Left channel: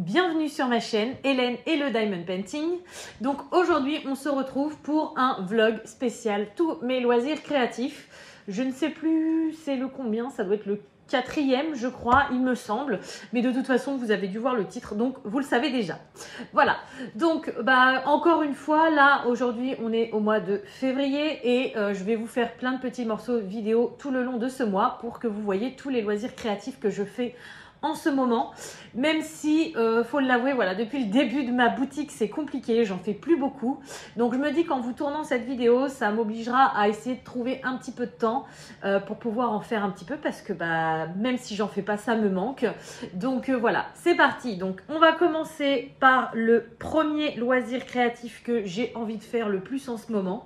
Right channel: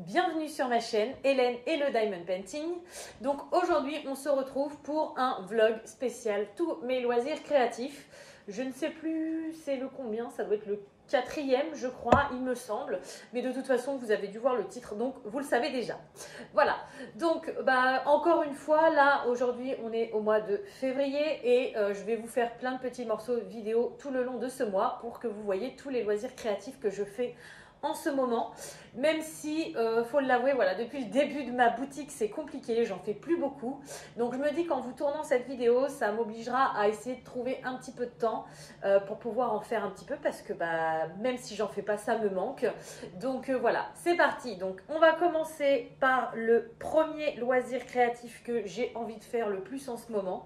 Bienvenue sur ma chaîne Hélène et le Diamond Painting. Donc aujourd'hui on se retrouve pour un vlog spécial tous mes loisirs créatifs. Je ne sais plus c'est le combien, ça doit être le 4e je crois il me semble, mais de toute façon vous avez dû voir le titre donc vous le savez déjà. Voilà, donc encore une fois là aujourd'hui on est au mois de février et je vais vous faire plein de petits morceaux vidéo tout le long de ce mois pour que vous voyez tous les loisirs créatifs que je fais en ce moment, même si faut l'avouer, voilà, depuis le début de ma boutique c'est compliqué, j'en fais plus beaucoup, donc je me dis qu'en vous tournant cette vidéo ça m'obligera à essayer de trouver un petit peu de temps pour pouvoir en faire un petit peu, parce que même si j'en fais pas ça me manque. Donc voilà, c'est parti. Donc on va commencer par le premier loisir créatif que j'ai envie de faire le plus en ce moment.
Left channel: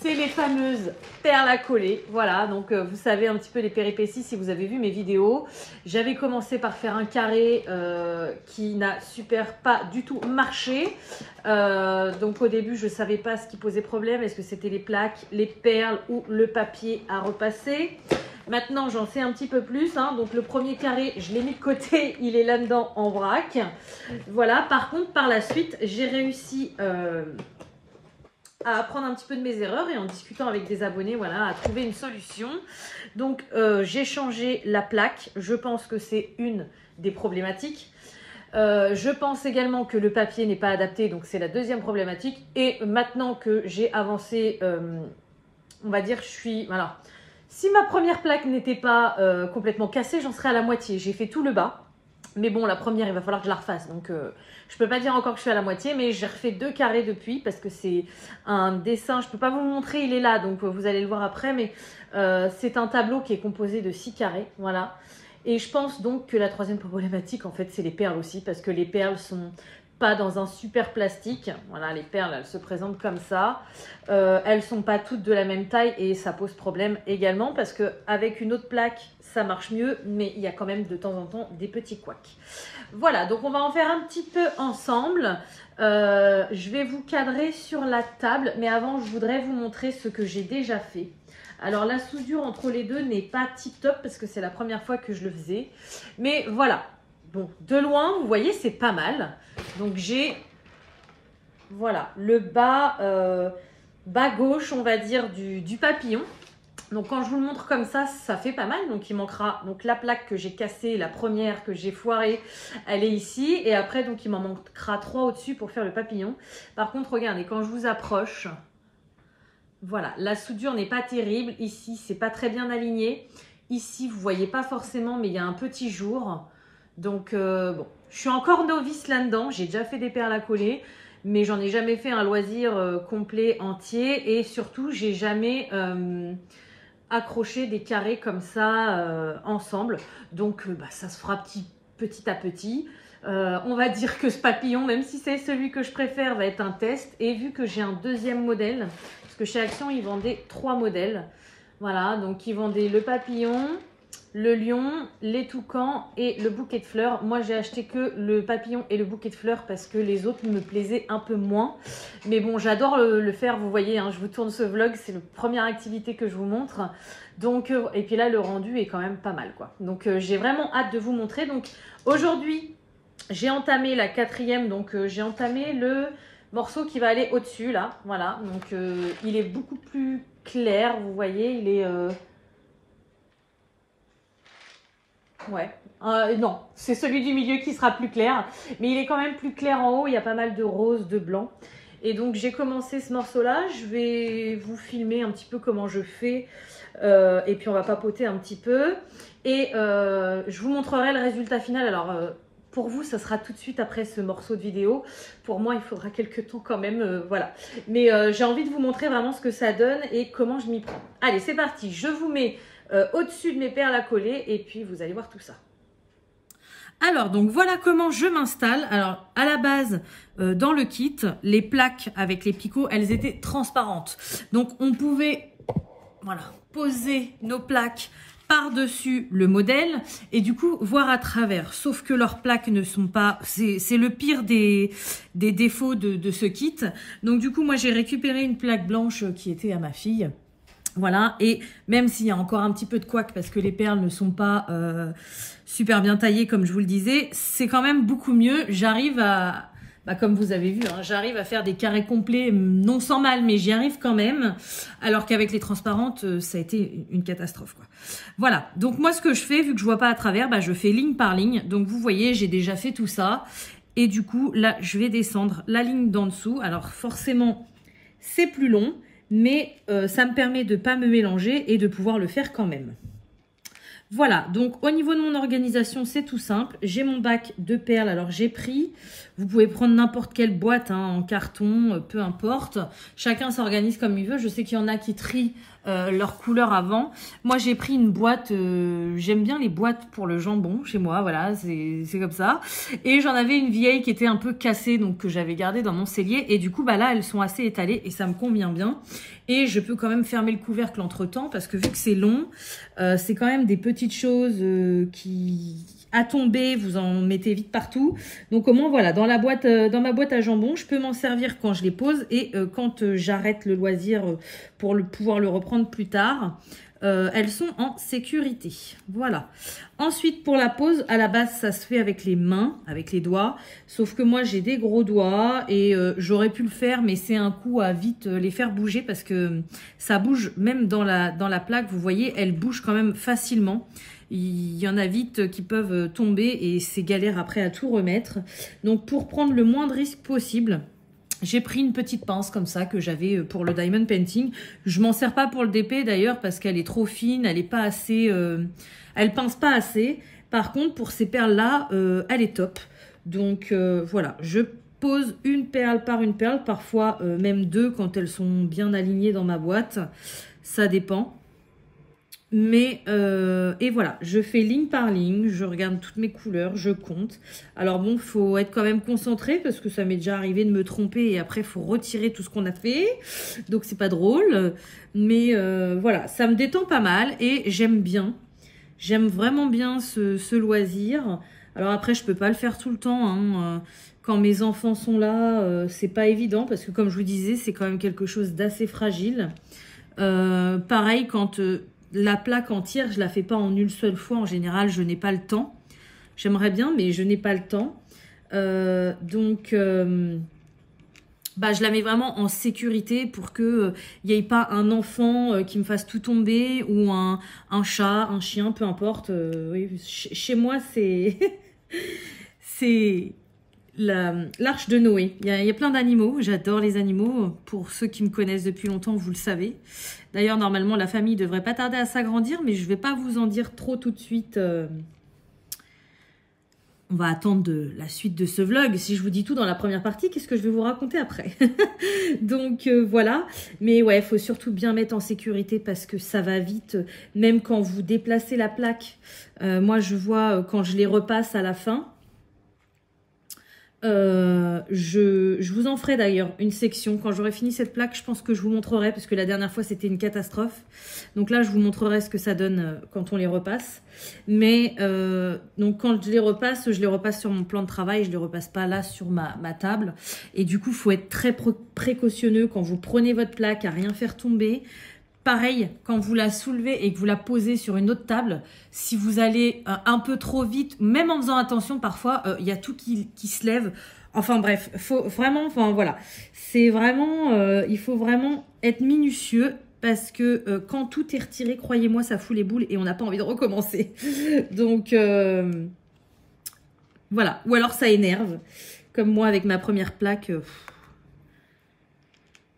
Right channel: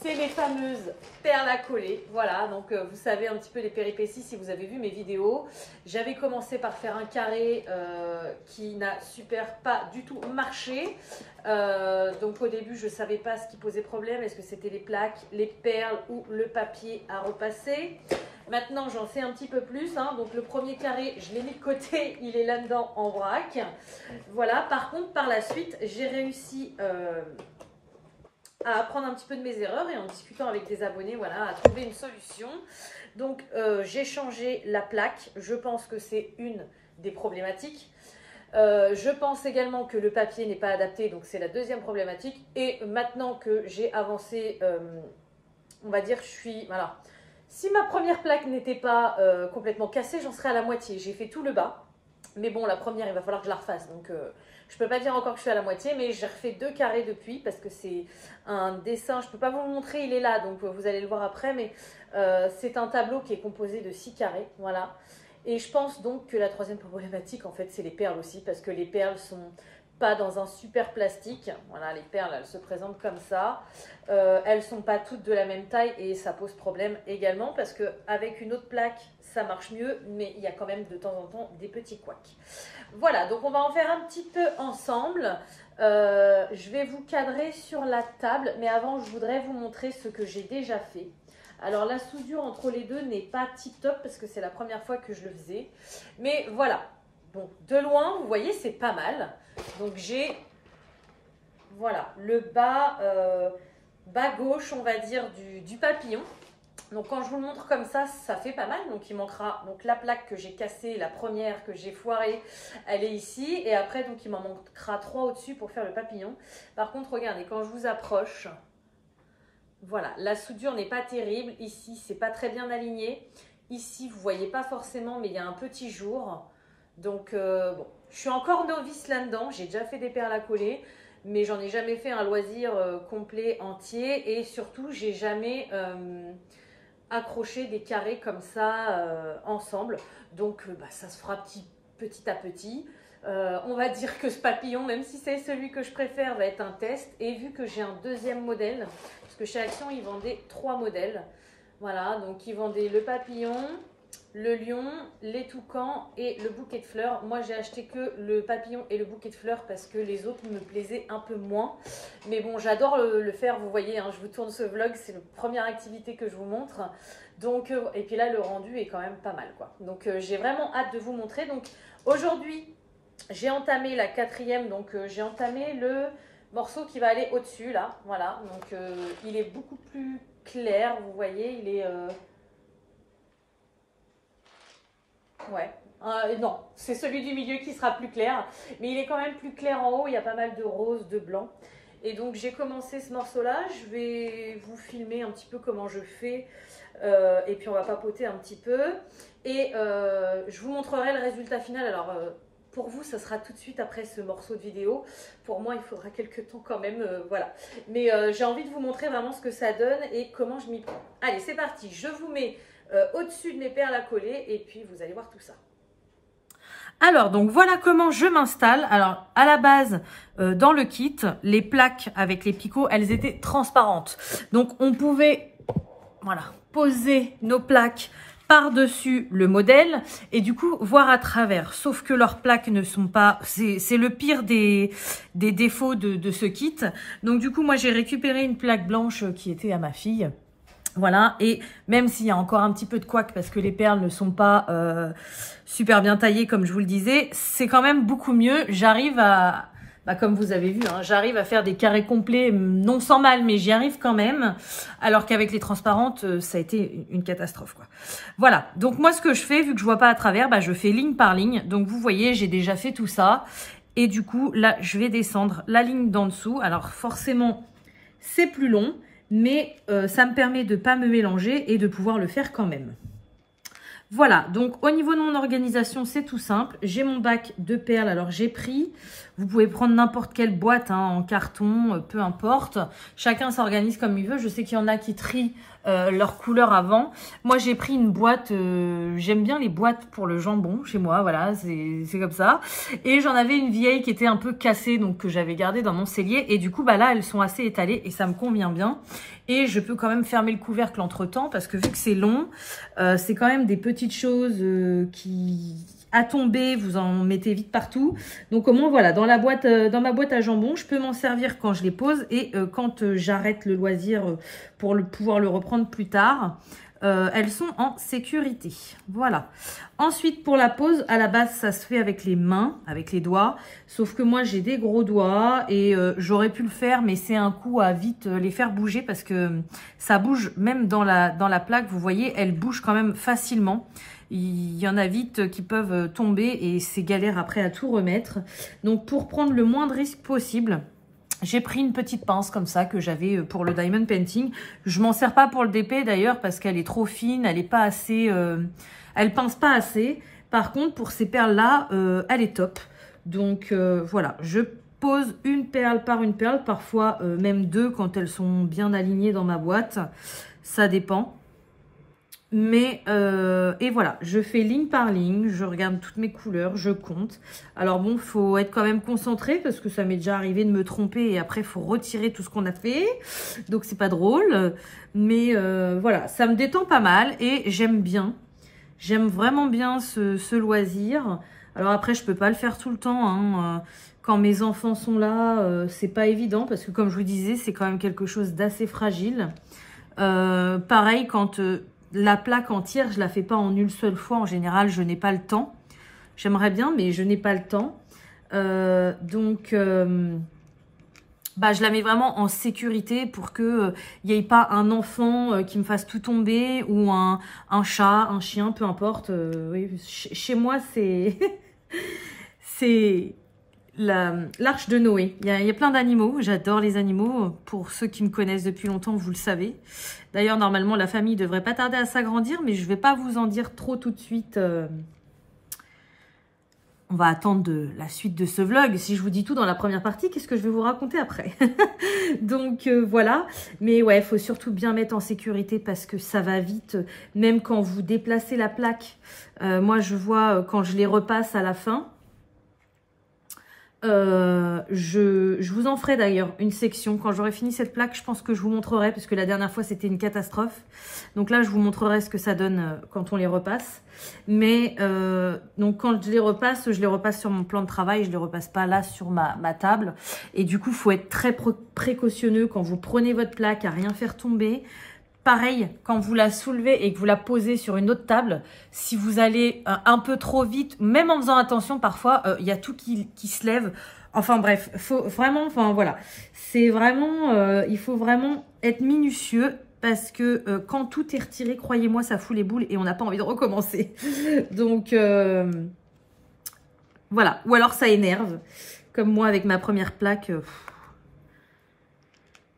C'est les fameuses perles à coller. Voilà, donc vous savez un petit peu les péripéties si vous avez vu mes vidéos. J'avais commencé par faire un carré qui n'a pas du tout marché. Donc au début, je ne savais pas ce qui posait problème. Est-ce que c'était les plaques, les perles ou le papier à repasser? Maintenant, j'en sais un petit peu plus. Donc le premier carré, je l'ai mis de côté. Il est là-dedans en vrac. Voilà, par contre, par la suite, j'ai réussi... à apprendre un petit peu de mes erreurs et en discutant avec des abonnés, voilà, à trouver une solution. Donc j'ai changé la plaque, je pense que c'est une des problématiques. Je pense également que le papier n'est pas adapté, donc c'est la deuxième problématique. Et maintenant que j'ai avancé, on va dire, voilà. Si ma première plaque n'était pas complètement cassée, j'en serais à la moitié. J'ai fait tout le bas. Mais bon, la première, il va falloir que je la refasse. Donc, je ne peux pas dire encore que je suis à la moitié, mais j'ai refait 2 carrés depuis parce que c'est un dessin. Je ne peux pas vous le montrer, il est là, donc vous allez le voir après. Mais c'est un tableau qui est composé de 6 carrés. Voilà. Et je pense donc que la troisième problématique, en fait, c'est les perles aussi, parce que les perles sont pas dans un super plastique. Voilà, les perles, elles se présentent comme ça. Elles sont pas toutes de la même taille et ça pose problème également parce qu'avec une autre plaque, ça marche mieux, mais il y a quand même de temps en temps des petits couacs. Voilà, donc on va en faire un petit peu ensemble. Je vais vous cadrer sur la table, mais avant, je voudrais vous montrer ce que j'ai déjà fait. Alors la soudure entre les deux n'est pas tip top parce que c'est la première fois que je le faisais. Mais voilà, bon, de loin, vous voyez, c'est pas mal. Donc j'ai, voilà, le bas gauche, on va dire, du papillon. Donc quand je vous le montre comme ça, ça fait pas mal. Donc il manquera donc la plaque que j'ai cassée, la première que j'ai foirée, elle est ici. Et après, donc il m'en manquera 3 au-dessus pour faire le papillon. Par contre, regardez, quand je vous approche... Voilà, la soudure n'est pas terrible. Ici, c'est pas très bien aligné. Ici, vous voyez pas forcément, mais il y a un petit jour. Donc, bon, je suis encore novice là-dedans. J'ai déjà fait des perles à coller, mais j'en ai jamais fait un loisir complet, entier. Et surtout, j'ai jamais accroché des carrés comme ça ensemble. Donc, ça se fera petit à petit. On va dire que ce papillon, même si c'est celui que je préfère, va être un test. Et vu que j'ai un deuxième modèle, parce que chez Action, ils vendaient 3 modèles. Voilà, donc ils vendaient le papillon, le lion, les toucans et le bouquet de fleurs. Moi, j'ai acheté que le papillon et le bouquet de fleurs parce que les autres me plaisaient un peu moins. Mais bon, j'adore le faire, vous voyez, je vous tourne ce vlog, c'est la première activité que je vous montre. Donc, et puis là, le rendu est quand même pas mal, quoi. Donc, j'ai vraiment hâte de vous montrer. Donc, aujourd'hui... j'ai entamé la 4e, donc j'ai entamé le morceau qui va aller au-dessus, là. Voilà, donc il est beaucoup plus clair, vous voyez, il est... Ouais, non, c'est celui du milieu qui sera plus clair, mais il est quand même plus clair en haut, il y a pas mal de rose, de blanc. Et donc j'ai commencé ce morceau-là, je vais vous filmer un petit peu comment je fais, et puis on va papoter un petit peu. Et je vous montrerai le résultat final, alors... pour vous, ça sera tout de suite après ce morceau de vidéo. Pour moi, il faudra quelques temps quand même, voilà. Mais j'ai envie de vous montrer vraiment ce que ça donne et comment je m'y prends. Allez, c'est parti. Je vous mets au-dessus de mes perles à coller et puis vous allez voir tout ça. Alors, donc voilà comment je m'installe. Alors, à la base, dans le kit, les plaques avec les picots, elles étaient transparentes. Donc, on pouvait, voilà, poser nos plaques par-dessus le modèle et du coup voir à travers, sauf que leurs plaques ne sont pas, c'est le pire des défauts de ce kit. Donc du coup moi j'ai récupéré une plaque blanche qui était à ma fille. Voilà, et même s'il y a encore un petit peu de couac parce que les perles ne sont pas super bien taillées comme je vous le disais, c'est quand même beaucoup mieux. J'arrive à, comme vous avez vu, hein, j'arrive à faire des carrés complets, non sans mal, mais j'y arrive quand même. Alors qu'avec les transparentes, ça a été une catastrophe, quoi. Voilà, donc moi ce que je fais, vu que je vois pas à travers, je fais ligne par ligne. Donc vous voyez, j'ai déjà fait tout ça. Et du coup, là, je vais descendre la ligne d'en dessous. Alors forcément, c'est plus long. Mais ça me permet de ne pas me mélanger et de pouvoir le faire quand même. Voilà, donc au niveau de mon organisation, c'est tout simple. J'ai mon bac de perles, alors j'ai pris, vous pouvez prendre n'importe quelle boîte, hein, en carton, peu importe. Chacun s'organise comme il veut. Je sais qu'il y en a qui trient leur couleur avant. Moi, j'ai pris une boîte, j'aime bien les boîtes pour le jambon chez moi, voilà, c'est comme ça. Et j'en avais une vieille qui était un peu cassée, donc que j'avais gardée dans mon cellier. Et du coup, là, elles sont assez étalées et ça me convient bien. Et je peux quand même fermer le couvercle entre-temps parce que vu que c'est long, c'est quand même des petites choses qui, à tomber, vous en mettez vite partout. Donc au moins, voilà, dans ma boîte à jambon, je peux m'en servir quand je les pose et quand j'arrête le loisir pour pouvoir le reprendre plus tard. Elles sont en sécurité. Voilà. Ensuite, pour la pose, à la base, ça se fait avec les mains, avec les doigts. Sauf que moi, j'ai des gros doigts et j'aurais pu le faire, mais c'est un coup à vite les faire bouger parce que ça bouge même dans la plaque. Vous voyez, elle bouge quand même facilement. Il y en a vite qui peuvent tomber et c'est galère après à tout remettre. Donc, pour prendre le moins de risques possible, j'ai pris une petite pince comme ça que j'avais pour le diamond painting. Je m'en sers pas pour le DP d'ailleurs parce qu'elle est trop fine, elle est pas assez, elle pince pas assez. Par contre pour ces perles là, elle est top. Donc voilà, je pose une perle par une perle, parfois même deux quand elles sont bien alignées dans ma boîte. Ça dépend. Mais, et voilà, je fais ligne par ligne, je regarde toutes mes couleurs, je compte. Alors bon, faut être quand même concentré parce que ça m'est déjà arrivé de me tromper et après, il faut retirer tout ce qu'on a fait. Donc, c'est pas drôle. Mais voilà, ça me détend pas mal et j'aime bien. J'aime vraiment bien ce loisir. Alors après, je peux pas le faire tout le temps, hein. Quand mes enfants sont là, c'est pas évident parce que comme je vous disais, c'est quand même quelque chose d'assez fragile. Pareil, quand... la plaque entière, je la fais pas en une seule fois. En général, je n'ai pas le temps. J'aimerais bien, mais je n'ai pas le temps. Donc, je la mets vraiment en sécurité pour que il n'y ait pas un enfant qui me fasse tout tomber ou un chat, un chien, peu importe. Oui, chez moi, c'est c'est l'arche de Noé. Il y a plein d'animaux. J'adore les animaux. Pour ceux qui me connaissent depuis longtemps, vous le savez. D'ailleurs, normalement, la famille devrait pas tarder à s'agrandir, mais je vais pas vous en dire trop tout de suite. On va attendre la suite de ce vlog. Si je vous dis tout dans la première partie, qu'est-ce que je vais vous raconter après? Donc, voilà. Mais ouais, il faut surtout bien mettre en sécurité parce que ça va vite. Même quand vous déplacez la plaque. Moi, je vois quand je les repasse à la fin. Je vous en ferai d'ailleurs une section quand j'aurai fini cette plaque. Je pense que je vous montrerai parce que la dernière fois c'était une catastrophe. Donc là je vous montrerai ce que ça donne quand on les repasse. Mais donc quand je les repasse sur mon plan de travail. Je les repasse pas là sur ma table. Et du coup il faut être très précautionneux quand vous prenez votre plaque à rien faire tomber. Pareil, quand vous la soulevez et que vous la posez sur une autre table, si vous allez un peu trop vite, même en faisant attention, parfois, il y a tout qui se lève. Enfin bref, faut vraiment, enfin voilà. C'est vraiment, il faut vraiment être minutieux parce que quand tout est retiré, croyez-moi, ça fout les boules et on n'a pas envie de recommencer. Donc, voilà. Ou alors ça énerve. Comme moi avec ma première plaque...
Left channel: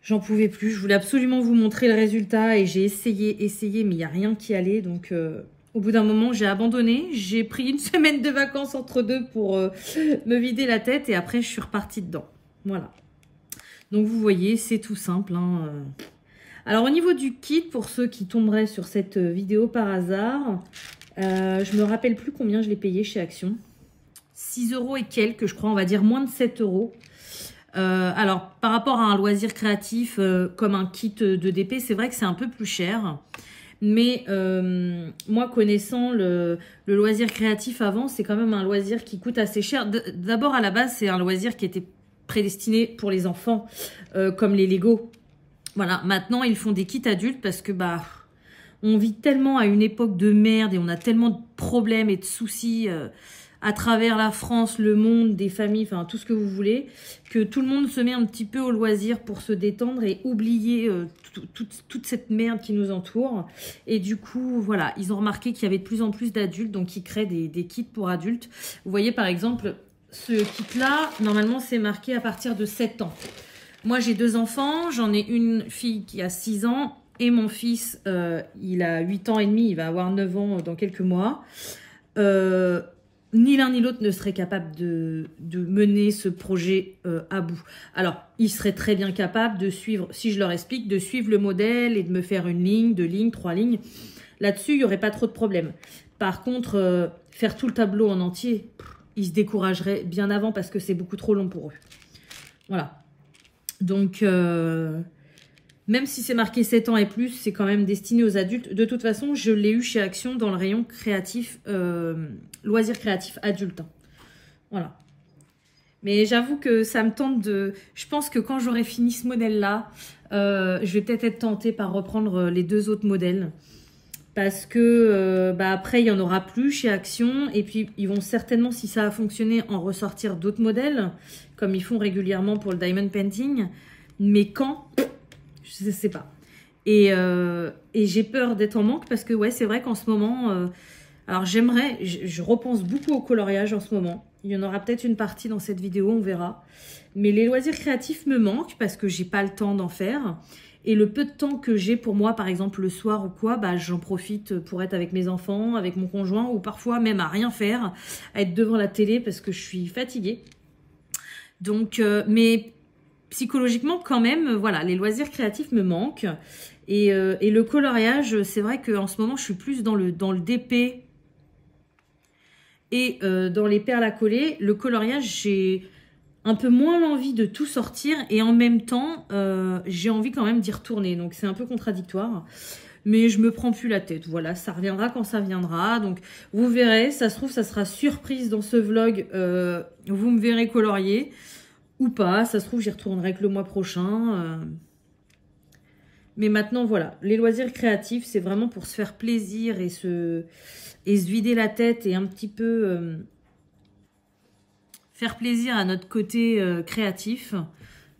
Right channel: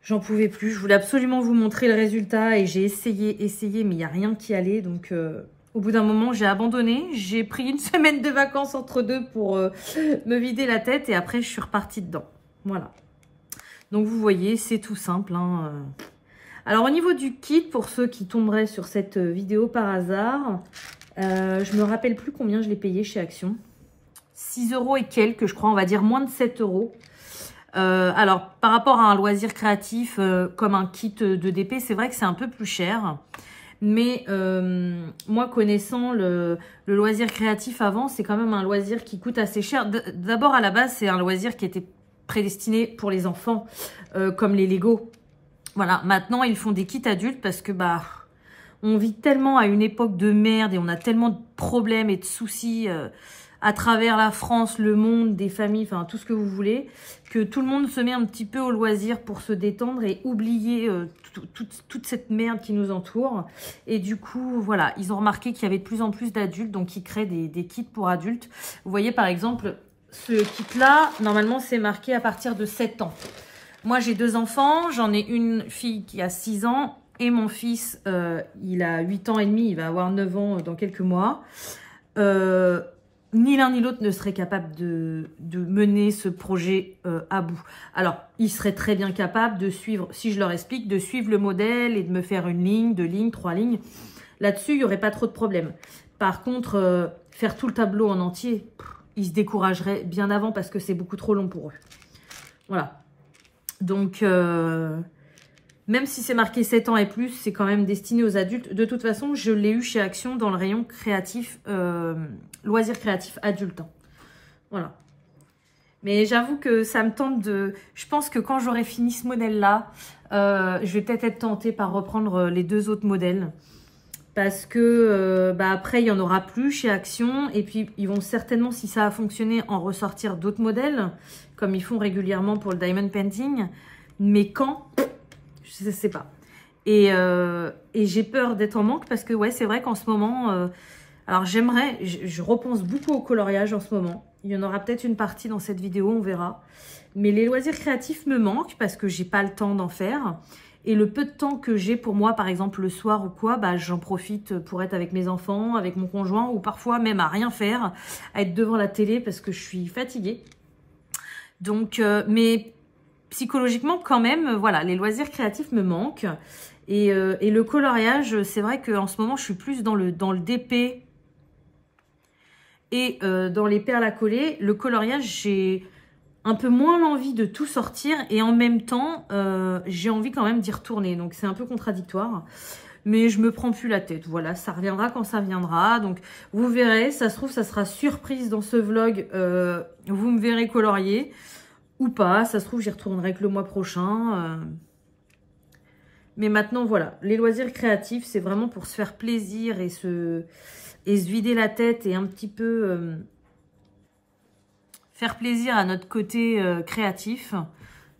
j'en pouvais plus, je voulais absolument vous montrer le résultat et j'ai essayé, mais il n'y a rien qui allait. Donc, au bout d'un moment, j'ai abandonné. J'ai pris une semaine de vacances entre deux pour me vider la tête et après, je suis repartie dedans. Voilà. Donc, vous voyez, c'est tout simple, hein. Alors, au niveau du kit, pour ceux qui tomberaient sur cette vidéo par hasard, je me rappelle plus combien je l'ai payé chez Action. 6 € et quelques, je crois, on va dire moins de 7 €. Alors, par rapport à un loisir créatif comme un kit de DP, c'est vrai que c'est un peu plus cher. Mais moi, connaissant le loisir créatif avant, c'est quand même un loisir qui coûte assez cher. D'abord, à la base, c'est un loisir qui était prédestiné pour les enfants, comme les Lego. Voilà, maintenant, ils font des kits adultes parce que, On vit tellement à une époque de merde et on a tellement de problèmes et de soucis à travers la France, le monde, des familles, enfin tout ce que vous voulez, que tout le monde se met un petit peu au loisir pour se détendre et oublier toute cette merde qui nous entoure. Et du coup, voilà, ils ont remarqué qu'il y avait de plus en plus d'adultes, donc ils créent des kits pour adultes. Vous voyez par exemple, ce kit-là, normalement c'est marqué à partir de 7 ans. Moi j'ai 2 enfants, j'en ai une fille qui a 6 ans et mon fils, il a 8 ans et demi, il va avoir 9 ans dans quelques mois. Ni l'un ni l'autre ne serait capable de mener ce projet à bout. Alors, ils seraient très bien capables de suivre, si je leur explique, de suivre le modèle et de me faire une ligne, 2 lignes, 3 lignes. Là-dessus, il n'y aurait pas trop de problème. Par contre, faire tout le tableau en entier, ils se décourageraient bien avant parce que c'est beaucoup trop long pour eux. Voilà. Donc, même si c'est marqué 7 ans et plus, c'est quand même destiné aux adultes. De toute façon, je l'ai eu chez Action dans le rayon créatif, loisirs créatifs adultes. Voilà. Mais j'avoue que ça me tente de... Je pense que quand j'aurai fini ce modèle-là, je vais peut-être être tentée par reprendre les 2 autres modèles. Parce que après, il n'y en aura plus chez Action. Et puis, ils vont certainement, si ça a fonctionné, en ressortir d'autres modèles, comme ils font régulièrement pour le Diamond Painting. Mais quand... Je ne sais pas. Et j'ai peur d'être en manque parce que, ouais, c'est vrai qu'en ce moment... alors, j'aimerais... Je repense beaucoup au coloriage en ce moment. Il y en aura peut-être une partie dans cette vidéo, on verra. Mais les loisirs créatifs me manquent parce que j'ai pas le temps d'en faire. Et le peu de temps que j'ai pour moi, par exemple, le soir ou quoi, bah, j'en profite pour être avec mes enfants, avec mon conjoint, ou parfois même à rien faire, à être devant la télé parce que je suis fatiguée. Donc, mais... psychologiquement, quand même, voilà, les loisirs créatifs me manquent. Et le coloriage, c'est vrai qu'en ce moment, je suis plus dans le DP et dans les perles à coller. Le coloriage, j'ai un peu moins l'envie de tout sortir. Et en même temps, j'ai envie quand même d'y retourner. Donc, c'est un peu contradictoire. Mais je me prends plus la tête. Voilà, ça reviendra quand ça viendra. Donc, vous verrez, ça se trouve, ça sera surprise dans ce vlog. Vous me verrez colorier. Ou pas, ça se trouve, j'y retournerai que le mois prochain. Mais maintenant, voilà, les loisirs créatifs, c'est vraiment pour se faire plaisir et se vider la tête et un petit peu faire plaisir à notre côté créatif.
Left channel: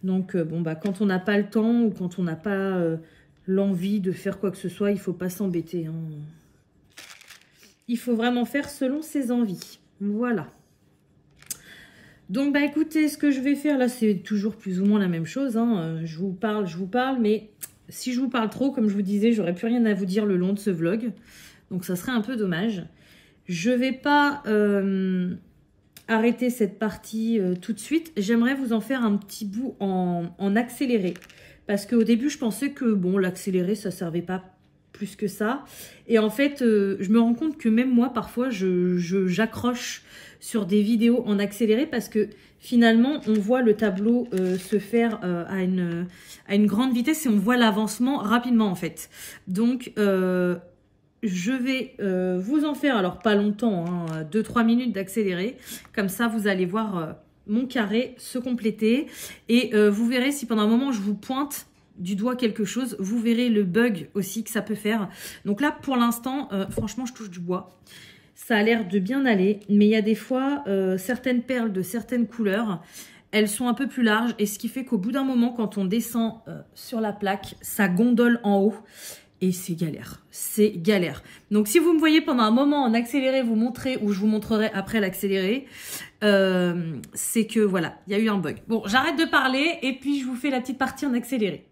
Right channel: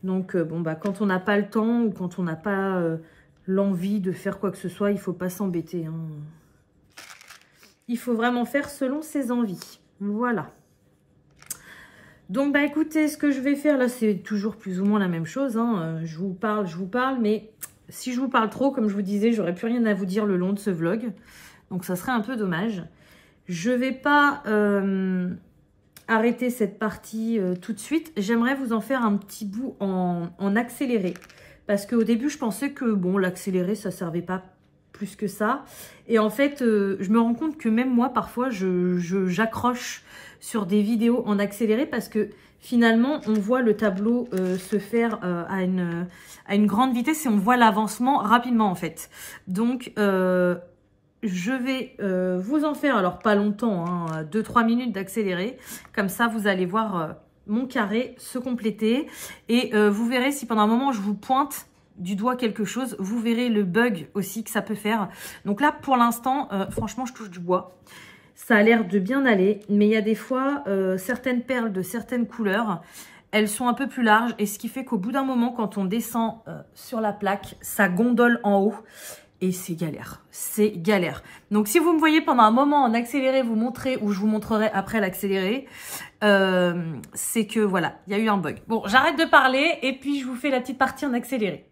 Donc, bon, bah, quand on n'a pas le temps ou quand on n'a pas l'envie de faire quoi que ce soit, il ne faut pas s'embêter. Hein. Il faut vraiment faire selon ses envies. Voilà. Donc, bah écoutez, ce que je vais faire là, c'est toujours plus ou moins la même chose. Hein. Je vous parle, mais si je vous parle trop, comme je vous disais, j'aurais plus rien à vous dire le long de ce vlog. Donc, ça serait un peu dommage. Je vais pas arrêter cette partie tout de suite. J'aimerais vous en faire un petit bout en accéléré. Parce qu'au début, je pensais que, bon, l'accéléré, ça servait pas plus que ça. Et en fait, je me rends compte que même moi, parfois, j'accroche sur des vidéos en accéléré parce que finalement, on voit le tableau se faire à une grande vitesse et on voit l'avancement rapidement en fait. Donc, je vais vous en faire, alors pas longtemps, hein, 2-3 minutes d'accéléré. Comme ça, vous allez voir mon carré se compléter. Et vous verrez si pendant un moment, je vous pointe du doigt quelque chose, vous verrez le bug aussi que ça peut faire. Donc là, pour l'instant, franchement, je touche du bois. Ça a l'air de bien aller, mais il y a des fois, certaines perles de certaines couleurs, elles sont un peu plus larges. Et ce qui fait qu'au bout d'un moment, quand on descend sur la plaque, ça gondole en haut. Et c'est galère, c'est galère. Donc si vous me voyez pendant un moment en accéléré vous montrer, ou je vous montrerai après l'accéléré, c'est que voilà, il y a eu un bug. Bon, j'arrête de parler et puis je vous fais la petite partie en accéléré.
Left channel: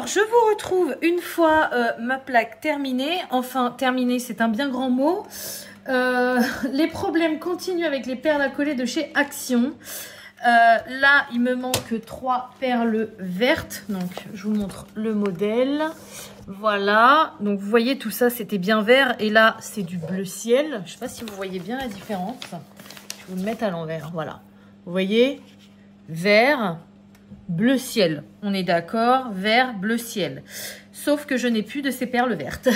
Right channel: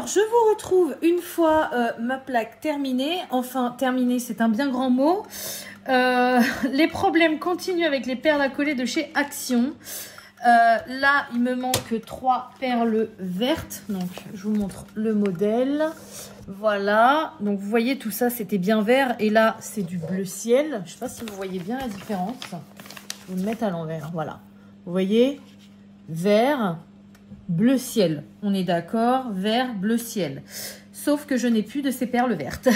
Alors, je vous retrouve une fois ma plaque terminée. Enfin, terminée, c'est un bien grand mot. Les problèmes continuent avec les perles à coller de chez Action. Là, il me manque 3 perles vertes. Donc, je vous montre le modèle. Voilà. Donc, vous voyez, tout ça, c'était bien vert. Et là, c'est du bleu ciel. Je ne sais pas si vous voyez bien la différence. Je vais vous le mettre à l'envers. Voilà. Vous voyez, vert, bleu ciel. On est d'accord, vert, bleu ciel. Sauf que je n'ai plus de ces perles vertes.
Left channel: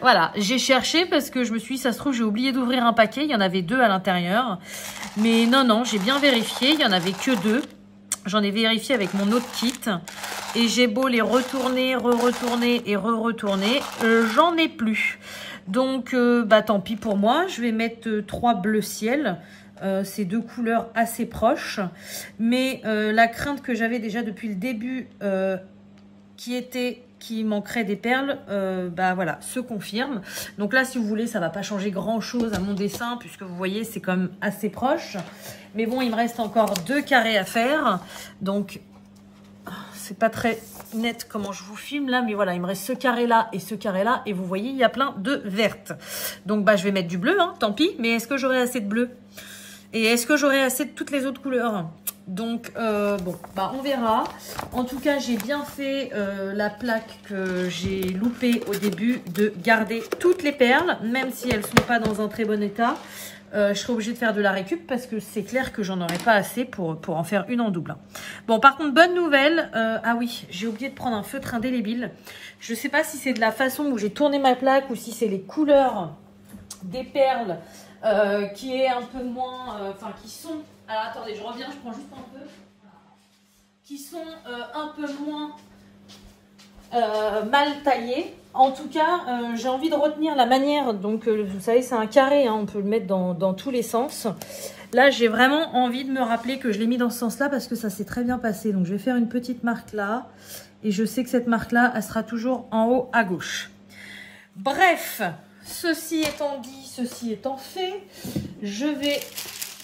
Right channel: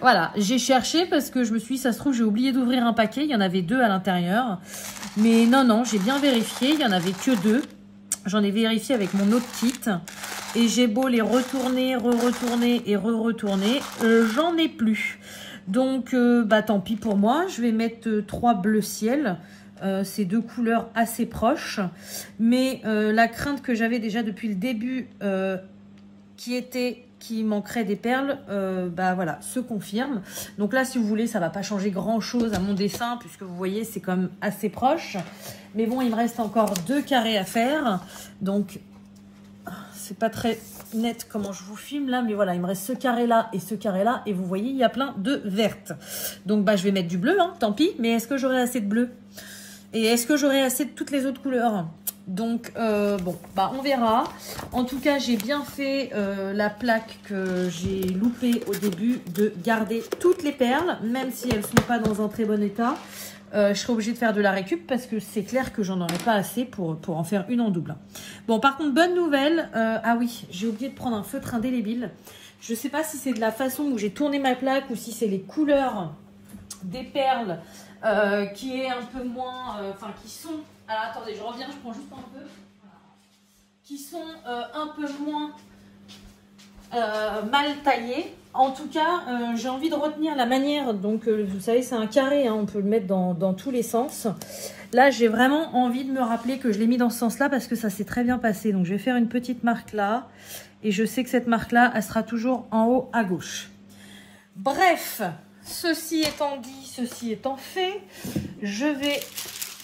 Voilà, j'ai cherché parce que je me suis dit, ça se trouve, j'ai oublié d'ouvrir un paquet. Il y en avait 2 à l'intérieur. Mais non, non, j'ai bien vérifié. Il n'y en avait que 2. J'en ai vérifié avec mon autre kit. Et j'ai beau les retourner, re-retourner et re-retourner. J'en ai plus. Donc, bah tant pis pour moi. Je vais mettre 3 bleus ciel. Ces 2 couleurs assez proches. Mais la crainte que j'avais déjà depuis le début, qui manquerait des perles, bah voilà, se confirme. Donc là, si vous voulez, ça va pas changer grand chose à mon dessin, puisque vous voyez, c'est quand même assez proche. Mais bon, il me reste encore 2 carrés à faire. Donc, c'est pas très net comment je vous filme là, mais voilà, il me reste ce carré là et ce carré là. Et vous voyez, il y a plein de vertes. Donc, bah, je vais mettre du bleu, hein, tant pis. Mais est-ce que j'aurai assez de bleu? Et est-ce que j'aurai assez de toutes les autres couleurs? Donc, bon, bah on verra. En tout cas, j'ai bien fait la plaque que j'ai loupée au début de garder toutes les perles, même si elles ne sont pas dans un très bon état. Je serai obligée de faire de la récup parce que c'est clair que j'en aurai pas assez pour en faire une en double. Bon, par contre, bonne nouvelle. Ah oui, j'ai oublié de prendre un feutre indélébile. Je ne sais pas si c'est de la façon où j'ai tourné ma plaque ou si c'est les couleurs des perles qui est un peu moins, enfin qui sont, alors attendez, je reviens, je prends juste un peu, qui sont un peu moins mal taillées. En tout cas, j'ai envie de retenir la manière, donc vous savez c'est un carré, hein, on peut le mettre dans tous les sens. Là j'ai vraiment envie de me rappeler que je l'ai mis dans ce sens là parce que ça s'est très bien passé. Donc je vais faire une petite marque là et je sais que cette marque là elle sera toujours en haut à gauche. Bref, ceci étant dit, ceci étant fait, je vais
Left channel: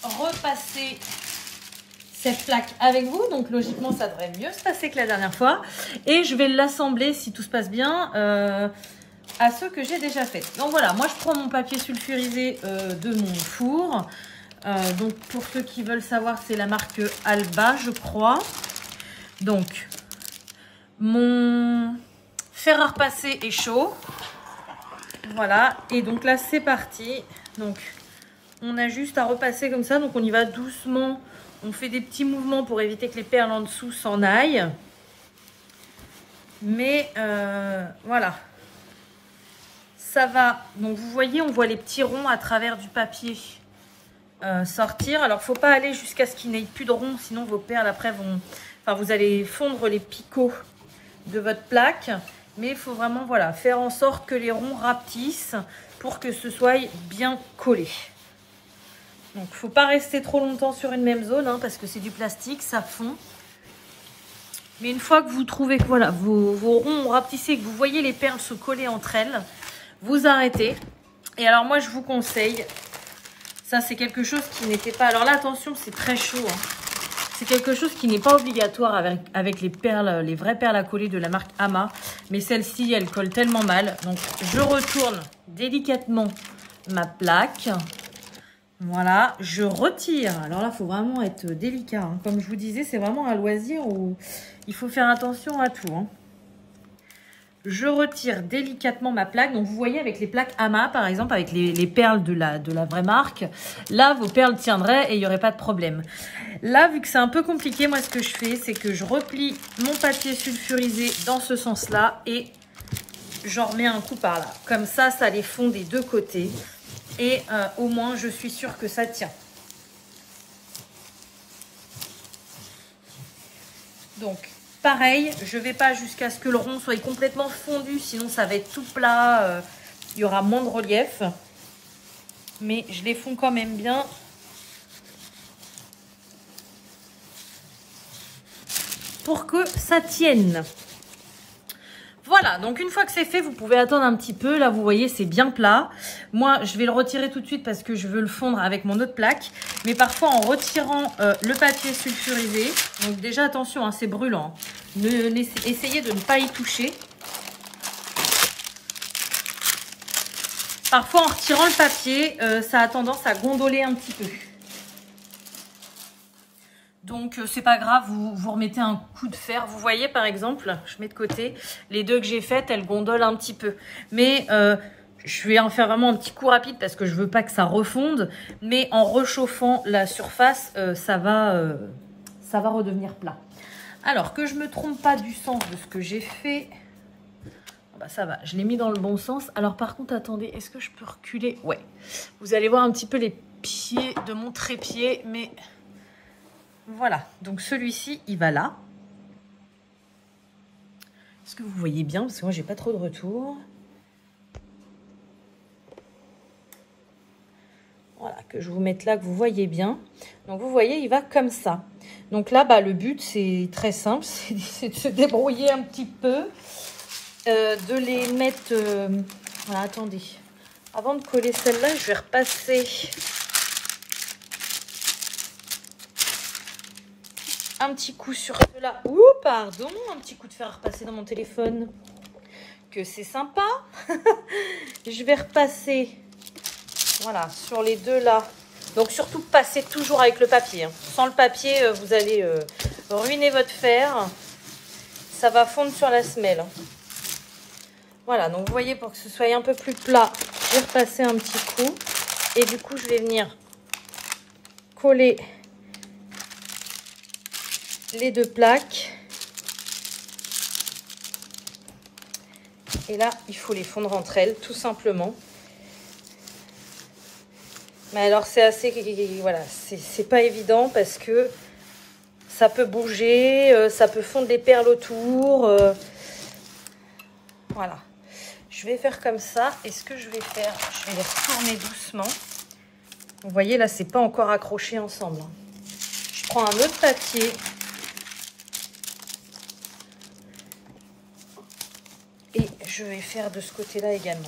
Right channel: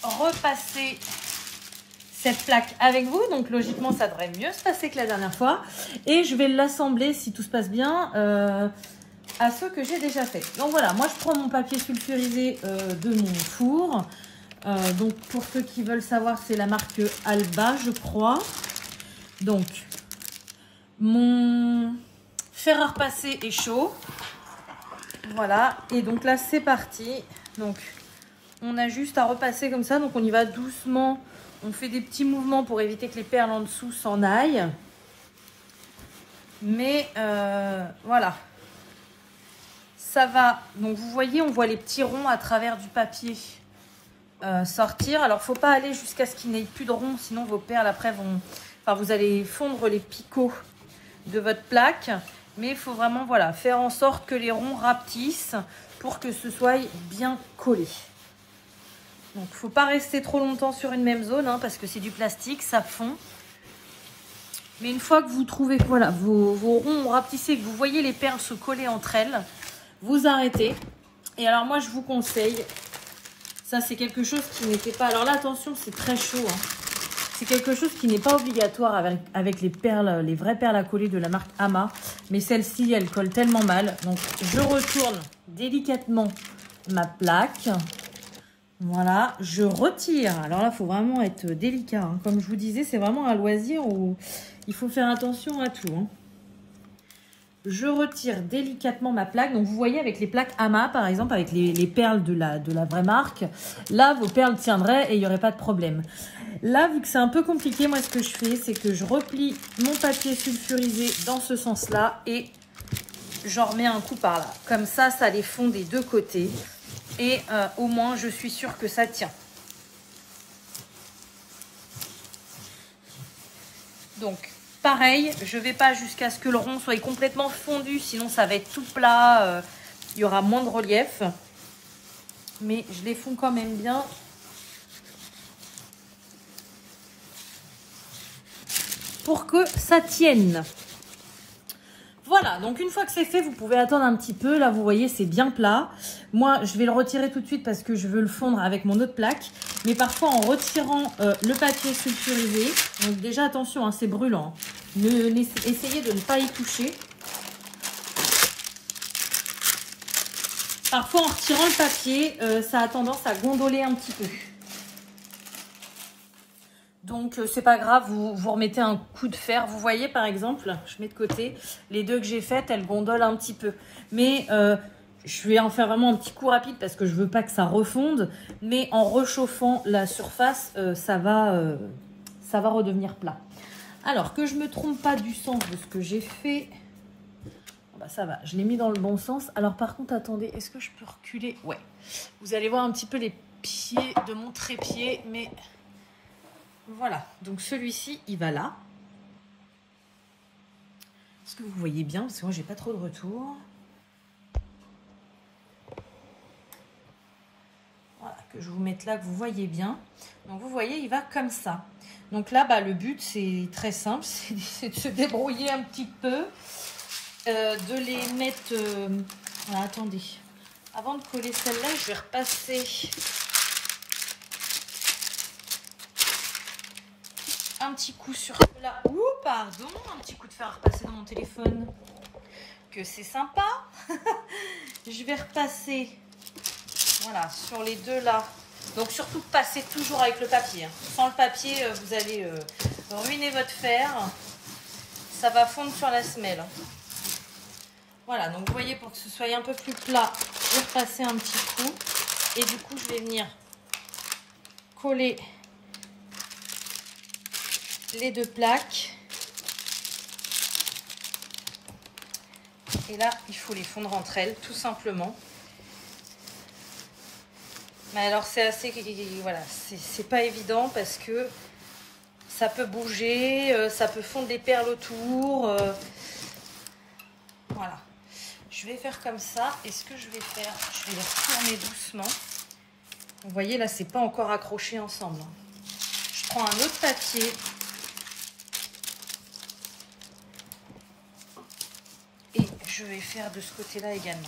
repasser cette plaque avec vous. Donc logiquement, ça devrait mieux se passer que la dernière fois. Et je vais l'assembler, si tout se passe bien, à ceux que j'ai déjà fait. Donc voilà, moi je prends mon papier sulfurisé de mon four. Donc pour ceux qui veulent savoir, c'est la marque Alba, je crois. Donc, mon fer à repasser est chaud. Voilà, et donc là c'est parti. Donc on a juste à repasser comme ça, donc on y va doucement, on fait des petits mouvements pour éviter que les perles en dessous s'en aillent. Mais voilà, ça va. Donc vous voyez, on voit les petits ronds à travers du papier sortir. Alors faut pas aller jusqu'à ce qu'il n'y ait plus de ronds, sinon vos perles après vont, enfin vous allez fondre les picots de votre plaque. Mais il faut vraiment voilà, faire en sorte que les ronds rapetissent pour que ce soit bien collé. Donc il ne faut pas rester trop longtemps sur une même zone, hein, parce que c'est du plastique, ça fond. Mais une fois que vous trouvez que voilà, vos ronds ont rapetissé, que vous voyez les perles se coller entre elles, vous arrêtez. Et alors moi je vous conseille, ça c'est quelque chose qui n'était pas... Alors là attention, c'est très chaud, hein. C'est quelque chose qui n'est pas obligatoire avec les perles, les vraies perles à coller de la marque Ama. Mais celle-ci, elle colle tellement mal. Donc, je retourne délicatement ma plaque. Voilà, je retire. Alors là, il faut vraiment être délicat, hein. Comme je vous disais, c'est vraiment un loisir où il faut faire attention à tout, hein. Je retire délicatement ma plaque. Donc, vous voyez, avec les plaques Ama, par exemple, avec les perles de la vraie marque, là, vos perles tiendraient et il n'y aurait pas de problème. Là, vu que c'est un peu compliqué, moi, ce que je fais, c'est que je replie mon papier sulfurisé dans ce sens-là et j'en remets un coup par là. Comme ça, ça les fond des deux côtés. Et au moins, je suis sûre que ça tient. Donc, pareil, je ne vais pas jusqu'à ce que le rond soit complètement fondu, sinon ça va être tout plat, il y aura moins de relief. Mais je les fonds quand même bien. Pour que ça tienne. Voilà. voilà, donc une fois que c'est fait, vous pouvez attendre un petit peu. Là, vous voyez, c'est bien plat. Moi, je vais le retirer tout de suite parce que je veux le fondre avec mon autre plaque. Mais parfois, en retirant le papier sulfurisé, donc déjà, attention, hein, c'est brûlant. Essayez de ne pas y toucher. Parfois, en retirant le papier, ça a tendance à gondoler un petit peu. Donc, c'est pas grave, vous remettez un coup de fer. Vous voyez, par exemple, je mets de côté, les deux que j'ai faites, elles gondolent un petit peu. Mais je vais en faire vraiment un petit coup rapide parce que je veux pas que ça refonde. Mais en réchauffant la surface, ça va redevenir plat. Alors, que je me trompe pas du sens de ce que j'ai fait. Bah ça va, je l'ai mis dans le bon sens. Alors par contre, attendez, est-ce que je peux reculer? Ouais. Vous allez voir un petit peu les pieds de mon trépied, mais voilà. Donc celui-ci, il va là. Est-ce que vous voyez bien? Parce que moi, j'ai pas trop de retour. Voilà, que je vous mette là, que vous voyez bien. Donc vous voyez, il va comme ça. Donc là, bah, le but, c'est très simple, c'est de se débrouiller un petit peu. De les mettre... Voilà, attendez. Avant de coller celle-là, je vais repasser un petit coup sur cela. Ouh, pardon, un petit coup de fer repassé dans mon téléphone. Que c'est sympa. Je vais repasser, voilà, sur les deux là. Donc surtout, passez toujours avec le papier. Hein. Sans le papier, vous allez ruiner votre fer. Ça va fondre sur la semelle. Voilà, donc vous voyez, pour que ce soit un peu plus plat, je vais repasser un petit coup. Et du coup, je vais venir coller les deux plaques. Et là, il faut les fondre entre elles, tout simplement. Mais alors, c'est assez... Voilà, c'est pas évident parce que ça peut bouger, ça peut fondre des perles autour. Voilà. Je vais faire comme ça. Et ce que je vais faire, je vais les retourner doucement. Vous voyez, là, c'est pas encore accroché ensemble. Je prends un autre papier. Et je vais faire de ce côté-là également.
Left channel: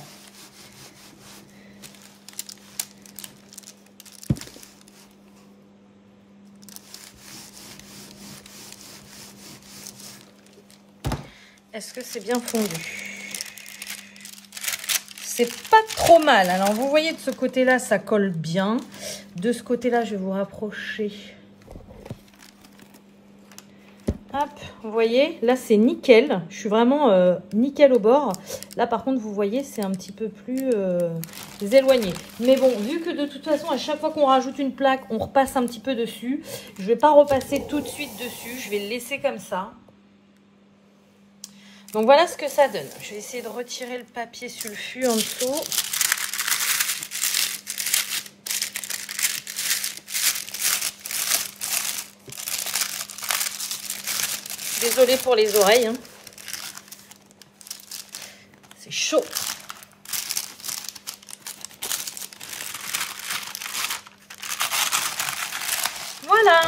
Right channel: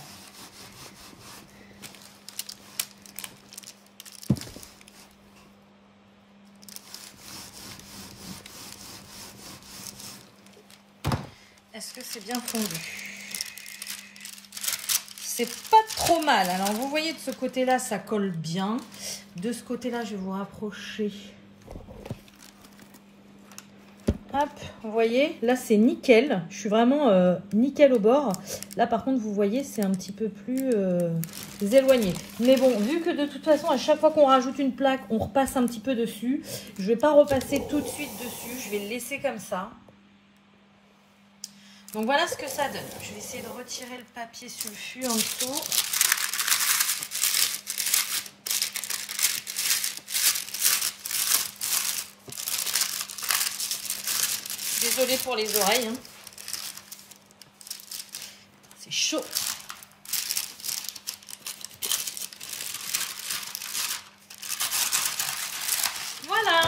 Est-ce que c'est bien fondu? C'est pas trop mal. Alors, vous voyez, de ce côté-là, ça colle bien. De ce côté-là, je vais vous rapprocher. Hop, vous voyez, là, c'est nickel. Je suis vraiment nickel au bord. Là, par contre, vous voyez, c'est un petit peu plus éloigné. Mais bon, vu que de toute façon, à chaque fois qu'on rajoute une plaque, on repasse un petit peu dessus. Je vais pas repasser tout de suite dessus. Je vais le laisser comme ça. Donc voilà ce que ça donne. Je vais essayer de retirer le papier sulfu en dessous. Désolée pour les oreilles. Hein. C'est chaud. Voilà.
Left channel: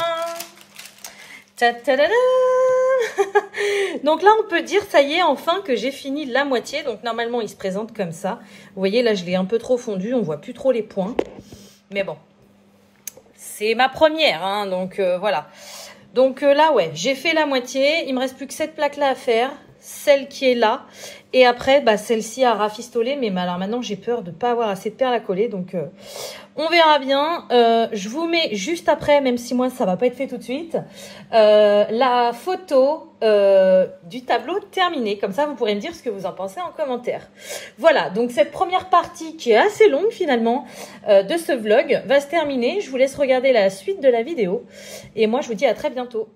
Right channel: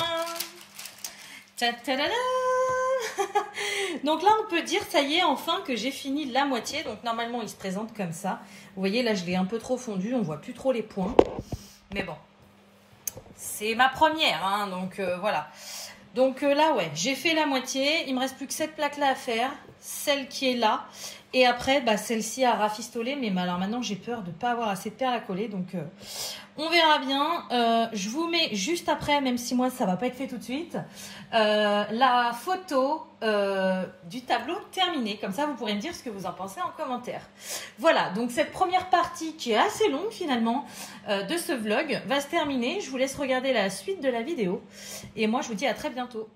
Ta-ta-da-da. Donc là, on peut dire, ça y est, enfin, que j'ai fini la moitié. Donc normalement, il se présente comme ça. Vous voyez, là, je l'ai un peu trop fondu. On voit plus trop les points. Mais bon, c'est ma première. Hein, donc voilà. Donc là, ouais, j'ai fait la moitié. Il me reste plus que cette plaque-là à faire. Celle qui est là. Et après, bah, celle-ci à rafistoler. Mais alors maintenant, j'ai peur de ne pas avoir assez de perles à coller. Donc, on verra bien. Je vous mets juste après, même si moi, ça ne va pas être fait tout de suite, la photo du tableau terminé. Comme ça, vous pourrez me dire ce que vous en pensez en commentaire. Voilà, donc cette première partie qui est assez longue finalement de ce vlog va se terminer. Je vous laisse regarder la suite de la vidéo. Et moi, je vous dis à très bientôt.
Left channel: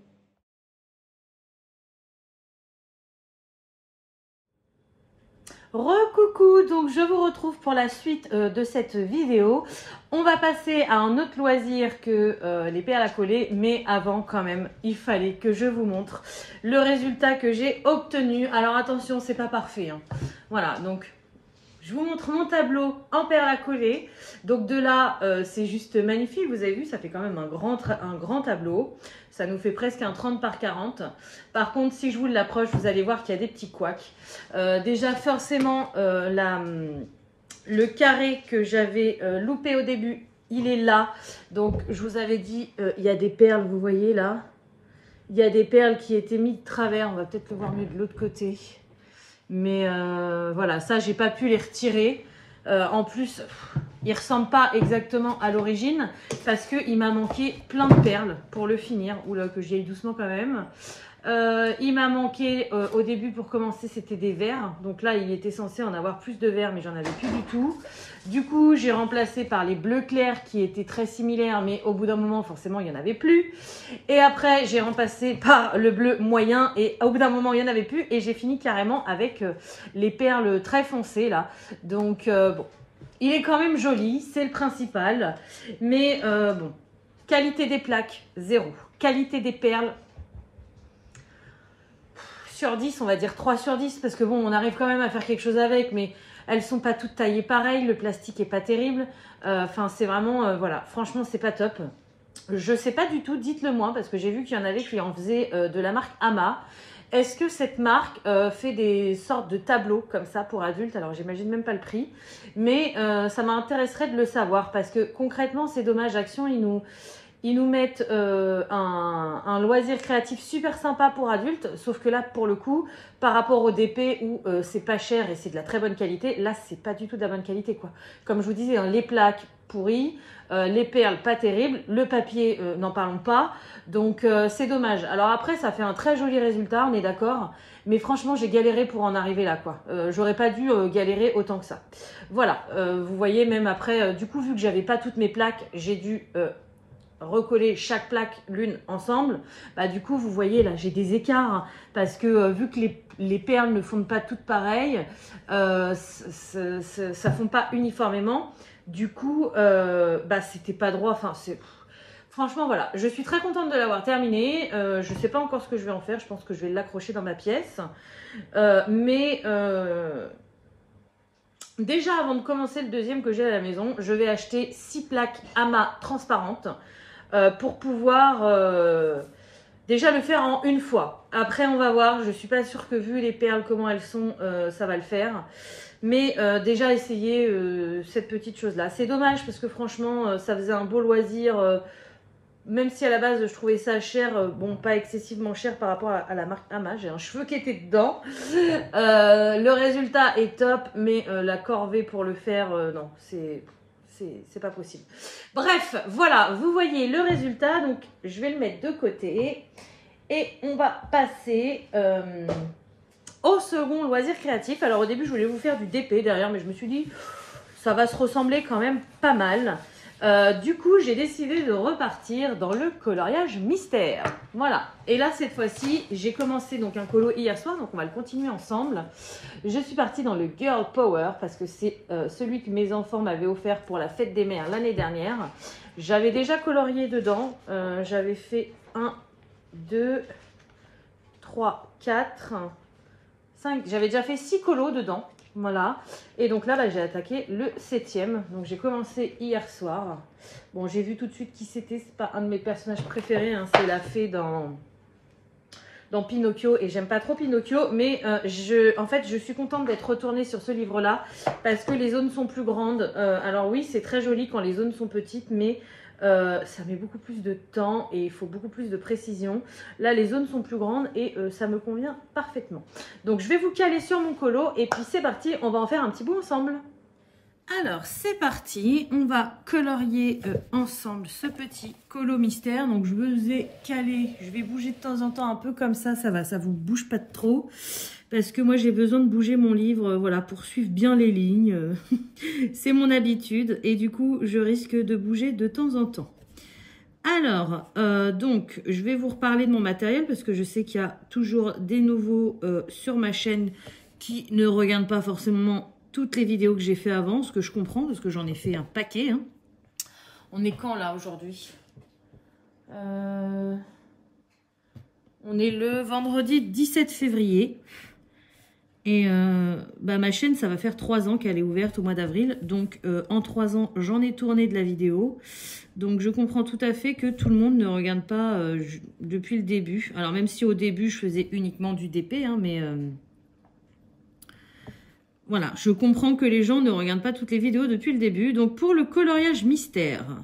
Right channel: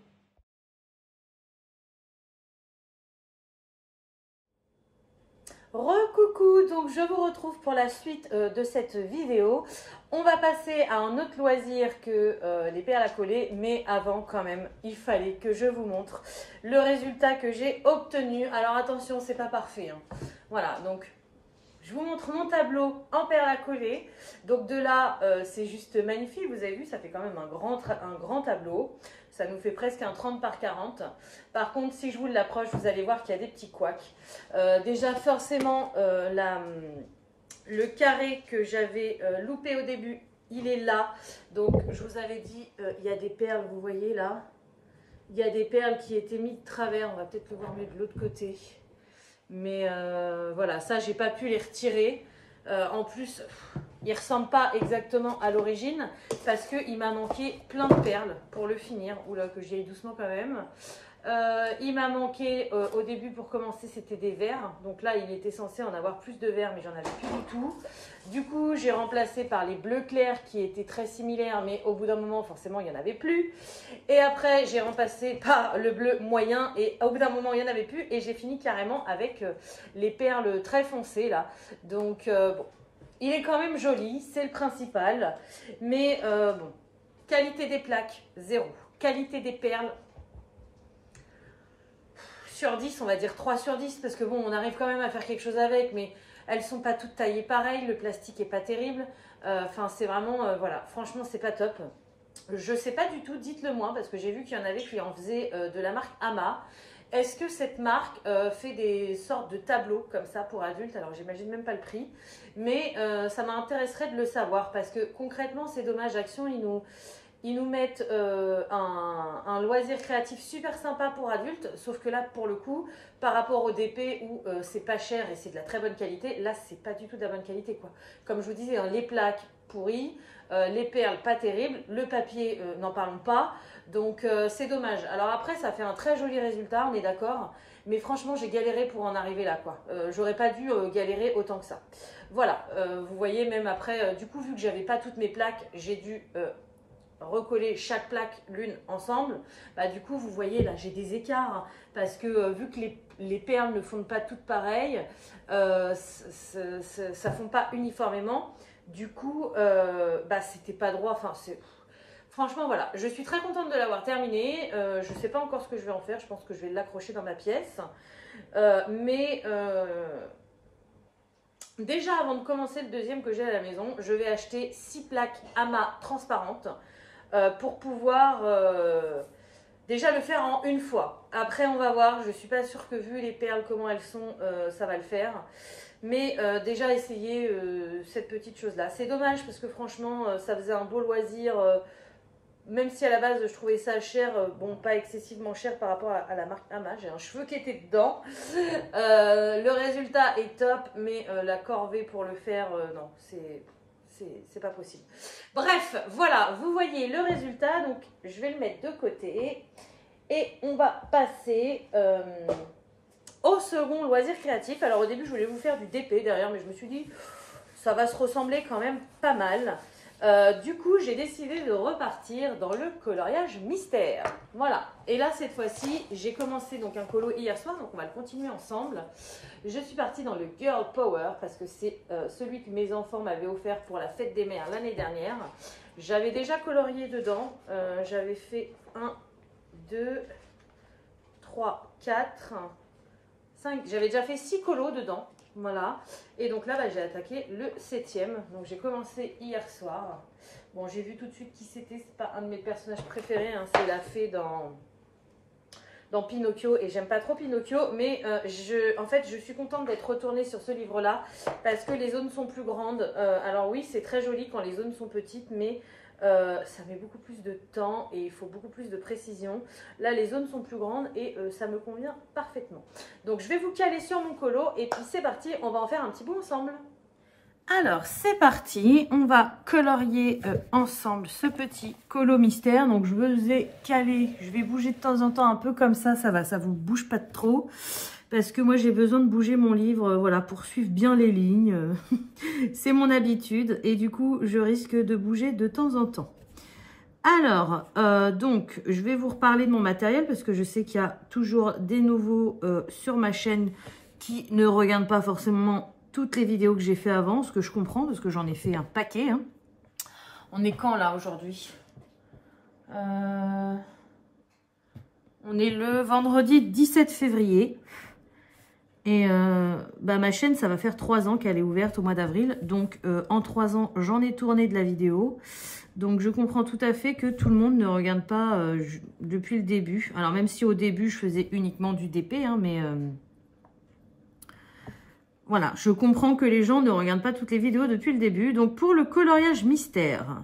Recoucou, donc je vous retrouve pour la suite de cette vidéo. On va passer à un autre loisir que les perles à coller, mais avant quand même, il fallait que je vous montre le résultat que j'ai obtenu. Alors attention, c'est pas parfait. Hein. Voilà, donc Je vous montre mon tableau en perles à coller. Donc de là, c'est juste magnifique. Vous avez vu, ça fait quand même un grand tableau. Ça nous fait presque un 30 par 40. Par contre, si je vous l'approche, vous allez voir qu'il y a des petits couacs. Déjà, forcément, le carré que j'avais loupé au début, il est là. Donc, je vous avais dit, il y a des perles, vous voyez là. Il y a des perles qui étaient mises de travers. On va peut-être le voir mieux de l'autre côté. Mais voilà, ça, j'ai pas pu les retirer. En plus, il ne ressemble pas exactement à l'origine parce qu'il m'a manqué plein de perles pour le finir. Oula, que j'y aille doucement quand même. Il m'a manqué au début pour commencer, c'était des verts. Donc là, il était censé en avoir plus de verts, mais j'en avais plus du tout. Du coup, j'ai remplacé par les bleus clairs qui étaient très similaires, mais au bout d'un moment, forcément, il n'y en avait plus. Et après, j'ai remplacé par le bleu moyen et au bout d'un moment, il n'y en avait plus. Et j'ai fini carrément avec les perles très foncées là. Donc bon, il est quand même joli, c'est le principal. Mais bon, qualité des plaques, 0. Qualité des perles, sur 10, on va dire 3 sur 10 parce que bon, on arrive quand même à faire quelque chose avec, mais elles sont pas toutes taillées pareil, le plastique est pas terrible. Enfin, c'est vraiment, voilà, franchement, c'est pas top. Je sais pas du tout, dites-le moi, parce que j'ai vu qu'il y en avait qui en faisaient de la marque Ama. Est-ce que cette marque fait des sortes de tableaux comme ça pour adultes? Alors, j'imagine même pas le prix, mais ça m'intéresserait de le savoir parce que concrètement, c'est dommage, Action, ils nous mettent un loisir créatif super sympa pour adultes, sauf que là, pour le coup, par rapport au DP où c'est pas cher et c'est de la très bonne qualité, là, c'est pas du tout de la bonne qualité, quoi. Comme je vous disais, hein, les plaques pourries, les perles pas terribles, le papier, n'en parlons pas. Donc, c'est dommage. Alors après, ça fait un très joli résultat, on est d'accord. Mais franchement, j'ai galéré pour en arriver là, quoi. J'aurais pas dû galérer autant que ça. Voilà, vous voyez, même après, du coup, vu que j'avais pas toutes mes plaques, j'ai dû recoller chaque plaque l'une ensemble. Bah, du coup, vous voyez, là, j'ai des écarts parce que vu que les perles ne fondent pas toutes pareilles, ça fond pas uniformément. Du coup, bah, c'était pas droit. Enfin, franchement, voilà. Je suis très contente de l'avoir terminé. Je sais pas encore ce que je vais en faire. Je pense que je vais l'accrocher dans ma pièce. Déjà, avant de commencer le deuxième que j'ai à la maison, je vais acheter 6 plaques Ama transparentes pour pouvoir déjà le faire en une fois. Après, on va voir. Je suis pas sûre que vu les perles, comment elles sont, ça va le faire. Mais déjà, essayer cette petite chose-là. C'est dommage parce que franchement, ça faisait un beau loisir. Même si à la base, je trouvais ça cher. Bon, pas excessivement cher par rapport à la marque Ama. J'ai un cheveu qui était dedans. Le résultat est top. Mais la corvée pour le faire, non, c'est pas possible. Bref, voilà, vous voyez le résultat. Donc, je vais le mettre de côté. Et on va passer au second loisir créatif. Alors, au début, je voulais vous faire du DP derrière, mais je me suis dit, ça va se ressembler quand même pas mal. Du coup, j'ai décidé de repartir dans le coloriage mystère. Voilà. Et là, cette fois-ci, j'ai commencé donc un colo hier soir, donc on va le continuer ensemble. Je suis partie dans le Girl Power parce que c'est celui que mes enfants m'avaient offert pour la fête des mères l'année dernière. J'avais déjà colorié dedans. J'avais fait 1, 2, 3, 4, 5. J'avais déjà fait 6 colos dedans. Voilà. Et donc là, bah, j'ai attaqué le 7e. Donc j'ai commencé hier soir. Bon, j'ai vu tout de suite qui c'était. C'est pas un de mes personnages préférés. Hein. C'est la fée dans Pinocchio. Et j'aime pas trop Pinocchio. Mais en fait, je suis contente d'être retournée sur ce livre-là. Parce que les zones sont plus grandes. Alors oui, c'est très joli quand les zones sont petites. Mais ça met beaucoup plus de temps et il faut beaucoup plus de précision. Là, les zones sont plus grandes et ça me convient parfaitement. Donc, je vais vous caler sur mon colo et puis c'est parti, on va en faire un petit bout ensemble. Alors, c'est parti, on va colorier ensemble ce petit colo mystère. Donc, je vous ai calé, je vais bouger de temps en temps un peu comme ça va, ça vous bouge pas de trop. Parce que moi, j'ai besoin de bouger mon livre, voilà, pour suivre bien les lignes. C'est mon habitude. Et du coup, je risque de bouger de temps en temps. Alors, donc, je vais vous reparler de mon matériel parce que je sais qu'il y a toujours des nouveaux sur ma chaîne qui ne regardent pas forcément toutes les vidéos que j'ai fait avant, ce que je comprends parce que j'en ai fait un paquet. Hein. On est quand là aujourd'hui? On est le vendredi 17 février. Et ma chaîne, ça va faire 3 ans qu'elle est ouverte au mois d'avril. Donc, en 3 ans, j'en ai tourné de la vidéo. Donc, je comprends tout à fait que tout le monde ne regarde pas depuis le début. Alors, même si au début, je faisais uniquement du DP, hein, mais... voilà, je comprends que les gens ne regardent pas toutes les vidéos depuis le début. Donc, pour le coloriage mystère,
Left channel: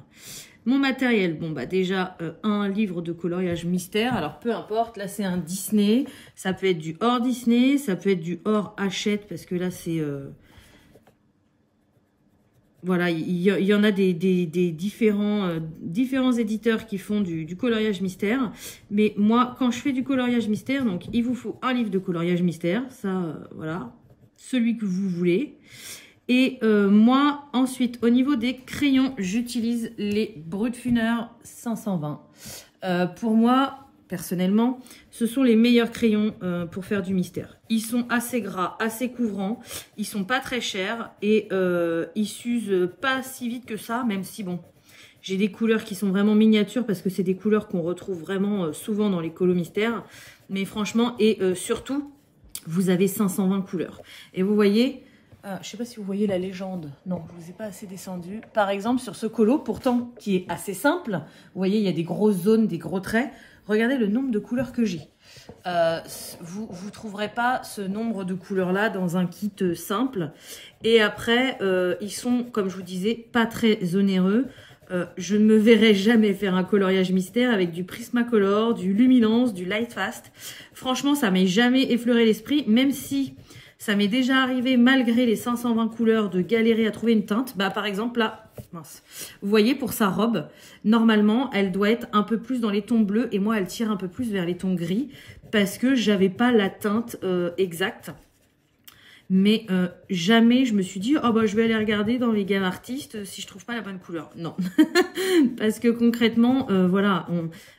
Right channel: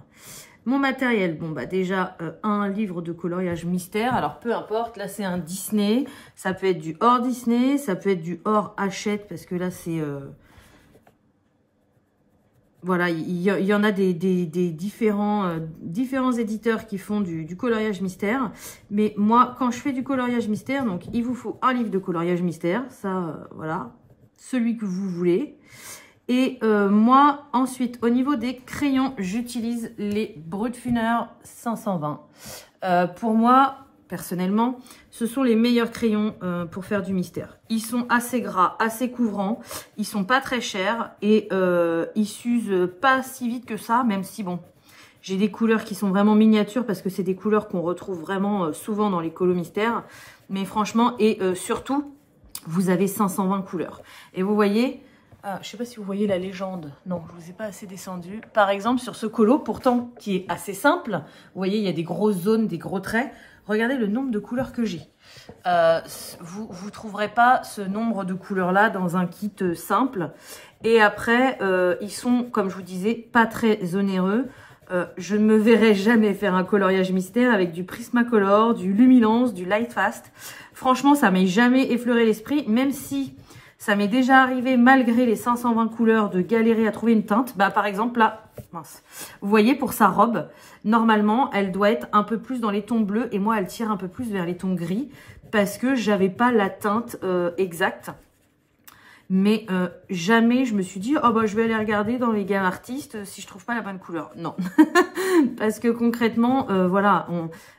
mon matériel, bon, bah déjà, un livre de coloriage mystère. Alors, peu importe, là, c'est un Disney. Ça peut être du hors Disney, ça peut être du hors Hachette, parce que là, c'est... voilà, il y en a des différents éditeurs qui font du coloriage mystère. Mais moi, quand je fais du coloriage mystère, donc, il vous faut un livre de coloriage mystère. Ça, voilà, celui que vous voulez. Et moi, ensuite, au niveau des crayons, j'utilise les Brutfuner 520. Pour moi, personnellement, ce sont les meilleurs crayons pour faire du mystère. Ils sont assez gras, assez couvrants, ils sont pas très chers et ils s'usent pas si vite que ça, même si, bon, j'ai des couleurs qui sont vraiment miniatures parce que c'est des couleurs qu'on retrouve vraiment souvent dans les colos mystères. Mais franchement, et surtout, vous avez 520 couleurs. Et vous voyez... je ne sais pas si vous voyez la légende. Non, je ne vous ai pas assez descendu. Par exemple, sur ce colo, pourtant, qui est assez simple, vous voyez, il y a des grosses zones, des gros traits. Regardez le nombre de couleurs que j'ai. Vous ne trouverez pas ce nombre de couleurs-là dans un kit simple. Et après, ils sont, comme je vous disais, pas très onéreux. Je ne me verrai jamais faire un coloriage mystère avec du Prismacolor, du Luminance, du Lightfast. Franchement, ça m'est jamais effleuré l'esprit, même si... ça m'est déjà arrivé, malgré les 520 couleurs, de galérer à trouver une teinte. Bah, par exemple, là, mince. Vous voyez, pour sa robe, normalement, elle doit être un peu plus dans les tons bleus. Et moi, elle tire un peu plus vers les tons gris. Parce que j'avais pas la teinte exacte. Mais jamais je me suis dit, oh bah, je vais aller regarder dans les gammes artistes si je trouve pas la bonne couleur. Non. Parce que concrètement, voilà,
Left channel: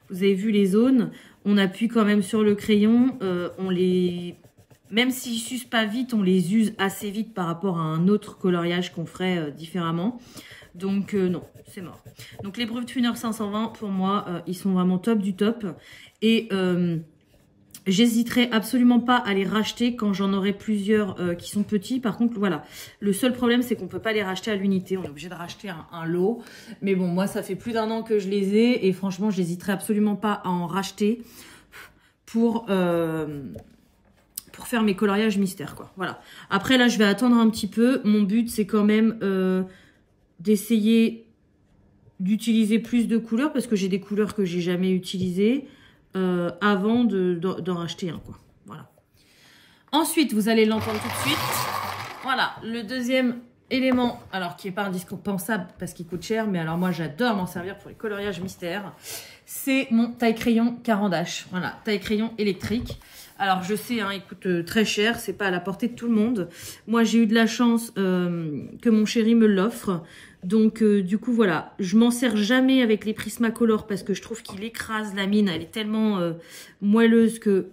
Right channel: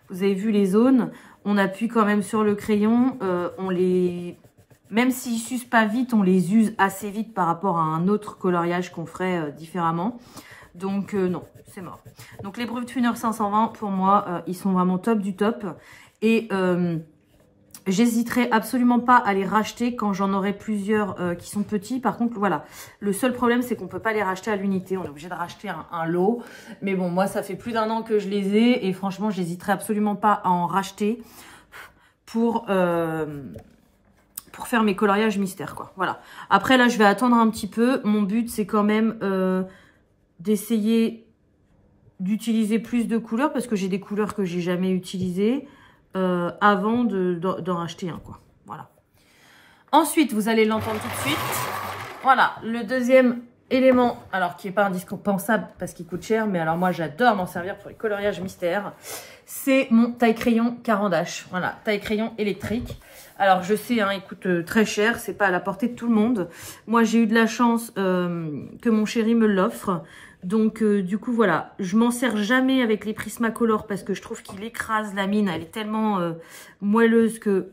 vous avez vu les zones. On appuie quand même sur le crayon. On les... Même s'ils s'usent pas vite, on les use assez vite par rapport à un autre coloriage qu'on ferait différemment. Donc non, c'est mort. Donc les Brutfuner 520, pour moi, ils sont vraiment top du top. Et j'hésiterai absolument pas à les racheter quand j'en aurai plusieurs qui sont petits. Par contre, voilà, le seul problème, c'est qu'on peut pas les racheter à l'unité. On est obligé de racheter un lot. Mais bon, moi, ça fait plus d'1 an que je les ai. Et franchement, j'hésiterai absolument pas à en racheter pour faire mes coloriages mystères, quoi. Voilà. Après, là, je vais attendre un petit peu. Mon but, c'est quand même d'essayer d'utiliser plus de couleurs parce que j'ai des couleurs que j'ai jamais utilisées avant d'en racheter un, quoi. Voilà. Ensuite, vous allez l'entendre tout de suite. Voilà, le deuxième élément, alors qui n'est pas indispensable parce qu'il coûte cher, mais alors moi, j'adore m'en servir pour les coloriages mystères. C'est mon taille-crayon Caran d'Ache. Voilà, taille-crayon électrique. Alors, je sais, hein, il coûte très cher, c'est pas à la portée de tout le monde. Moi, j'ai eu de la chance que mon chéri me l'offre. Donc, du coup, voilà, je m'en sers jamais avec les Prismacolor parce que je trouve qu'il écrase la mine. Elle est tellement moelleuse que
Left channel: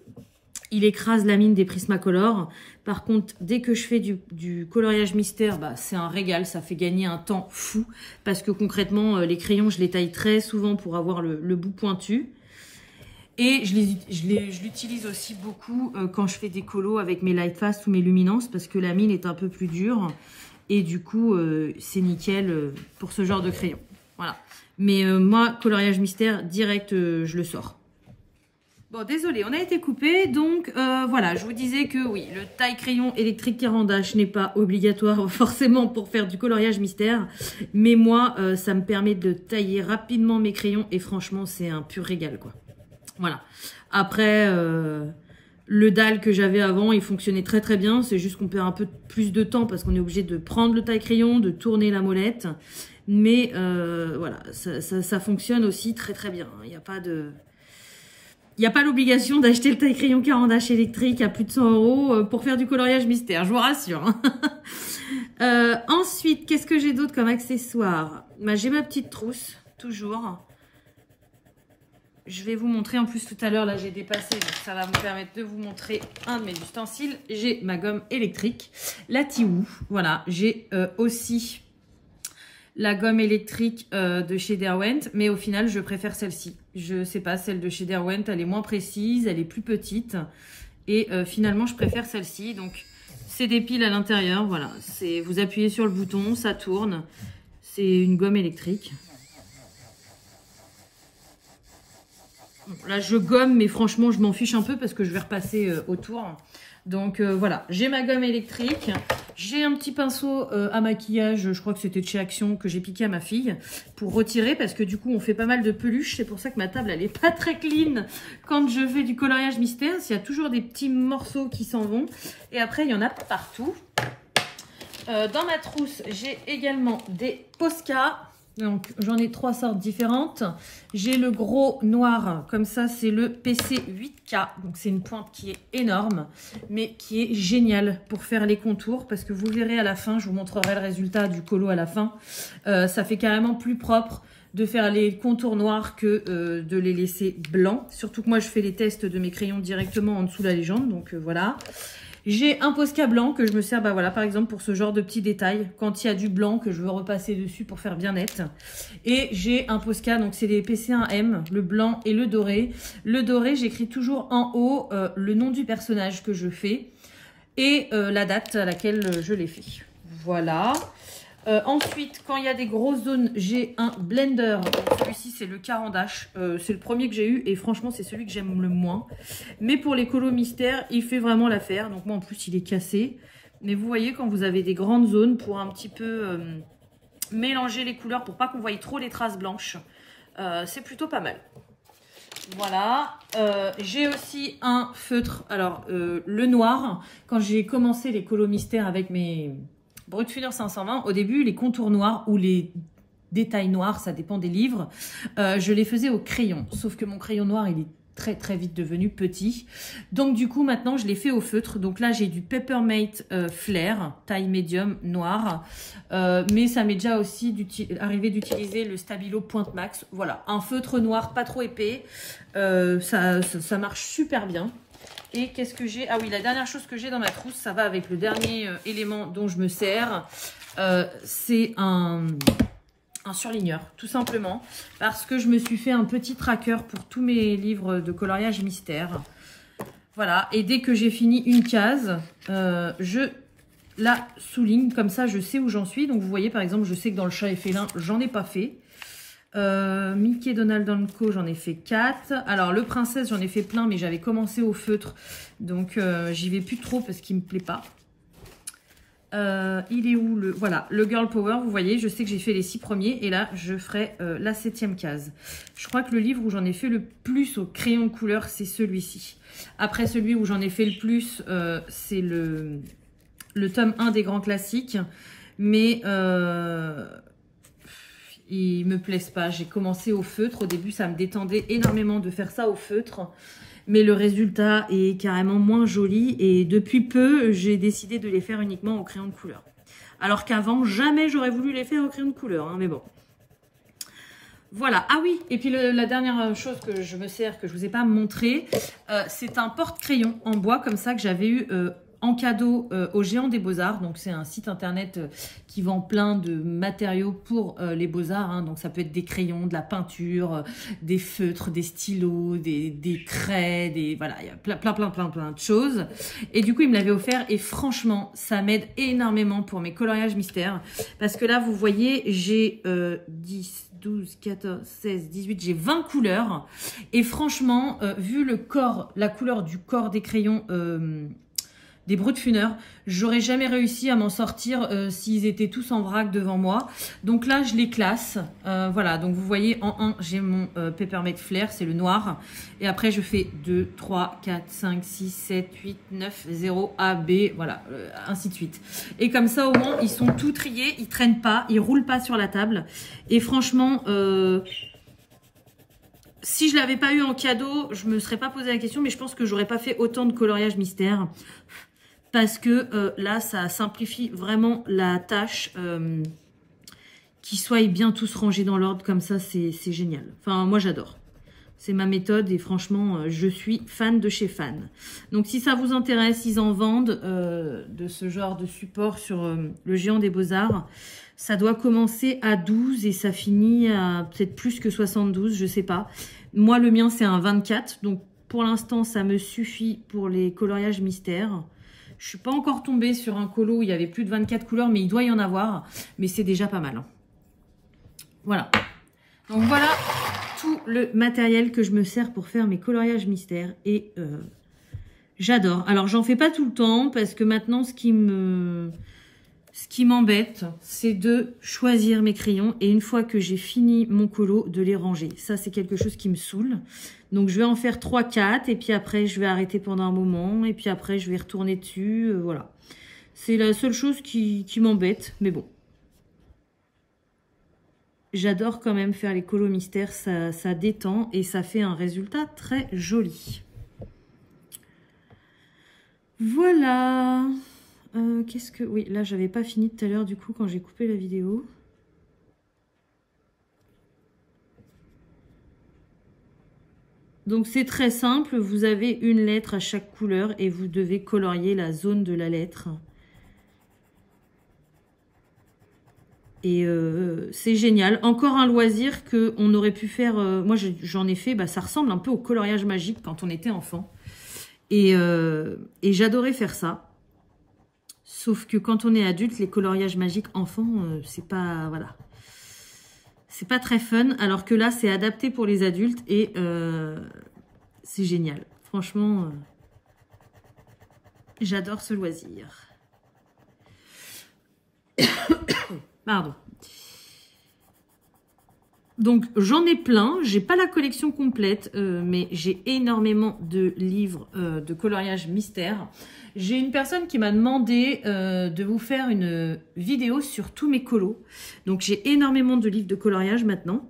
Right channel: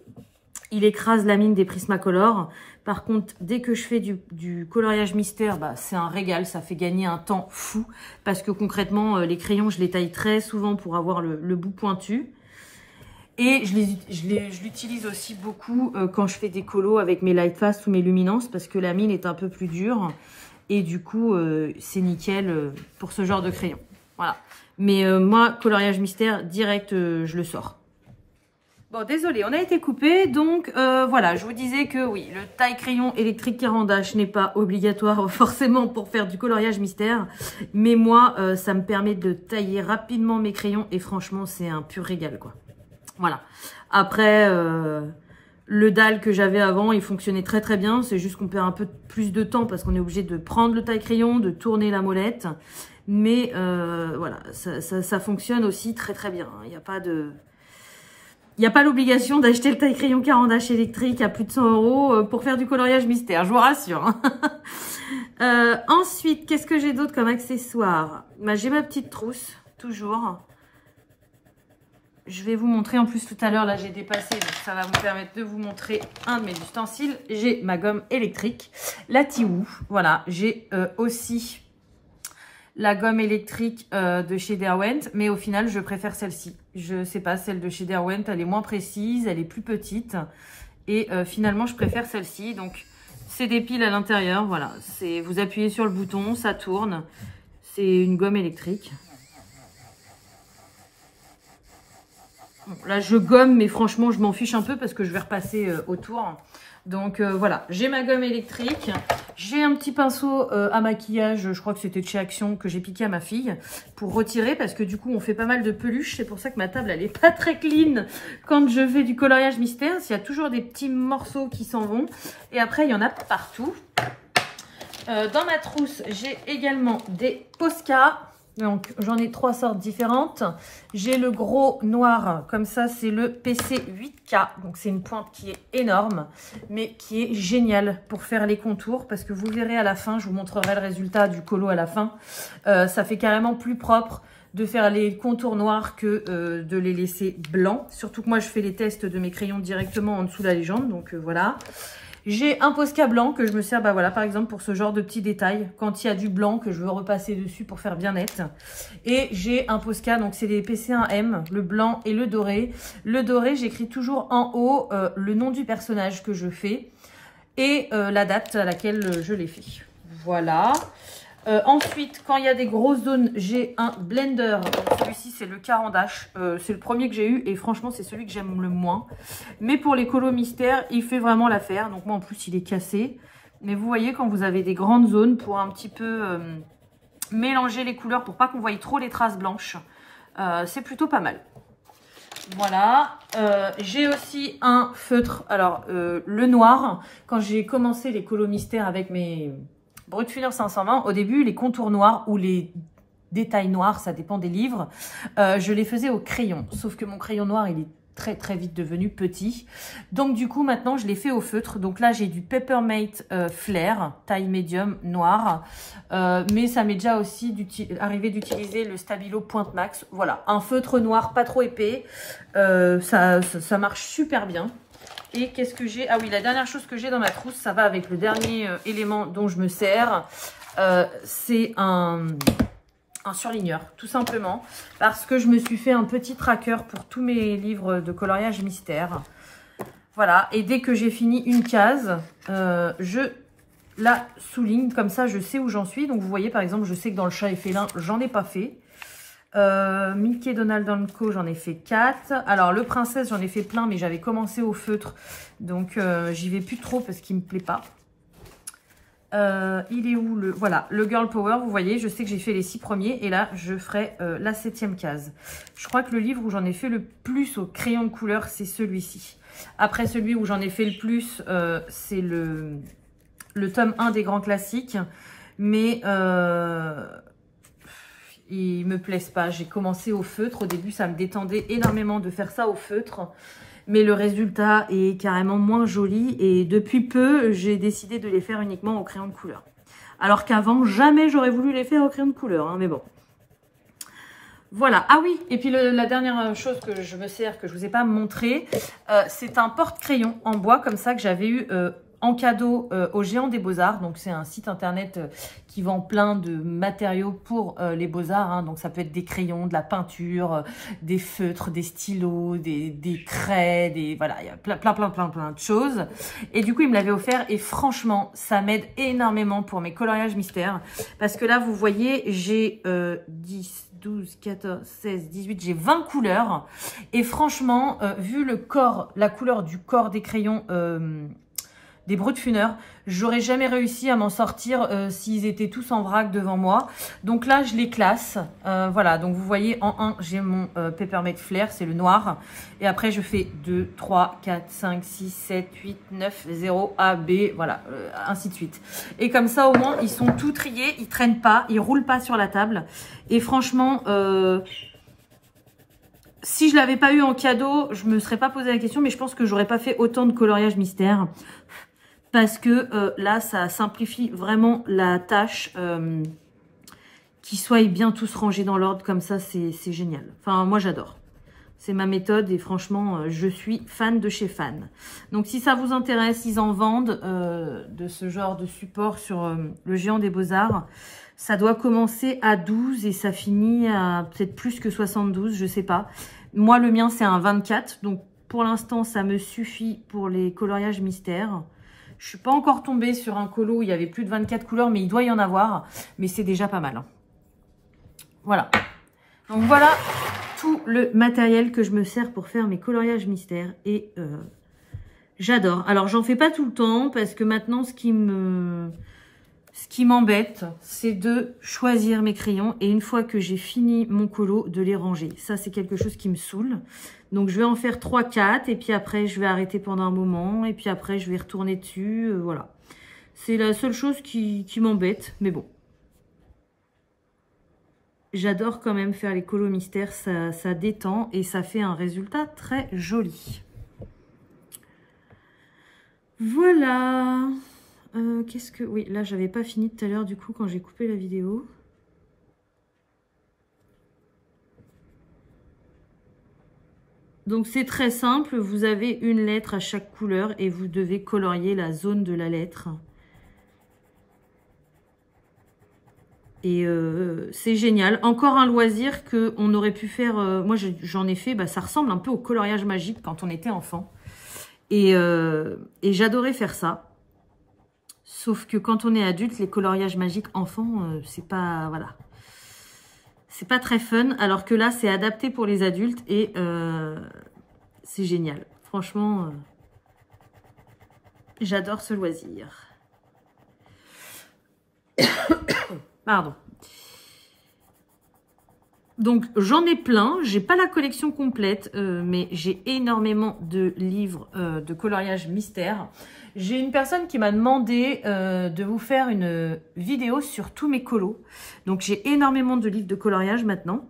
il écrase la mine des Prismacolor. Par contre, dès que je fais du coloriage mystère, bah, c'est un régal, ça fait gagner un temps fou. Parce que concrètement, les crayons, je les taille très souvent pour avoir le bout pointu. Et je l'utilise aussi beaucoup quand je fais des colos avec mes Lightfast ou mes Luminance parce que la mine est un peu plus dure. Et du coup, c'est nickel pour ce genre de crayon. Voilà. Mais moi, coloriage mystère, direct, je le sors. Bon, désolé, on a été coupé. Donc, voilà, je vous disais que oui, le taille-crayon électrique Caran d'Ache n'est pas obligatoire forcément pour faire du coloriage mystère. Mais moi, ça me permet de tailler rapidement mes crayons. Et franchement, c'est un pur régal, quoi. Voilà. Après, le dalle que j'avais avant, il fonctionnait très très bien. C'est juste qu'on perd un peu plus de temps parce qu'on est obligé de prendre le taille-crayon, de tourner la molette. Mais voilà, ça fonctionne aussi très très bien. Il n'y a pas de... Il n'y a pas l'obligation d'acheter le taille-crayon Caran d'Ache électrique à plus de 100 € pour faire du coloriage mystère, je vous rassure. Ensuite, qu'est-ce que j'ai d'autre comme accessoire? Bah, j'ai ma petite trousse, toujours. Je vais vous montrer, en plus tout à l'heure, là j'ai dépassé, donc ça va me permettre de vous montrer un de mes ustensiles. J'ai ma gomme électrique, la Tiwoo. Voilà, j'ai aussi la gomme électrique de chez Derwent, mais au final je préfère celle-ci. Je sais pas, celle de chez Derwent, elle est moins précise, elle est plus petite. Et finalement je préfère celle-ci, donc C'est des piles à l'intérieur, voilà. Vous appuyez sur le bouton, ça tourne. C'est une gomme électrique. Bon, là, je gomme, mais franchement, je m'en fiche un peu parce que je vais repasser autour. Donc voilà, j'ai ma gomme électrique. J'ai un petit pinceau à maquillage, je crois que c'était de chez Action, que j'ai piqué à ma fille pour retirer parce que du coup, on fait pas mal de peluches. C'est pour ça que ma table, elle est pas très clean quand je fais du coloriage mystère. Il y a toujours des petits morceaux qui s'en vont. Et après, il y en a partout. Dans ma trousse, j'ai également des Posca. Donc, j'en ai 3 sortes différentes. J'ai le gros noir, comme ça, c'est le PC 8K. Donc, c'est une pointe qui est énorme, mais qui est géniale pour faire les contours. Parce que vous verrez à la fin, je vous montrerai le résultat du colo à la fin. Ça fait carrément plus propre de faire les contours noirs que de les laisser blancs. Surtout que moi, je fais les tests de mes crayons directement en dessous de la légende. Donc, voilà. J'ai un Posca blanc que je me sers, bah voilà, par exemple, pour ce genre de petits détails. Quand il y a du blanc que je veux repasser dessus pour faire bien net. Et j'ai un Posca, donc c'est les PC1M, le blanc et le doré. Le doré, j'écris toujours en haut le nom du personnage que je fais et la date à laquelle je l'ai fait. Voilà. Ensuite, quand il y a des grosses zones, j'ai un blender. Celui-ci, c'est le Caran-d'Ache. C'est le premier que j'ai eu et franchement, c'est celui que j'aime le moins. Mais pour les colos mystères, il fait vraiment l'affaire. Donc moi, en plus, il est cassé. Mais vous voyez, quand vous avez des grandes zones pour un petit peu mélanger les couleurs pour pas qu'on voie trop les traces blanches, c'est plutôt pas mal. Voilà, j'ai aussi un feutre. Alors, le noir, quand j'ai commencé les colos mystères avec mes Brutfuner 520, au début, les contours noirs ou les détails noirs, ça dépend des livres, je les faisais au crayon. Sauf que mon crayon noir, il est très très vite devenu petit. Donc du coup, maintenant, je l'ai fait au feutre. Donc là, j'ai du Peppermint Flair, taille médium, noir. Mais ça m'est déjà aussi arrivé d'utiliser le Stabilo Pointe Max. Voilà, un feutre noir, pas trop épais. Ça marche super bien. Et qu'est-ce que j'ai? Ah oui, la dernière chose que j'ai dans ma trousse, ça va avec le dernier élément dont je me sers. C'est un surligneur, tout simplement. Parce que je me suis fait un petit tracker pour tous mes livres de coloriage mystère. Voilà, et dès que j'ai fini une case, je la souligne. Comme ça, je sais où j'en suis. Donc, vous voyez, par exemple, je sais que dans le chat et félin, j'en ai pas fait. Mickey, Donald, Co, j'en ai fait 4. Alors, le princesse, j'en ai fait plein, mais j'avais commencé au feutre. Donc, j'y vais plus trop parce qu'il me plaît pas. Il est où le... Voilà, le Girl Power, vous voyez, je sais que j'ai fait les 6 premiers. Et là, je ferai la 7e case. Je crois que le livre où j'en ai fait le plus au crayon de couleur, c'est celui-ci. Après, celui où j'en ai fait le plus, c'est le tome 1 des grands classiques. Mais... ils me plaisent pas. J'ai commencé au feutre. Au début, ça me détendait énormément de faire ça au feutre. Mais le résultat est carrément moins joli. Et depuis peu, j'ai décidé de les faire uniquement au crayon de couleur. Alors qu'avant, jamais j'aurais voulu les faire au crayon de couleur. Hein, mais bon. Voilà. Ah oui, et puis la dernière chose que je me sers, que je vous ai pas montré, c'est un porte-crayon en bois comme ça que j'avais eu... en cadeau au Géant des Beaux-Arts. Donc, c'est un site internet qui vend plein de matériaux pour les Beaux-Arts. Hein. Donc, ça peut être des crayons, de la peinture, des feutres, des stylos, des craies, voilà, il y a plein de choses. Et du coup, il me l'avait offert et franchement, ça m'aide énormément pour mes coloriages mystères. Parce que là, vous voyez, j'ai 10, 12, 14, 16, 18, j'ai 20 couleurs. Et franchement, vu le corps, la couleur du corps des crayons... des Brutfuner, j'aurais jamais réussi à m'en sortir s'ils étaient tous en vrac devant moi. Donc là, je les classe. Voilà, donc vous voyez, en 1, j'ai mon Peppermint Flair, c'est le noir. Et après, je fais 2, 3, 4, 5, 6, 7, 8, 9, 0, A, B, voilà, ainsi de suite. Et comme ça, au moins, ils sont tout triés, ils traînent pas, ils roulent pas sur la table. Et franchement... si je l'avais pas eu en cadeau, je me serais pas posé la question, mais je pense que j'aurais pas fait autant de coloriage mystère. Parce que là, ça simplifie vraiment la tâche. Qu'ils soient bien tous rangés dans l'ordre comme ça, c'est génial. Enfin, moi, j'adore. C'est ma méthode et franchement, je suis fan de chez Fan. Donc, si ça vous intéresse, ils en vendent de ce genre de support sur le Géant des Beaux-Arts. Ça doit commencer à 12 et ça finit à peut-être plus que 72, je sais pas. Moi, le mien, c'est un 24. Donc, pour l'instant, ça me suffit pour les coloriages mystères. Je suis pas encore tombée sur un colo où il y avait plus de 24 couleurs, mais il doit y en avoir. Mais c'est déjà pas mal. Hein. Voilà. Donc voilà tout le matériel que je me sers pour faire mes coloriages mystères. Et j'adore. Alors j'en fais pas tout le temps parce que maintenant ce qui m'embête, c'est de choisir mes crayons et une fois que j'ai fini mon colo, de les ranger. Ça, c'est quelque chose qui me saoule. Donc, je vais en faire 3-4 et puis après, je vais arrêter pendant un moment et puis après, je vais retourner dessus. Voilà. C'est la seule chose qui m'embête, mais bon. J'adore quand même faire les colos mystères, ça détend et ça fait un résultat très joli. Voilà. Qu'est-ce que... Oui, là, j'avais pas fini tout à l'heure, du coup, quand j'ai coupé la vidéo. Donc, c'est très simple. Vous avez une lettre à chaque couleur et vous devez colorier la zone de la lettre. Et c'est génial. Encore un loisir qu'on aurait pu faire... moi, j'en ai fait. Bah, ça ressemble un peu au coloriage magique quand on était enfant. Et j'adorais faire ça. Sauf que quand on est adulte, les coloriages magiques enfants, c'est pas... Voilà. C'est pas très fun. Alors que là, c'est adapté pour les adultes. Et c'est génial. Franchement, j'adore ce loisir. Pardon. Donc, j'en ai plein. J'ai pas la collection complète, mais j'ai énormément de livres de coloriage mystère. J'ai une personne qui m'a demandé de vous faire une vidéo sur tous mes colos. Donc, j'ai énormément de livres de coloriage maintenant.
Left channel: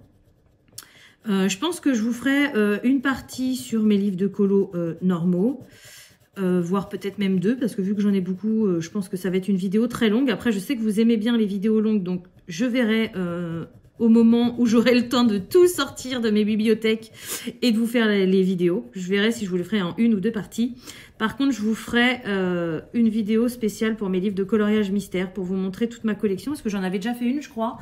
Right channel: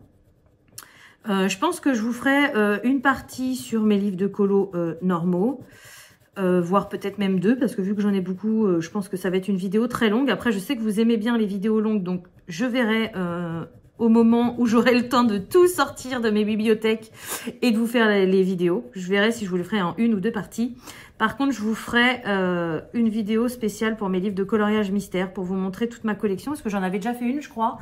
Je pense que je vous ferai une partie sur mes livres de colos normaux. Voire peut-être même 2, parce que vu que j'en ai beaucoup, je pense que ça va être une vidéo très longue. Après, je sais que vous aimez bien les vidéos longues, donc je verrai au moment où j'aurai le temps de tout sortir de mes bibliothèques et de vous faire les vidéos. Je verrai si je vous le ferai en 1 ou 2 parties. Par contre, je vous ferai une vidéo spéciale pour mes livres de coloriage mystère, pour vous montrer toute ma collection, parce que j'en avais déjà fait une, je crois.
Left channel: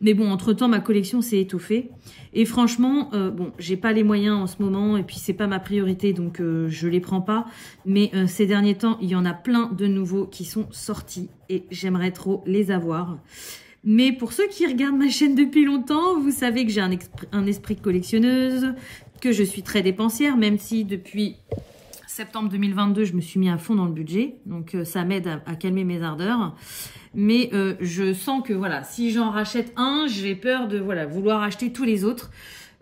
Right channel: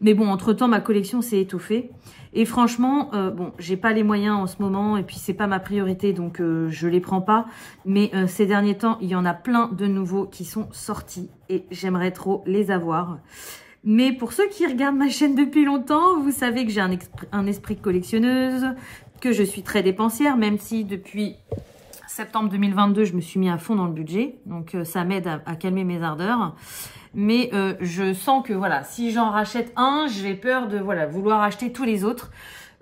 Mais bon, entre-temps, ma collection s'est étoffée. Et franchement, bon, j'ai pas les moyens en ce moment, et puis c'est pas ma priorité, donc je les prends pas. Mais ces derniers temps, il y en a plein de nouveaux qui sont sortis, et j'aimerais trop les avoir. Mais pour ceux qui regardent ma chaîne depuis longtemps, vous savez que j'ai un esprit de collectionneuse, que je suis très dépensière, même si depuis septembre 2022, je me suis mis à fond dans le budget. Donc ça m'aide à calmer mes ardeurs. Mais je sens que voilà, si j'en rachète un, j'ai peur de voilà vouloir acheter tous les autres.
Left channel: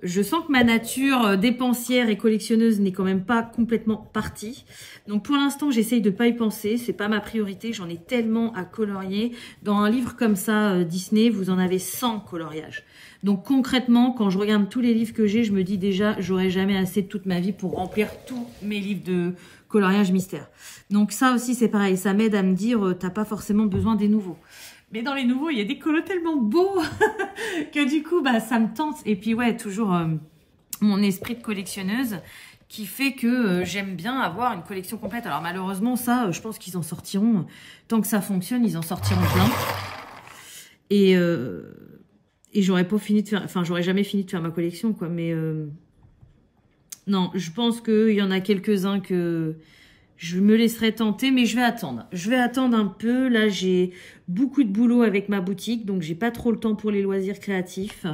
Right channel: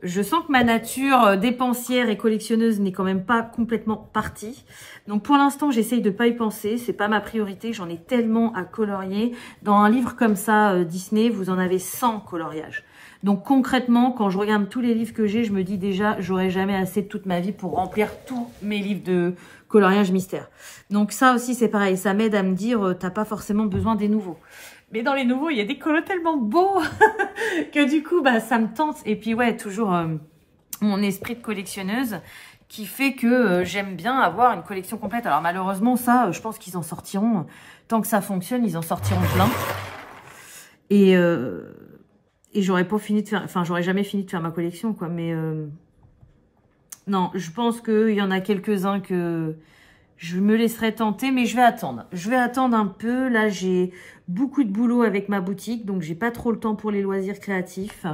Je sens que ma nature dépensière et collectionneuse n'est quand même pas complètement partie. Donc pour l'instant, j'essaye de pas y penser. C'est pas ma priorité. J'en ai tellement à colorier. Dans un livre comme ça, Disney, vous en avez 100 coloriages. Donc concrètement, quand je regarde tous les livres que j'ai, je me dis déjà, j'aurai jamais assez de toute ma vie pour remplir tous mes livres de coloriage mystère. Donc ça aussi, c'est pareil. Ça m'aide à me dire, t'as pas forcément besoin des nouveaux. Mais dans les nouveaux, il y a des colos tellement beaux que du coup, bah, ça me tente. Et puis ouais, toujours mon esprit de collectionneuse qui fait que j'aime bien avoir une collection complète. Alors malheureusement, ça, je pense qu'ils en sortiront. Tant que ça fonctionne, ils en sortiront plein. Et j'aurais pas fini de faire... Enfin, j'aurais jamais fini de faire ma collection, quoi. Mais non, je pense qu'il y en a quelques-uns que... je me laisserai tenter, mais je vais attendre. Je vais attendre un peu. Là, j'ai beaucoup de boulot avec ma boutique, donc j'ai pas trop le temps pour les loisirs créatifs.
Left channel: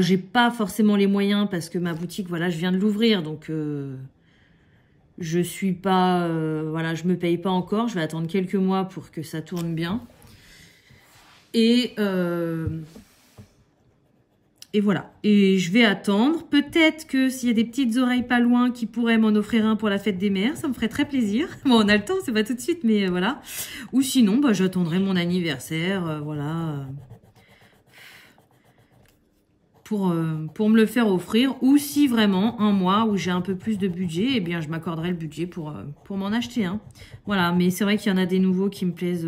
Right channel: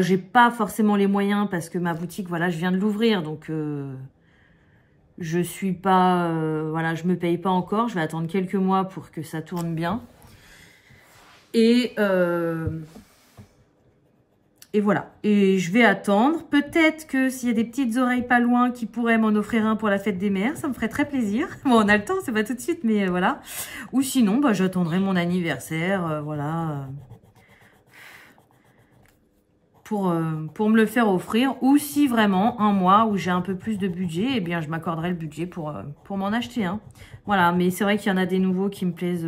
J'ai pas forcément les moyens parce que ma boutique, voilà, je viens de l'ouvrir, donc je suis pas, voilà, je me paye pas encore. Je vais attendre quelques mois pour que ça tourne bien. Et voilà, et je vais attendre. Peut-être que s'il y a des petites oreilles pas loin qui pourraient m'en offrir un pour la fête des mères, ça me ferait très plaisir. Bon, on a le temps, c'est pas tout de suite, mais voilà. Ou sinon, bah, j'attendrai mon anniversaire, voilà. Pour me le faire offrir. Ou si vraiment, un mois où j'ai un peu plus de budget, eh bien, je m'accorderai le budget pour m'en acheter un. Voilà, mais c'est vrai qu'il y en a des nouveaux qui me plaisent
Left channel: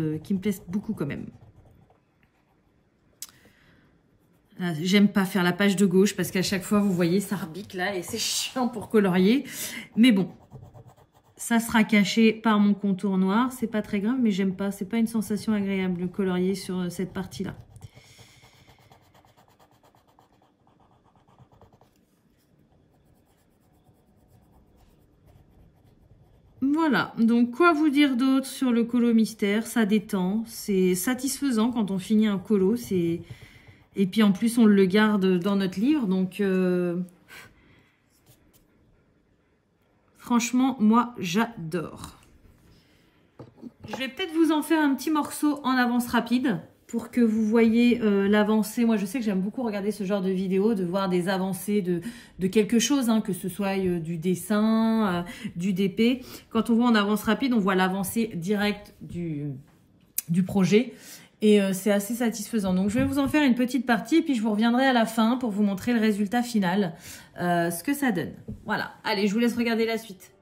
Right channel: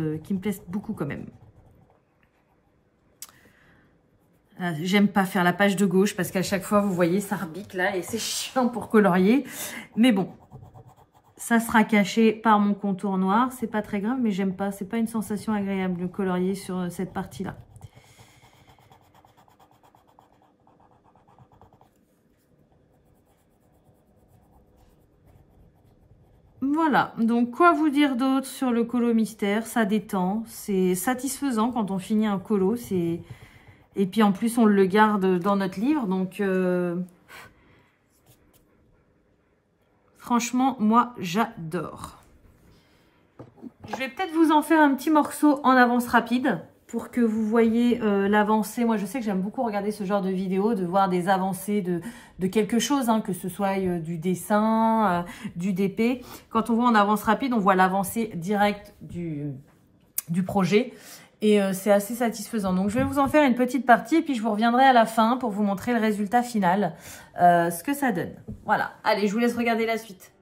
beaucoup quand même. J'aime pas faire la page de gauche parce qu'à chaque fois, vous voyez, ça rebique là et c'est chiant pour colorier. Mais bon, ça sera caché par mon contour noir. C'est pas très grave, mais j'aime pas. C'est pas une sensation agréable de colorier sur cette partie-là. Voilà. Voilà, donc quoi vous dire d'autre sur le colo mystère? Ça détend, c'est satisfaisant quand on finit un colo. Et puis en plus, on le garde dans notre livre. Donc, franchement, moi, j'adore. Je vais peut-être vous en faire un petit morceau en avance rapide pour que vous voyez l'avancée. Moi, je sais que j'aime beaucoup regarder ce genre de vidéos, de voir des avancées de quelque chose, hein, que ce soit du dessin, du DP. Quand on voit en avance rapide, on voit l'avancée directe du projet. Et c'est assez satisfaisant. Donc, je vais vous en faire une petite partie et puis je vous reviendrai à la fin pour vous montrer le résultat final, ce que ça donne. Voilà. Allez, je vous laisse regarder la suite.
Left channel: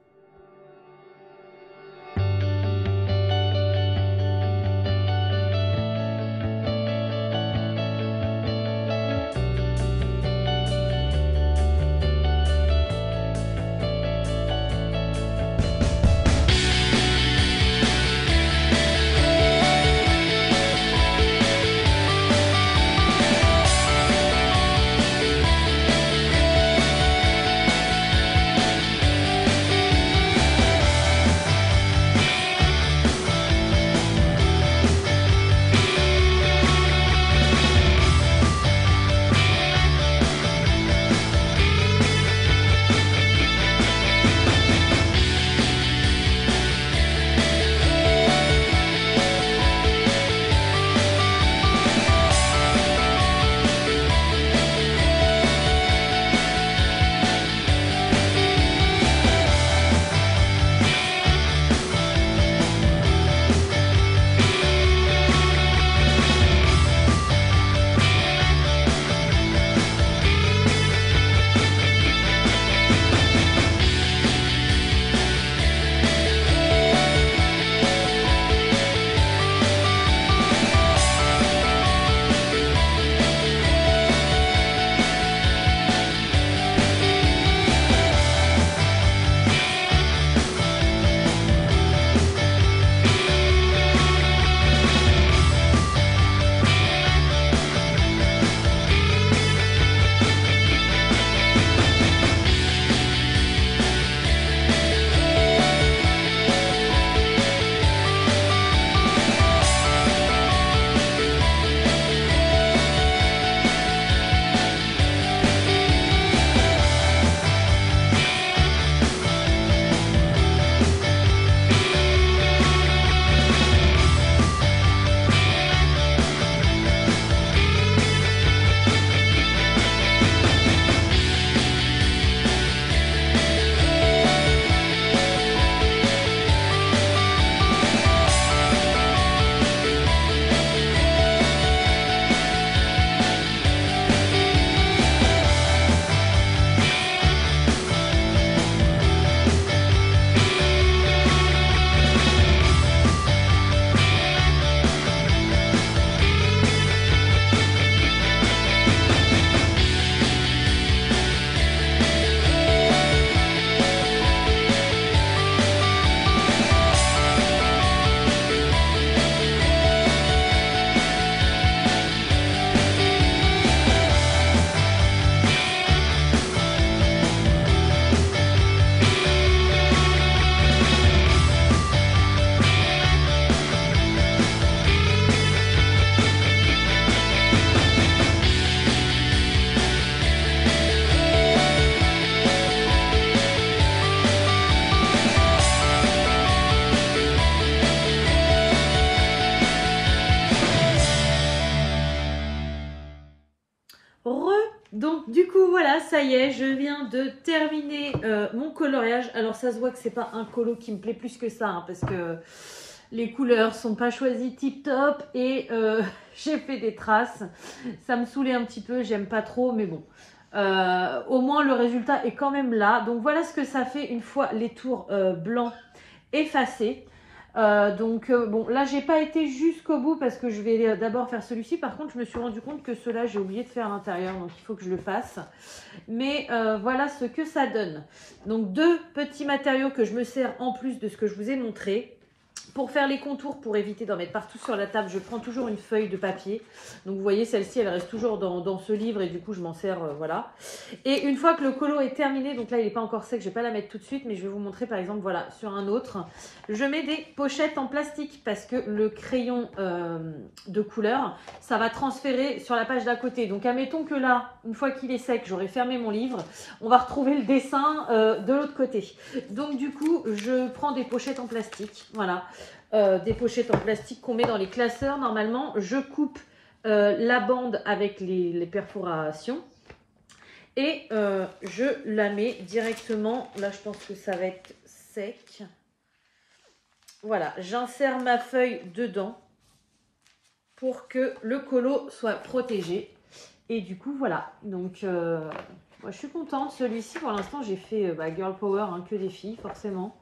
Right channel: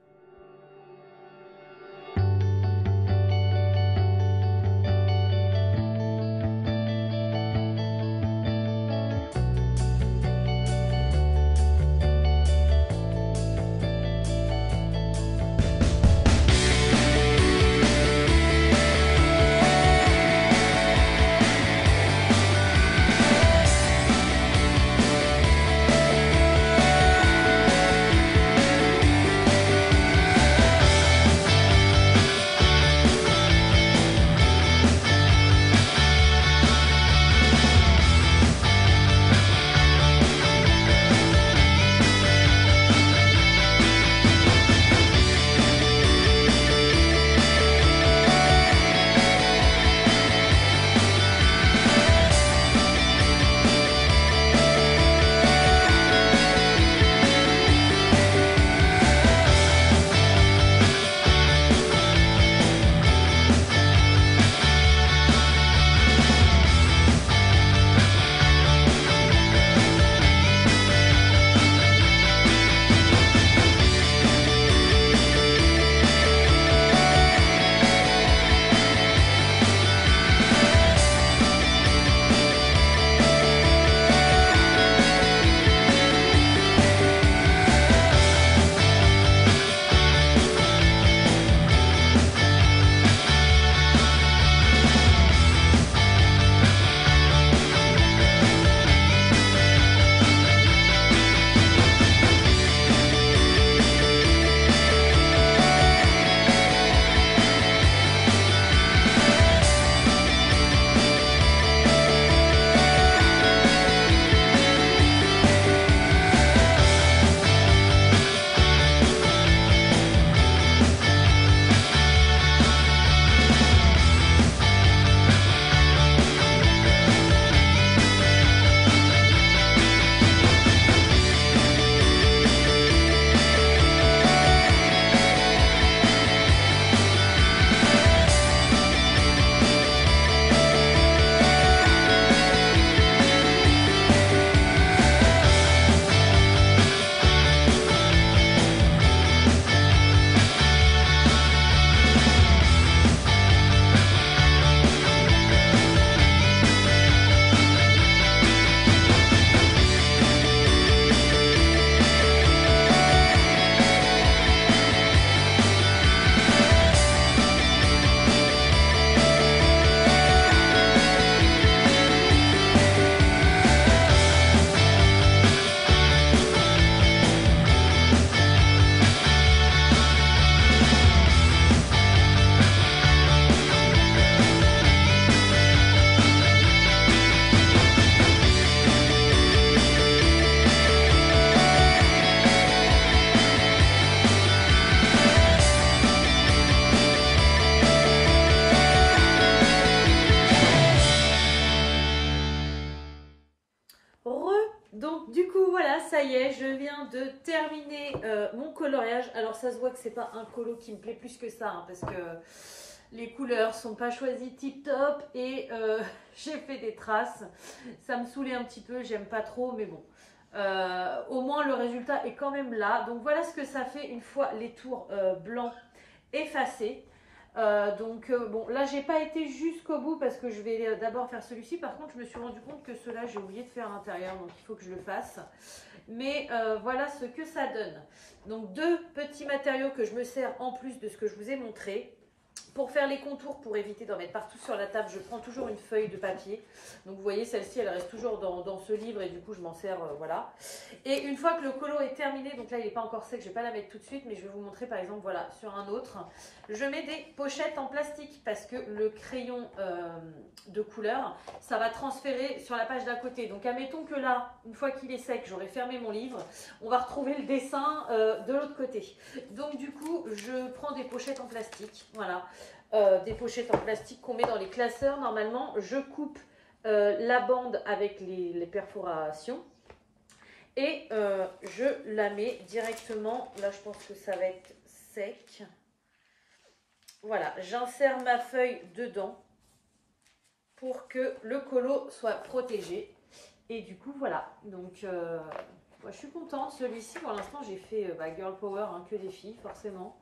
Donc du coup voilà, ça y est, je viens de terminer mon coloriage. Alors ça se voit que c'est pas un colo qui me plaît plus que ça, hein, parce que les couleurs sont pas choisies tip top et j'ai fait des traces. Ça me saoulait un petit peu, j'aime pas trop, mais bon. Au moins le résultat est quand même là. Donc voilà ce que ça fait une fois les tours blancs effacés. Bon, là j'ai pas été jusqu'au bout parce que je vais d'abord faire celui-ci. Par contre je me suis rendu compte que cela j'ai oublié de faire à l'intérieur, donc il faut que je le fasse. Mais voilà ce que ça donne. Donc deux petits matériaux que je me sers en plus de ce que je vous ai montré. Pour faire les contours, pour éviter d'en mettre partout sur la table, je prends toujours une feuille de papier. Donc vous voyez, celle-ci, elle reste toujours dans ce livre et du coup, je m'en sers, voilà. Et une fois que le colo est terminé, donc là, il n'est pas encore sec, je ne vais pas la mettre tout de suite, mais je vais vous montrer par exemple, voilà, sur un autre. Je mets des pochettes en plastique parce que le crayon de couleur, ça va transférer sur la page d'à côté. Donc admettons que là, une fois qu'il est sec, j'aurai fermé mon livre, on va retrouver le dessin de l'autre côté. Donc du coup, je prends des pochettes en plastique, voilà. Des pochettes en plastique qu'on met dans les classeurs. Normalement, je coupe la bande avec les perforations et je la mets directement. Là, je pense que ça va être sec. Voilà, j'insère ma feuille dedans pour que le colo soit protégé. Et du coup, voilà. Donc, moi, je suis contente. Celui-ci, pour l'instant, j'ai fait Girl Power, hein, que des filles, forcément.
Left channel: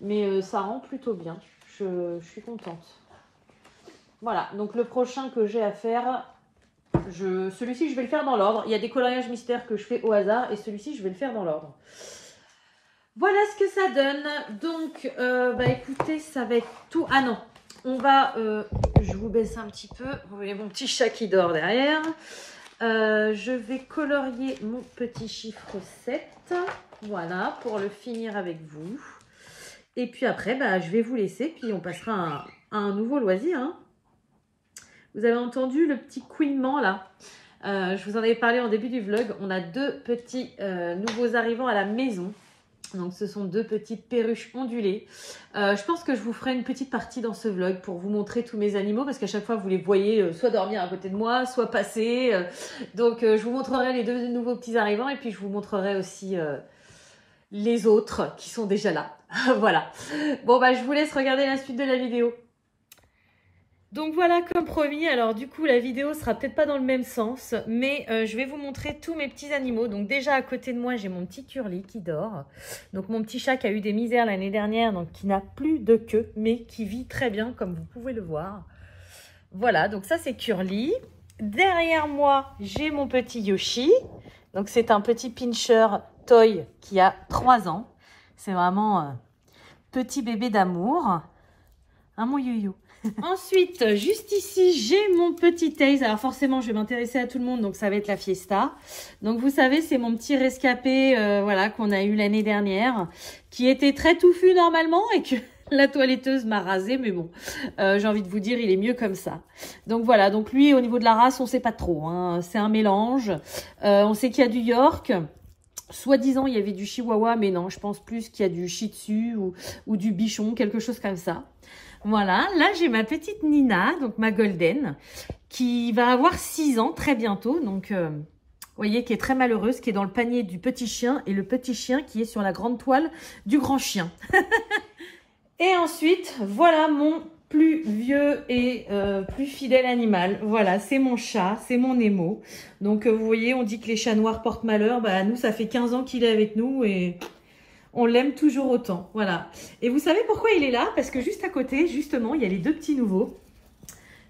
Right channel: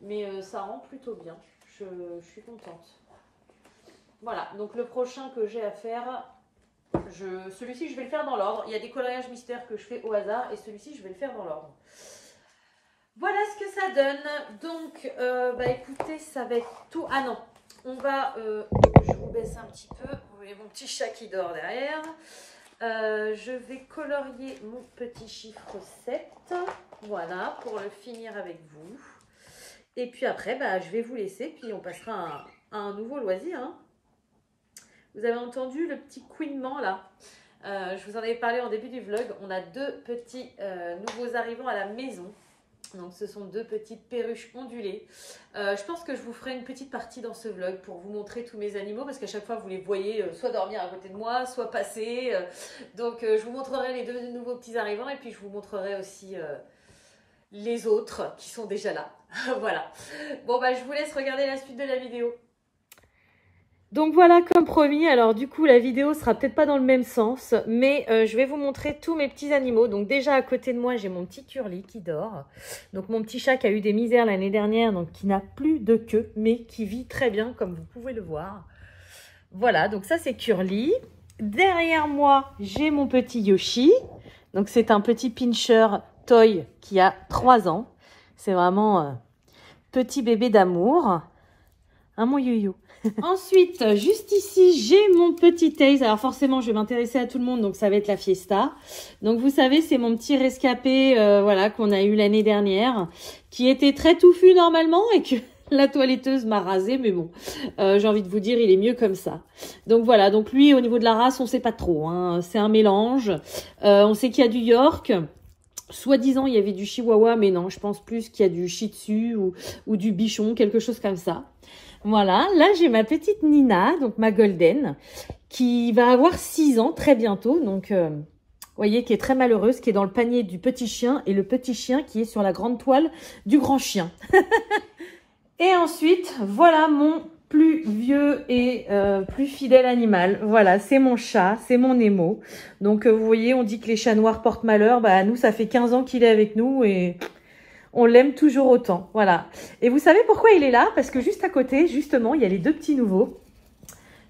Mais ça rend plutôt bien. Je suis contente. Voilà, donc le prochain que j'ai à faire, celui-ci je vais le faire dans l'ordre. Il y a des coloriages mystères que je fais au hasard et celui-ci je vais le faire dans l'ordre. Voilà ce que ça donne. Donc, écoutez, ça va être tout. Ah non, on va, je vous baisse un petit peu. Vous voyez mon petit chat qui dort derrière. Je vais colorier mon petit chiffre 7. Voilà, pour le finir avec vous. Et puis après, je vais vous laisser, puis on passera à un nouveau loisir. Hein. Vous avez entendu le petit couinement là. Je vous en avais parlé en début du vlog. On a deux petits nouveaux arrivants à la maison. Donc ce sont deux petites perruches ondulées. Je pense que je vous ferai une petite partie dans ce vlog pour vous montrer tous mes animaux. Parce qu'à chaque fois, vous les voyez soit dormir à côté de moi, soit passer. Donc je vous montrerai les deux nouveaux petits arrivants. Et puis je vous montrerai aussi les autres qui sont déjà là. Voilà. Bon, je vous laisse regarder la suite de la vidéo. Donc voilà, comme promis, alors du coup la vidéo sera peut-être pas dans le même sens, mais je vais vous montrer tous mes petits animaux. Donc déjà à côté de moi, j'ai mon petit Curly qui dort. Donc mon petit chat qui a eu des misères l'année dernière, donc qui n'a plus de queue, mais qui vit très bien comme vous pouvez le voir. Voilà, donc ça c'est Curly. Derrière moi, j'ai mon petit Yoshi. Donc c'est un petit pincher toy qui a 3 ans. C'est vraiment petit bébé d'amour. Hein, mon yo-yo. Ensuite, juste ici, j'ai mon petit Taze. Alors forcément, je vais m'intéresser à tout le monde, donc ça va être la Fiesta. Donc vous savez, c'est mon petit rescapé voilà, qu'on a eu l'année dernière, qui était très touffu normalement et que la toiletteuse m'a rasé. Mais bon, j'ai envie de vous dire, il est mieux comme ça. Donc voilà, donc lui, au niveau de la race, on sait pas trop. Hein. C'est un mélange. On sait qu'il y a du York. Soi-disant, il y avait du Chihuahua, mais non, je pense plus qu'il y a du Shih Tzu ou du Bichon, quelque chose comme ça. Voilà, là j'ai ma petite Nina, donc ma Golden, qui va avoir 6 ans très bientôt. Donc, vous voyez, qui est très malheureuse, qui est dans le panier du petit chien et le petit chien qui est sur la grande toile du grand chien. Et ensuite, voilà mon plus vieux et plus fidèle animal. Voilà, c'est mon chat, c'est mon Nemo. Donc, vous voyez, on dit que les chats noirs portent malheur. Nous, ça fait 15 ans qu'il est avec nous et on l'aime toujours autant. Voilà. Et vous savez pourquoi il est là? Parce que juste à côté, justement, il y a les deux petits nouveaux.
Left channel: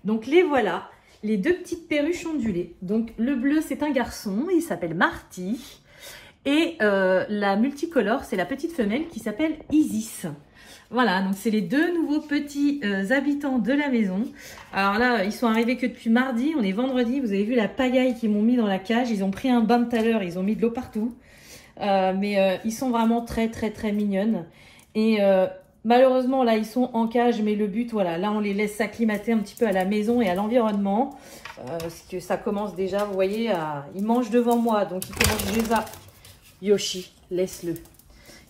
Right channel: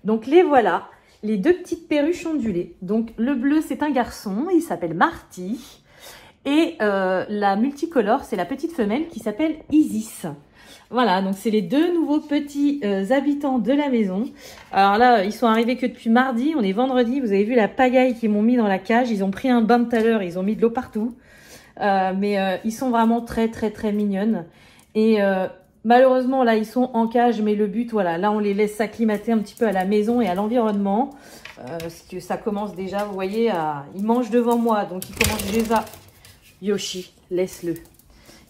Donc, les voilà, les deux petites perruches ondulées. Donc, le bleu, c'est un garçon, il s'appelle Marty. Et la multicolore, c'est la petite femelle qui s'appelle Isis. Voilà, donc c'est les deux nouveaux petits habitants de la maison. Alors là, ils sont arrivés que depuis mardi, on est vendredi. Vous avez vu la pagaille qu'ils m'ont mis dans la cage. Ils ont pris un bain tout à l'heure, ils ont mis de l'eau partout. Mais ils sont vraiment très mignonnes. Et malheureusement, là, ils sont en cage. Mais le but, voilà, là, on les laisse s'acclimater un petit peu à la maison et à l'environnement. Parce que ça commence déjà, vous voyez, ils mangent devant moi. Donc, ils commencent déjà... Yoshi, laisse-le.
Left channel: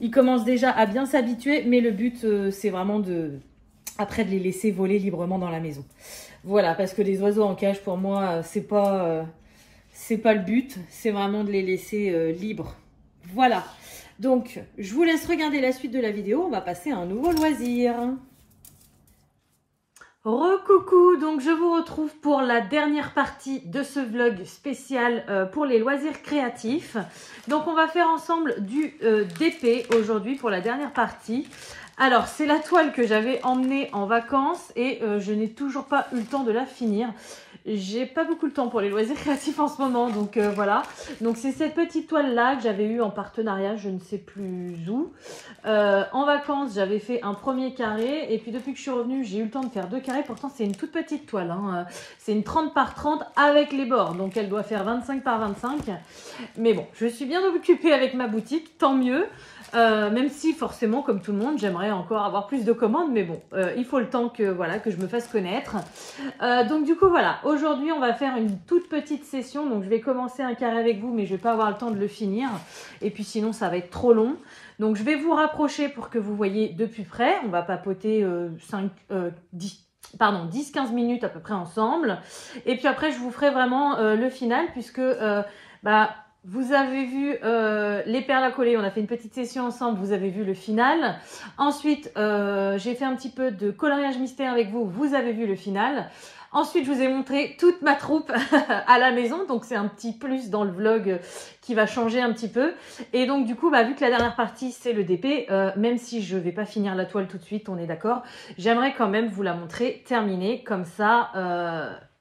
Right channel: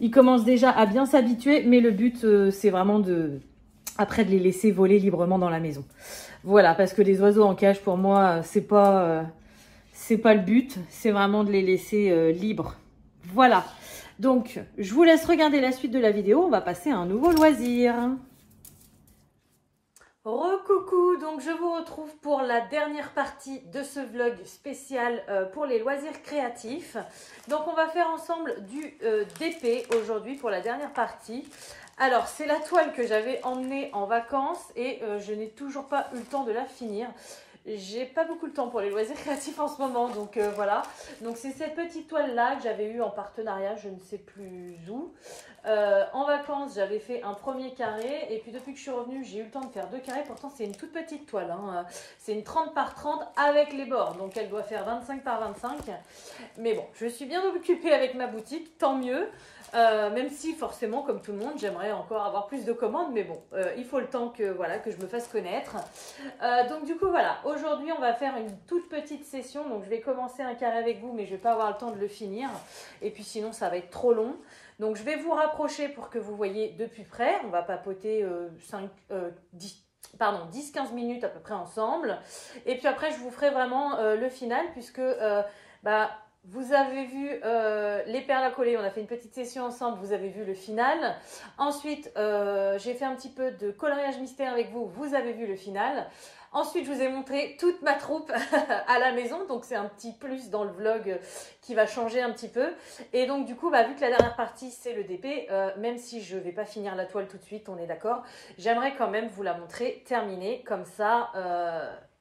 Ils commencent déjà à bien s'habituer, mais le but, c'est vraiment après de les laisser voler librement dans la maison. Voilà, parce que les oiseaux en cage, pour moi, c'est pas le but. C'est vraiment de les laisser libres. Voilà. Donc, je vous laisse regarder la suite de la vidéo. On va passer à un nouveau loisir. Recoucou, donc je vous retrouve pour la dernière partie de ce vlog spécial pour les loisirs créatifs. Donc on va faire ensemble du DP aujourd'hui pour la dernière partie. Alors c'est la toile que j'avais emmenée en vacances et je n'ai toujours pas eu le temps de la finir. j'ai pas beaucoup de temps pour les loisirs créatifs en ce moment, donc voilà. Donc c'est cette petite toile là que j'avais eue en partenariat, je ne sais plus où. En vacances, j'avais fait un premier carré, et puis depuis que je suis revenue, j'ai eu le temps de faire 2 carrés. Pourtant c'est une toute petite toile, hein. C'est une 30 par 30 avec les bords, donc elle doit faire 25 par 25. Mais bon, je suis bien occupée avec ma boutique, tant mieux. Même si forcément, comme tout le monde, j'aimerais encore avoir plus de commandes, mais bon, il faut le temps que, voilà, que je me fasse connaître. Donc du coup, voilà, aujourd'hui, on va faire une toute petite session. Donc je vais commencer un carré avec vous, mais je ne vais pas avoir le temps de le finir. Et puis sinon, ça va être trop long. Donc je vais vous rapprocher pour que vous voyez de plus près. On va papoter 10-15 minutes à peu près ensemble. Et puis après, je vous ferai vraiment le final, puisque... vous avez vu les perles à coller, on a fait une petite session ensemble, vous avez vu le final. Ensuite, j'ai fait un petit peu de coloriage mystère avec vous, vous avez vu le final. Ensuite, je vous ai montré toute ma troupe à la maison, donc c'est un petit plus dans le vlog qui va changer un petit peu. Et donc du coup, vu que la dernière partie c'est le DP, même si je ne vais pas finir la toile tout de suite, on est d'accord, j'aimerais quand même vous la montrer terminée, comme ça...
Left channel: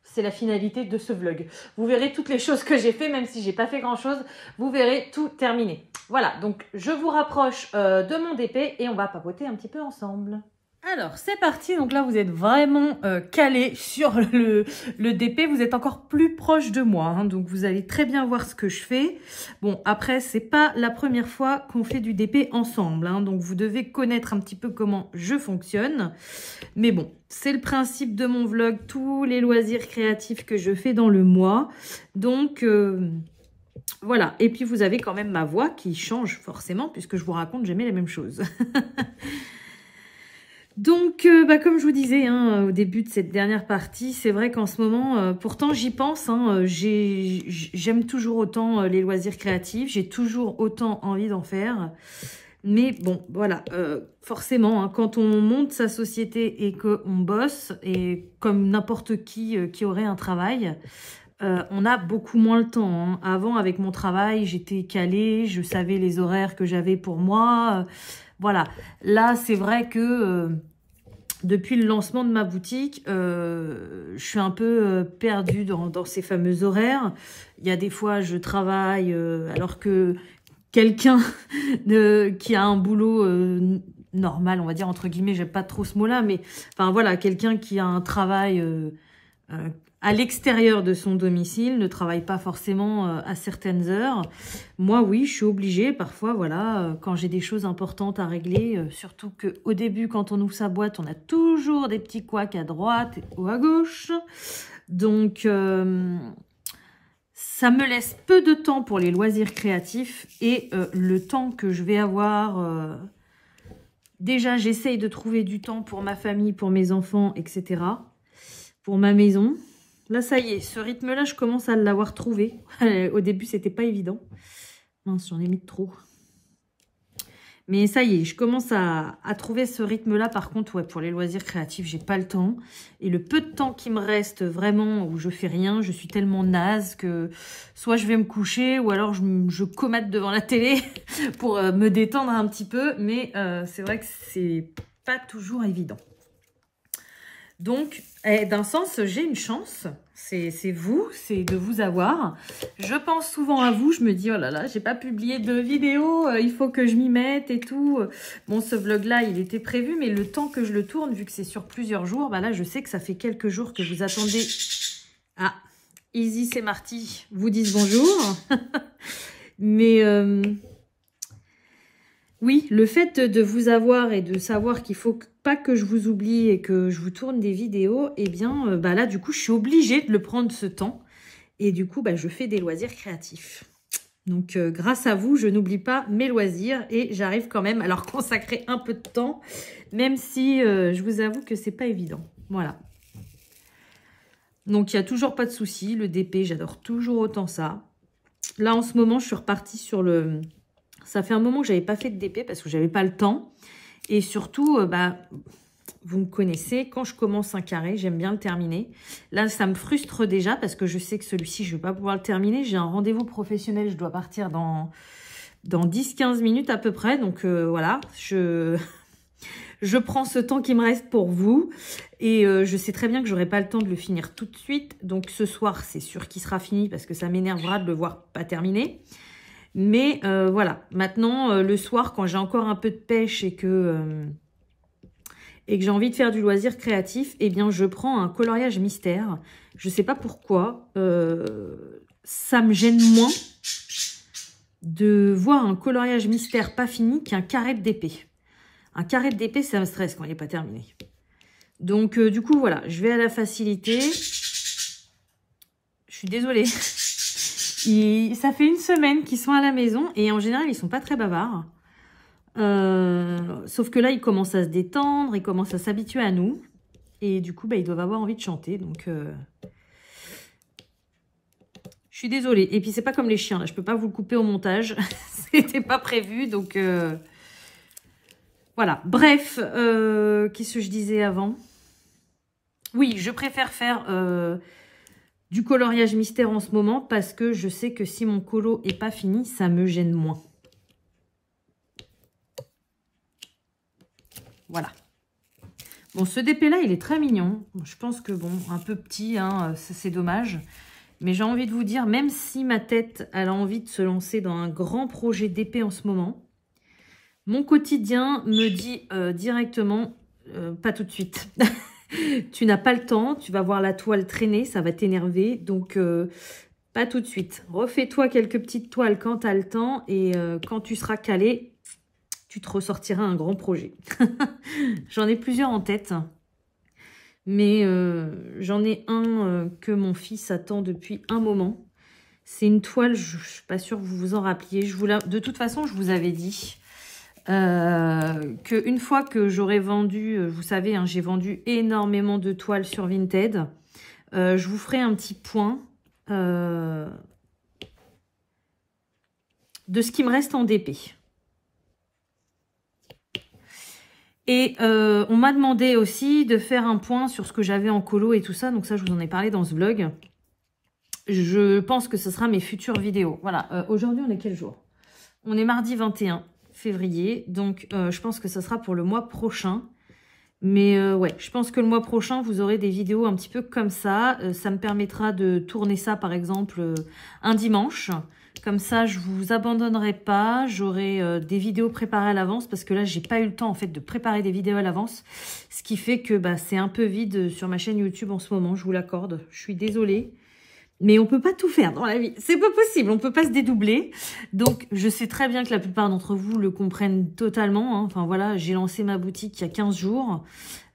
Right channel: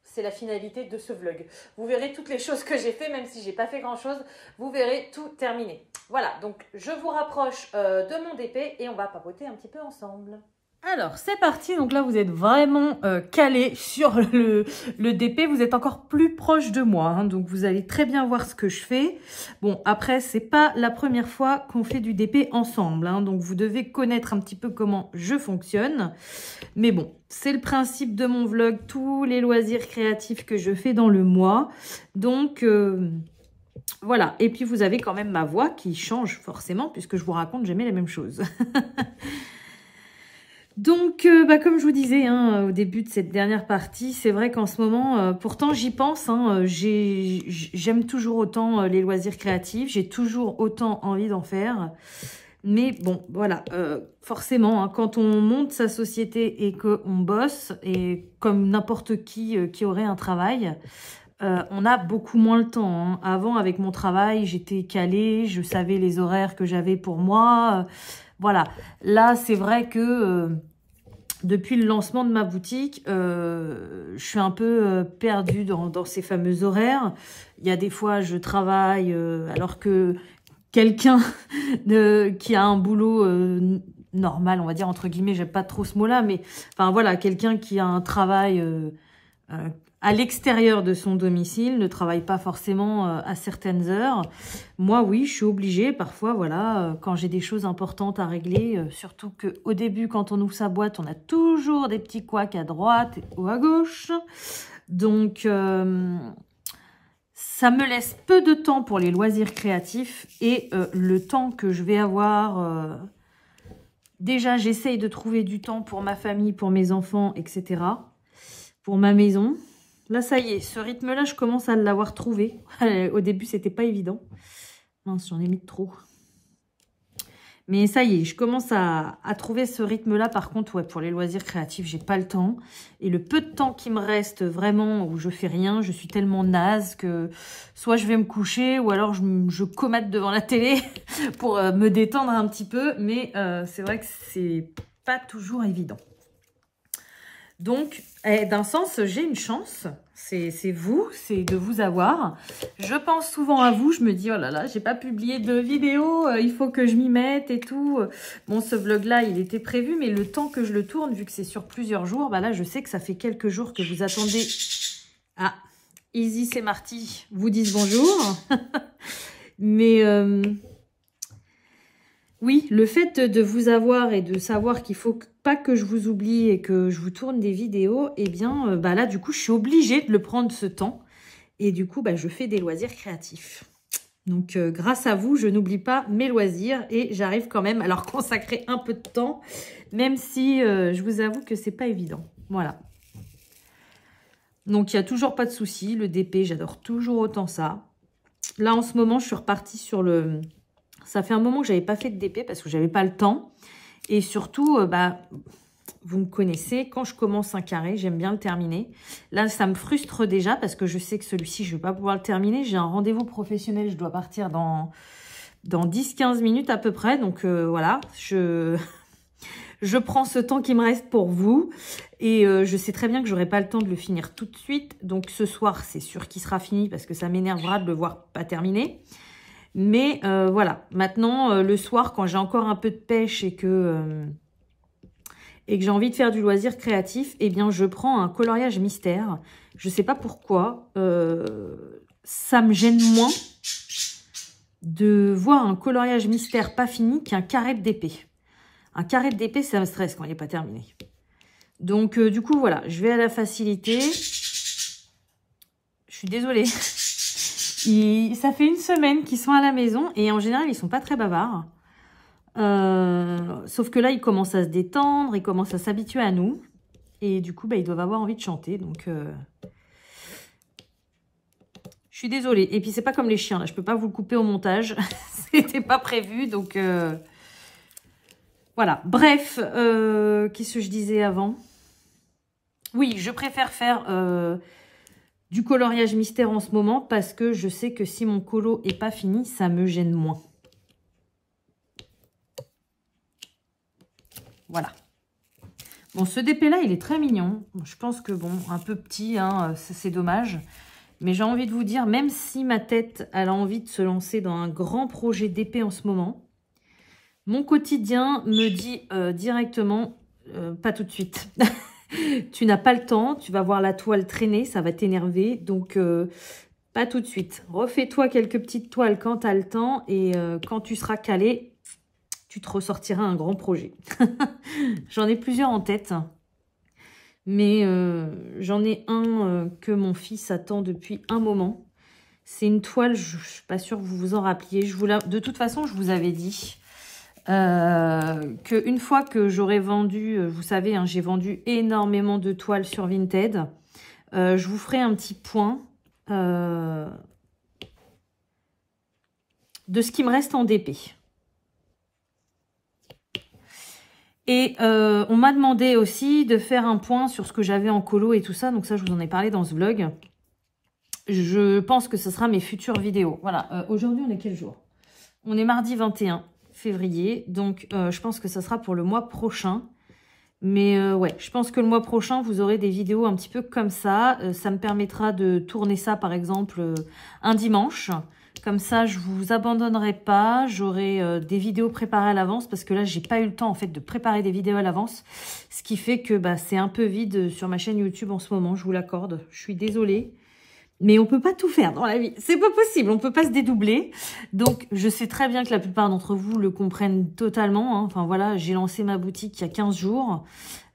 c'est la finalité de ce vlog. Vous verrez toutes les choses que j'ai fait, même si j'ai pas fait grand chose, vous verrez tout terminé. Voilà, donc je vous rapproche de mon DP et on va papoter un petit peu ensemble. Alors, c'est parti. Donc là, vous êtes vraiment calé sur le DP. Vous êtes encore plus proche de moi, hein, donc vous allez très bien voir ce que je fais. Bon, après, c'est pas la première fois qu'on fait du DP ensemble, hein, donc vous devez connaître un petit peu comment je fonctionne. Mais bon, c'est le principe de mon vlog, tous les loisirs créatifs que je fais dans le mois. Donc... voilà, et puis vous avez quand même ma voix qui change forcément, puisque je vous raconte jamais la même chose. Donc, comme je vous disais hein, au début de cette dernière partie, c'est vrai qu'en ce moment, pourtant j'y pense, hein, j'aime toujours autant les loisirs créatifs, j'ai toujours autant envie d'en faire. Mais bon, voilà, forcément, hein, quand on monte sa société et qu'on bosse, et comme n'importe qui aurait un travail, on a beaucoup moins le temps. Hein. Avant, avec mon travail, j'étais calée, je savais les horaires que j'avais pour moi. Voilà, là, c'est vrai que depuis le lancement de ma boutique, je suis un peu perdue dans ces fameux horaires. Il y a des fois, je travaille alors que quelqu'un qui a un boulot normal, on va dire, entre guillemets, j'aime pas trop ce mot-là, mais enfin voilà, quelqu'un qui a un travail à l'extérieur de son domicile, ne travaille pas forcément à certaines heures. Moi, oui, je suis obligée parfois, voilà, quand j'ai des choses importantes à régler, surtout qu'au début, quand on ouvre sa boîte, on a toujours des petits couacs à droite ou à gauche. Donc, ça me laisse peu de temps pour les loisirs créatifs et le temps que je vais avoir... déjà, j'essaye de trouver du temps pour ma famille, pour mes enfants, etc. Pour ma maison. Là, ça y est, ce rythme-là, je commence à l'avoir trouvé. Au début, c'était pas évident. Mince, j'en ai mis de trop. Mais ça y est, je commence à trouver ce rythme-là. Par contre, ouais, pour les loisirs créatifs, j'ai pas le temps. Et le peu de temps qui me reste vraiment, où je fais rien, je suis tellement naze que soit je vais me coucher, ou alors je comate devant la télé pour me détendre un petit peu. Mais c'est vrai que c'est pas toujours évident. Donc, d'un sens, j'ai une chance, c'est vous, c'est de vous avoir. Je pense souvent à vous, je me dis, oh là là, j'ai pas publié de vidéo, il faut que je m'y mette et tout. Bon, ce vlog-là, il était prévu, mais le temps que je le tourne, vu que c'est sur plusieurs jours, là, je sais que ça fait quelques jours que vous attendez. Ah, Easy, c'est Marty, vous disent bonjour. Mais... oui, le fait de vous avoir et de savoir qu'il faut pas que je vous oublie et que je vous tourne des vidéos, eh bien, là, du coup, je suis obligée de le prendre ce temps. Et du coup, je fais des loisirs créatifs. Donc, grâce à vous, je n'oublie pas mes loisirs et j'arrive quand même à leur consacrer un peu de temps, même si je vous avoue que c'est pas évident. Voilà. Donc, il n'y a toujours pas de souci. Le DP, j'adore toujours autant ça. Là, en ce moment, je suis repartie sur le... Ça fait un moment que je n'avais pas fait de DP parce que je n'avais pas le temps. Et surtout, vous me connaissez, quand je commence un carré, j'aime bien le terminer. Là, ça me frustre déjà parce que je sais que celui-ci, je ne vais pas pouvoir le terminer. J'ai un rendez-vous professionnel, je dois partir dans 10-15 minutes à peu près. Donc voilà, je Je prends ce temps qui me reste pour vous. Et je sais très bien que j'aurai pas le temps de le finir tout de suite. Donc ce soir, c'est sûr qu'il sera fini parce que ça m'énervera de le voir pas terminé. Mais voilà, maintenant, le soir, quand j'ai encore un peu de pêche et que j'ai envie de faire du loisir créatif, eh bien, je prends un coloriage mystère. Je sais pas pourquoi. Ça me gêne moins de voir un coloriage mystère pas fini qu'un carré d'épée. Un carré d'épée, ça me stresse quand il n'est pas terminé. Donc, du coup, voilà, je vais à la facilité. Je suis désolée. Ça fait une semaine qu'ils sont à la maison et en général, ils sont pas très bavards. Sauf que là, ils commencent à se détendre, ils commencent à s'habituer à nous. Et du coup, bah, ils doivent avoir envie de chanter. Donc, je suis désolée. Et puis, c'est pas comme les chiens. Là, je peux pas vous le couper au montage. C'était pas prévu. Donc, voilà. Bref, qu'est-ce que je disais avant? Oui, je préfère faire du coloriage mystère en ce moment parce que je sais que si mon colo est pas fini, ça me gêne moins. Voilà. Bon, ce DP-là, il est très mignon. Bon, je pense que, bon, un peu petit, hein, c'est dommage. Mais j'ai envie de vous dire, même si ma tête, elle a envie de se lancer dans un grand projet d'épée en ce moment, mon quotidien me dit directement, pas tout de suite. Tu n'as pas le temps, tu vas voir la toile traîner, ça va t'énerver. Donc, pas tout de suite. Refais-toi quelques petites toiles quand tu as le temps. Et quand tu seras calé, tu te ressortiras un grand projet. J'en ai plusieurs en tête. Mais j'en ai un que mon fils attend depuis un moment. C'est une toile, je ne suis pas sûre que vous vous en rappeliez. De toute façon, je vous avais dit qu'une fois que j'aurai vendu, vous savez, hein, j'ai vendu énormément de toiles sur Vinted. Je vous ferai un petit point de ce qui me reste en DP. Et on m'a demandé aussi de faire un point sur ce que j'avais en colo et tout ça. Donc ça, je vous en ai parlé dans ce vlog. Je pense que ce sera mes futures vidéos. Voilà, aujourd'hui, on est quel jour? On est mardi 21 février. Donc, je pense que ça sera pour le mois prochain. Mais ouais, je pense que le mois prochain, vous aurez des vidéos un petit peu comme ça. Ça me permettra de tourner ça, par exemple, un dimanche. Comme ça, je vous abandonnerai pas. J'aurai des vidéos préparées à l'avance parce que là, j'ai pas eu le temps en fait de préparer des vidéos à l'avance. Ce qui fait que bah, c'est un peu vide sur ma chaîne YouTube en ce moment, je vous l'accorde. Je suis désolée. Mais on peut pas tout faire dans la vie. C'est pas possible, on peut pas se dédoubler. Donc, je sais très bien que la plupart d'entre vous le comprennent totalement. Hein. Enfin voilà, j'ai lancé ma boutique il y a 15 jours.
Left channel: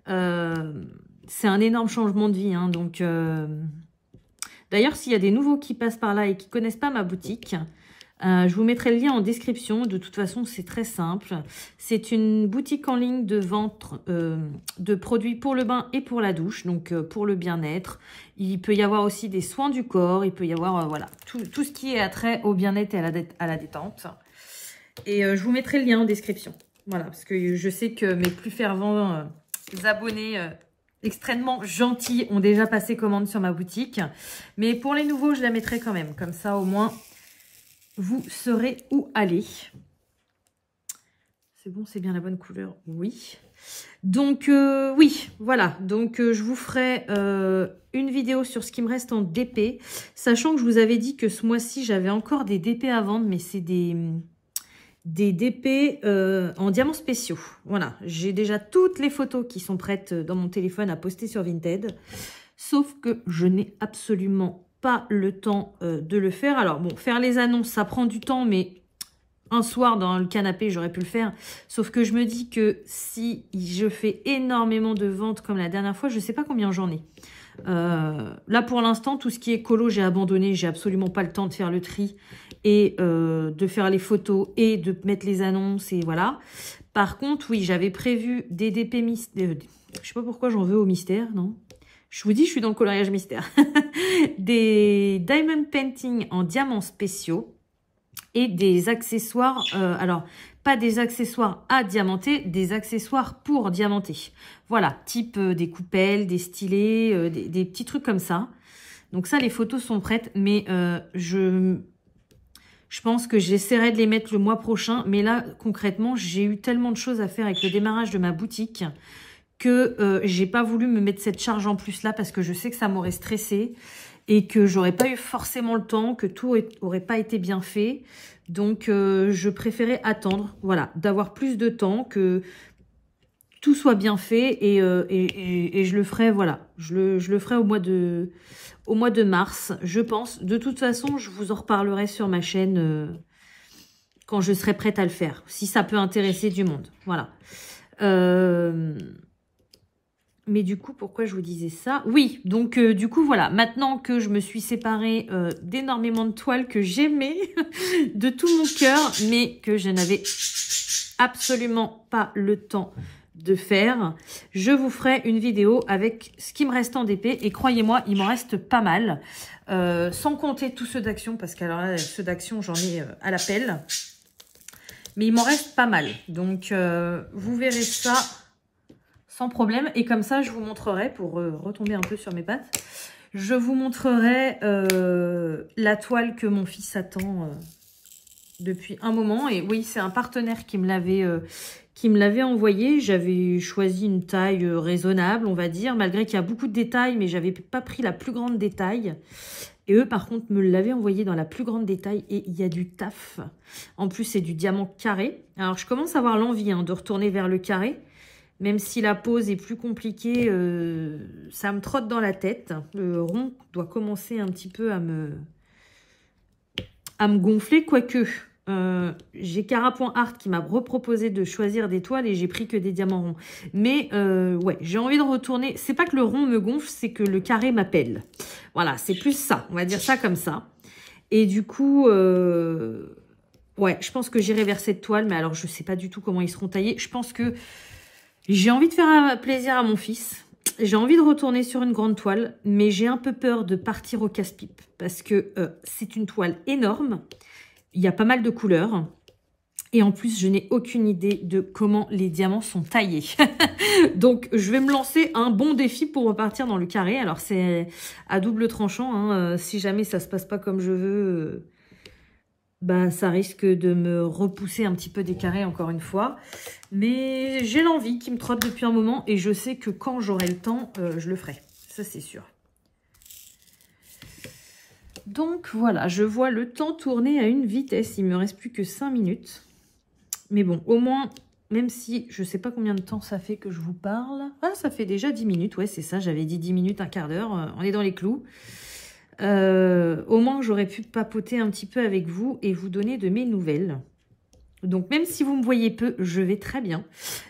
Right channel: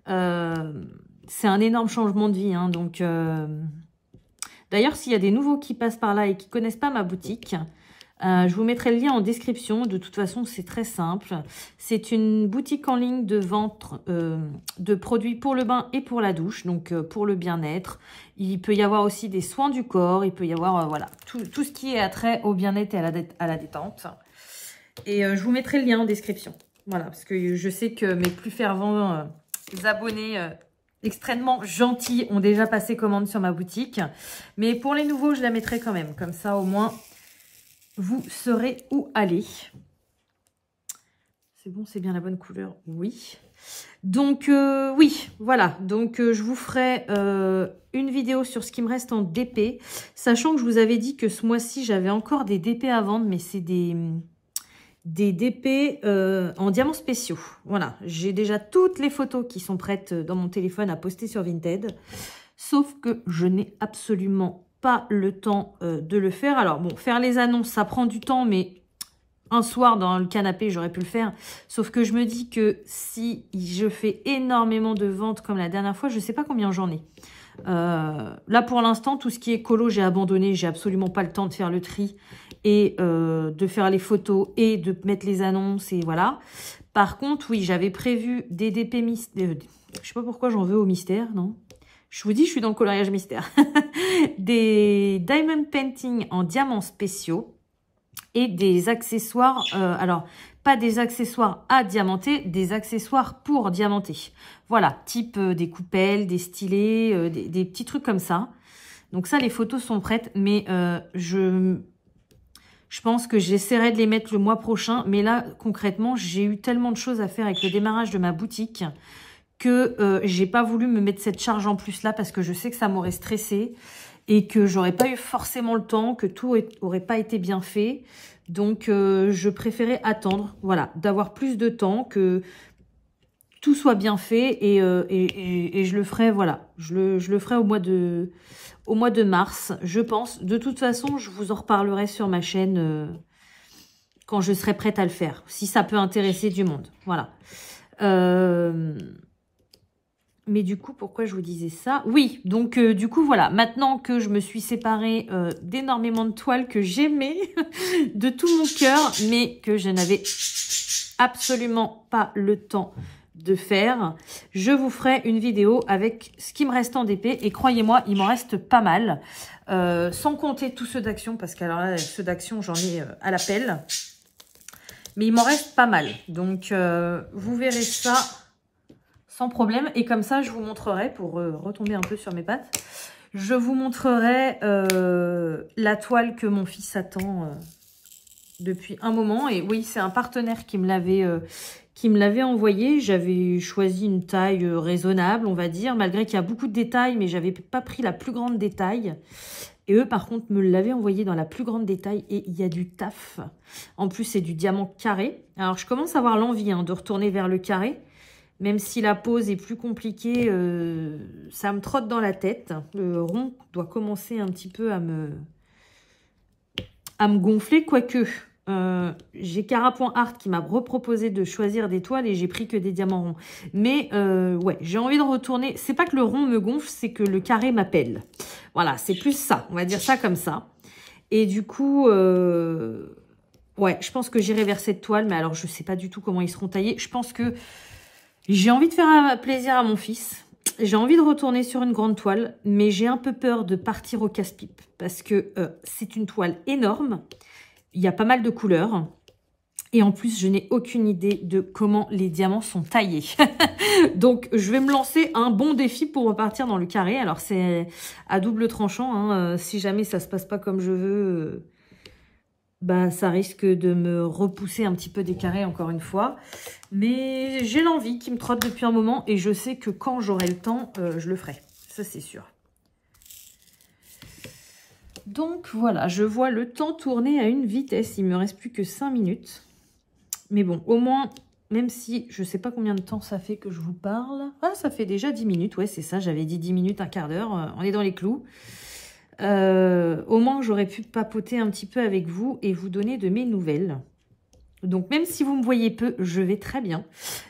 C'est un énorme changement de vie. Hein. Donc, d'ailleurs, s'il y a des nouveaux qui passent par là et qui connaissent pas ma boutique, je vous mettrai le lien en description. De toute façon, c'est très simple. C'est une boutique en ligne de vente de produits pour le bain et pour la douche, donc pour le bien-être. Il peut y avoir aussi des soins du corps. Il peut y avoir voilà tout ce qui est attrait au bien-être et à la détente. Et je vous mettrai le lien en description. Voilà, parce que je sais que mes plus fervents abonnés extrêmement gentils ont déjà passé commande sur ma boutique. Mais pour les nouveaux, je la mettrai quand même. Comme ça, au moins, vous saurez où aller. C'est bon, c'est bien la bonne couleur? Oui. Donc, oui, voilà. Donc, je vous ferai une vidéo sur ce qui me reste en DP. Sachant que je vous avais dit que ce mois-ci, j'avais encore des DP à vendre. Mais c'est des DP en diamants spéciaux. Voilà. J'ai déjà toutes les photos qui sont prêtes dans mon téléphone à poster sur Vinted. Sauf que je n'ai absolument pas le temps de le faire. Alors bon, faire les annonces, ça prend du temps, mais un soir dans le canapé, j'aurais pu le faire. Sauf que je me dis que si je fais énormément de ventes comme la dernière fois, je ne sais pas combien j'en ai. Là, pour l'instant, tout ce qui est colo, j'ai abandonné. J'ai absolument pas le temps de faire le tri et de faire les photos et de mettre les annonces et voilà. Par contre, oui, j'avais prévu des DP mystère. Je sais pas pourquoi j'en veux au mystère, non? Je vous dis, je suis dans le coloriage mystère. Des diamond painting en diamants spéciaux et des accessoires. Alors, pas des accessoires à diamanter, des accessoires pour diamanter. Voilà, type des coupelles, des stylets, des petits trucs comme ça. Donc ça, les photos sont prêtes, mais je Je pense que j'essaierai de les mettre le mois prochain. Mais là, concrètement, j'ai eu tellement de choses à faire avec le démarrage de ma boutique que j'ai pas voulu me mettre cette charge en plus là parce que je sais que ça m'aurait stressée et que j'aurais pas eu forcément le temps, que tout aurait pas été bien fait. Donc, je préférais attendre, voilà, d'avoir plus de temps, que tout soit bien fait et je le ferai, voilà, je le ferai au mois de mars, je pense. De toute façon, je vous en reparlerai sur ma chaîne quand je serai prête à le faire, si ça peut intéresser du monde, voilà. Mais du coup, pourquoi je vous disais ça? Oui, donc du coup, voilà. Maintenant que je me suis séparée d'énormément de toiles que j'aimais de tout mon cœur, mais que je n'avais absolument pas le temps de faire, je vous ferai une vidéo avec ce qui me reste en DP. Et croyez-moi, il m'en reste pas mal. Sans compter tous ceux d'Action, parce qu'alors là, ceux d'Action, j'en ai à la pelle. Mais il m'en reste pas mal. Donc, vous verrez ça sans problème. Et comme ça, je vous montrerai, pour retomber un peu sur mes pattes, je vous montrerai la toile que mon fils attend depuis un moment. Et oui, c'est un partenaire qui me l'avait envoyé. J'avais choisi une taille raisonnable, on va dire, malgré qu'il y a beaucoup de détails, mais j'avais pas pris la plus grande détail. Et eux, par contre, me l'avaient envoyé dans la plus grande détail et il y a du taf. En plus, c'est du diamant carré. Alors, je commence à avoir l'envie de retourner vers le carré. Même si la pose est plus compliquée, ça me trotte dans la tête. Le rond doit commencer un petit peu à me gonfler, quoique j'ai Carapoint Art qui m'a reproposé de choisir des toiles et j'ai pris que des diamants ronds. Mais ouais, j'ai envie de retourner. C'est pas que le rond me gonfle, c'est que le carré m'appelle. Voilà, c'est plus ça. On va dire ça comme ça. Et du coup, ouais, je pense que j'irai vers cette toile. Mais alors, je sais pas du tout comment ils seront taillés. Je pense que j'ai envie de faire plaisir à mon fils. J'ai envie de retourner sur une grande toile, mais j'ai un peu peur de partir au casse-pipe parce que c'est une toile énorme. Il y a pas mal de couleurs. Et en plus, je n'ai aucune idée de comment les diamants sont taillés. Donc, je vais me lancer un bon défi pour repartir dans le carré. Alors, c'est à double tranchant. Si jamais ça se passe pas comme je veux, bah, ça risque de me repousser un petit peu des carrés encore une fois. Mais j'ai l'envie qui me trotte depuis un moment et je sais que quand j'aurai le temps, je le ferai. Ça, c'est sûr. Donc, voilà, je vois le temps tourner à une vitesse. Il me reste plus que 5 minutes. Mais bon, au moins, même si je ne sais pas combien de temps ça fait que je vous parle. Ah, ça fait déjà 10 minutes. Ouais, c'est ça, j'avais dit 10 minutes, un quart d'heure. On est dans les clous. Au moins, j'aurais pu papoter un petit peu avec vous et vous donner de mes nouvelles. Donc, même si vous me voyez peu, je vais très bien.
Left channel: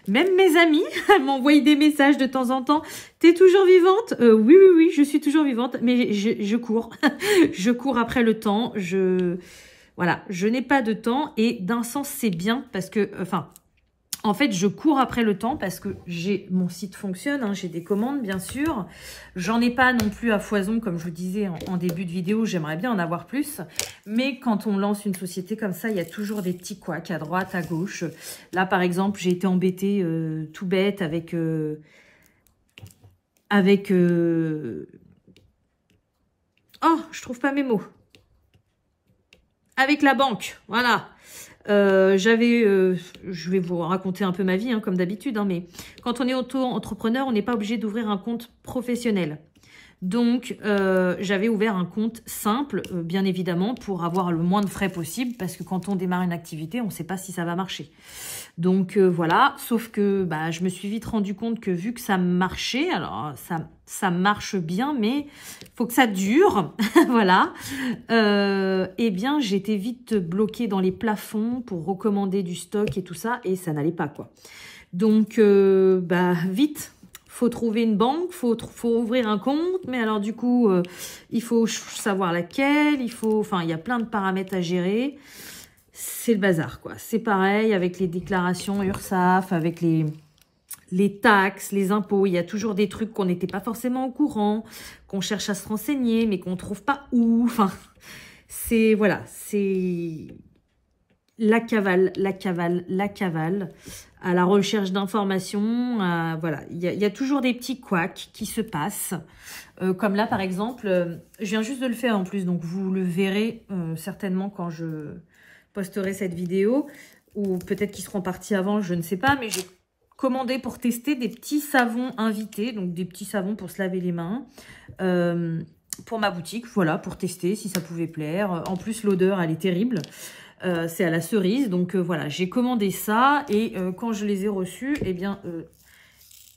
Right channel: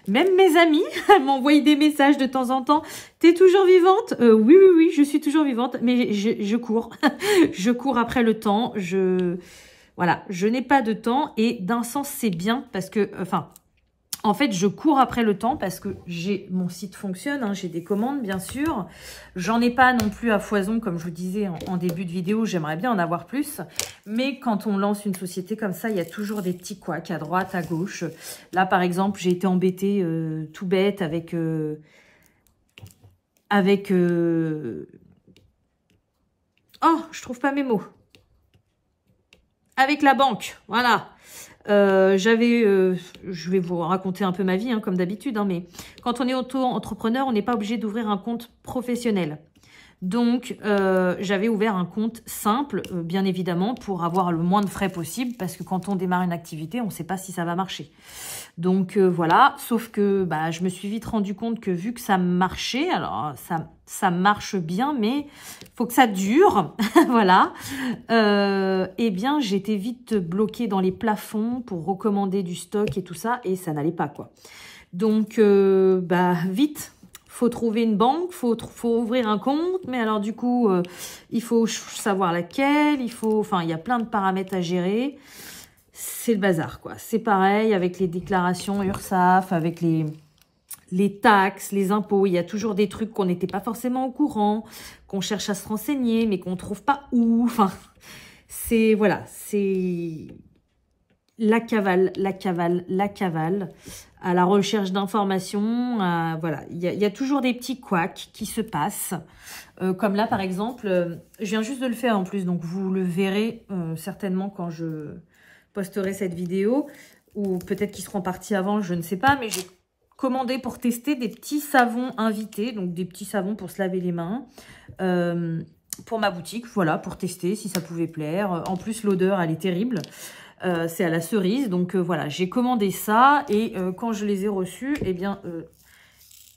Même mes amis m'envoient des messages de temps en temps. T'es toujours vivante? Oui, oui, oui, je suis toujours vivante, mais je cours. Je cours après le temps. Voilà, je n'ai pas de temps et d'un sens, c'est bien parce que, enfin, en fait, je cours après le temps parce que mon site fonctionne, j'ai des commandes, bien sûr. J'en ai pas non plus à foison, comme je vous disais en début de vidéo, j'aimerais bien en avoir plus. Mais quand on lance une société comme ça, il y a toujours des petits couacs à droite, à gauche. Là, par exemple, j'ai été embêtée tout bête avec... Oh, je trouve pas mes mots. Avec la banque, voilà. Je vais vous raconter un peu ma vie, comme d'habitude, mais quand on est auto-entrepreneur, on n'est pas obligé d'ouvrir un compte professionnel. Donc, j'avais ouvert un compte simple, bien évidemment, pour avoir le moins de frais possible, parce que quand on démarre une activité, on ne sait pas si ça va marcher. Donc, voilà, sauf que bah, je me suis vite rendu compte que vu que ça marchait, alors ça marche bien, mais faut que ça dure, voilà, eh bien, j'étais vite bloquée dans les plafonds pour recommander du stock et tout ça, et ça n'allait pas, quoi. Donc, bah, vite, faut trouver une banque, faut ouvrir un compte, mais alors du coup, il faut savoir laquelle, enfin, il y a plein de paramètres à gérer. C'est le bazar, quoi. C'est pareil avec les déclarations URSSAF, avec les taxes, les impôts. Il y a toujours des trucs qu'on n'était pas forcément au courant, qu'on cherche à se renseigner, mais qu'on ne trouve pas où. Enfin, voilà, c'est la cavale, à la recherche d'informations. Voilà, il y a toujours des petits couacs qui se passent. Comme là, par exemple, je viens juste de le faire en plus, donc vous le verrez certainement quand je posterai cette vidéo, ou peut-être qu'ils seront partis avant, je ne sais pas, mais j'ai commandé pour tester des petits savons invités, donc des petits savons pour se laver les mains, pour ma boutique, voilà, pour tester si ça pouvait plaire. En plus, l'odeur, elle est terrible. C'est à la cerise, donc voilà, j'ai commandé ça et quand je les ai reçus, eh bien,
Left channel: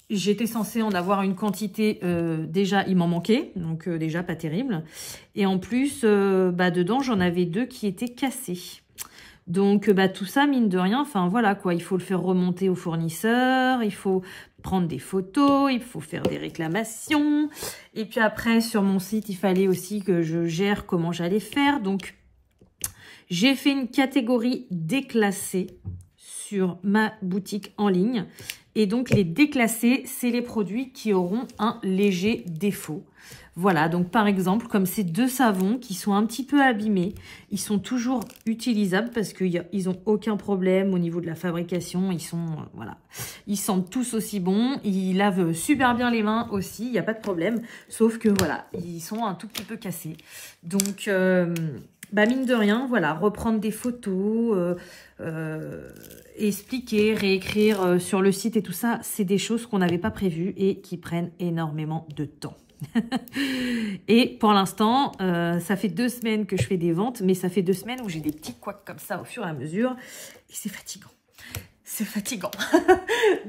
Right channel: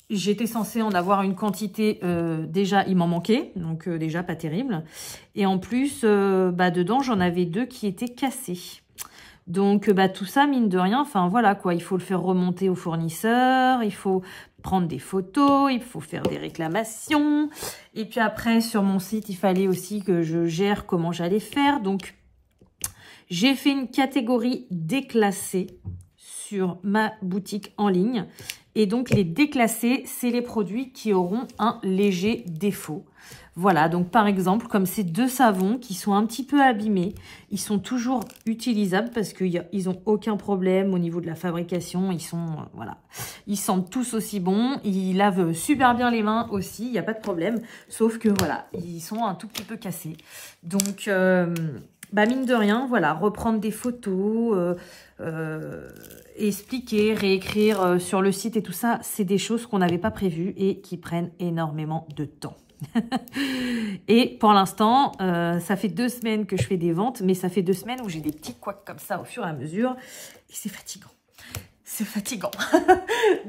j'étais censée en avoir une quantité, déjà il m'en manquait, donc déjà pas terrible. Et en plus, dedans, j'en avais 2 qui étaient cassés. Donc, tout ça, mine de rien, enfin voilà quoi, il faut le faire remonter au fournisseur, il faut prendre des photos, il faut faire des réclamations. Et puis après, sur mon site, il fallait aussi que je gère comment j'allais faire. Donc, j'ai fait une catégorie déclassée sur ma boutique en ligne. Et donc, les déclassés, c'est les produits qui auront un léger défaut. Voilà, donc par exemple, comme ces 2 savons qui sont un petit peu abîmés, ils sont toujours utilisables parce qu'ils n'ont aucun problème au niveau de la fabrication. Ils sont, voilà, ils sentent tous aussi bons. Ils lavent super bien les mains aussi, il n'y a pas de problème. Sauf que voilà, ils sont un tout petit peu cassés. Donc, mine de rien, voilà, reprendre des photos, expliquer, réécrire sur le site et tout ça, c'est des choses qu'on n'avait pas prévues et qui prennent énormément de temps. Et pour l'instant, ça fait 2 semaines que je fais des ventes, mais ça fait 2 semaines où j'ai des petits couacs comme ça au fur et à mesure. Et c'est fatigant. C'est fatigant.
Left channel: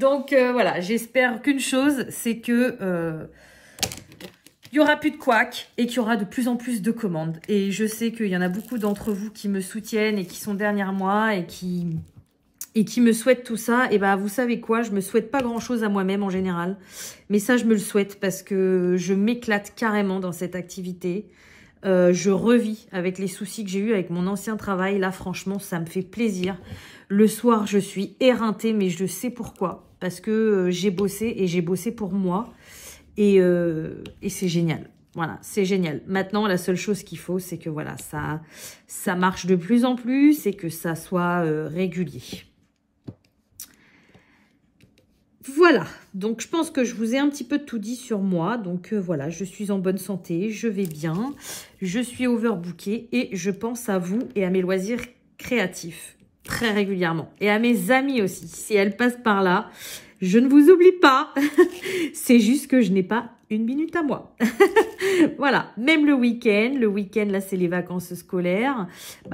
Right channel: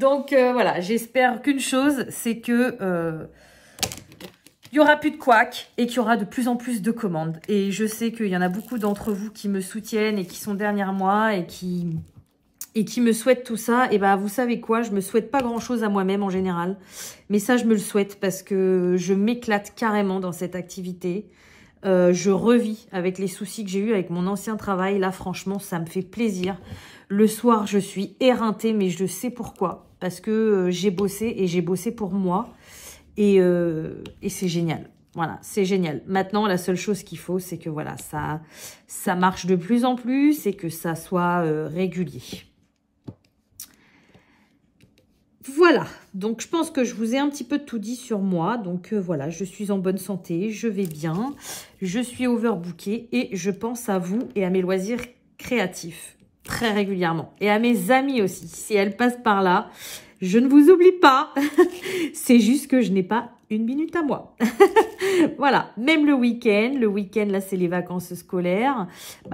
Donc voilà, j'espère qu'une chose, c'est que il n'y aura plus de couacs et qu'il y aura de plus en plus de commandes. Et je sais qu'il y en a beaucoup d'entre vous qui me soutiennent et qui sont derrière moi et qui me souhaitent tout ça. Et vous savez quoi, je me souhaite pas grand chose à moi-même en général. Mais ça, je me le souhaite parce que je m'éclate carrément dans cette activité. Je revis avec les soucis que j'ai eu avec mon ancien travail. Là, franchement, ça me fait plaisir. Le soir, je suis éreintée, mais je sais pourquoi. Parce que j'ai bossé et j'ai bossé pour moi. Et c'est génial. Voilà, c'est génial. Maintenant, la seule chose qu'il faut, c'est que voilà, ça marche de plus en plus et que ça soit régulier. Voilà, donc je pense que je vous ai un petit peu tout dit sur moi. Donc voilà, je suis en bonne santé, je vais bien, je suis overbookée et je pense à vous et à mes loisirs créatifs très régulièrement. Et à mes amis aussi, si elles passent par là, je ne vous oublie pas. C'est juste que je n'ai pas une minute à moi. Voilà, même le week-end, là c'est les vacances scolaires.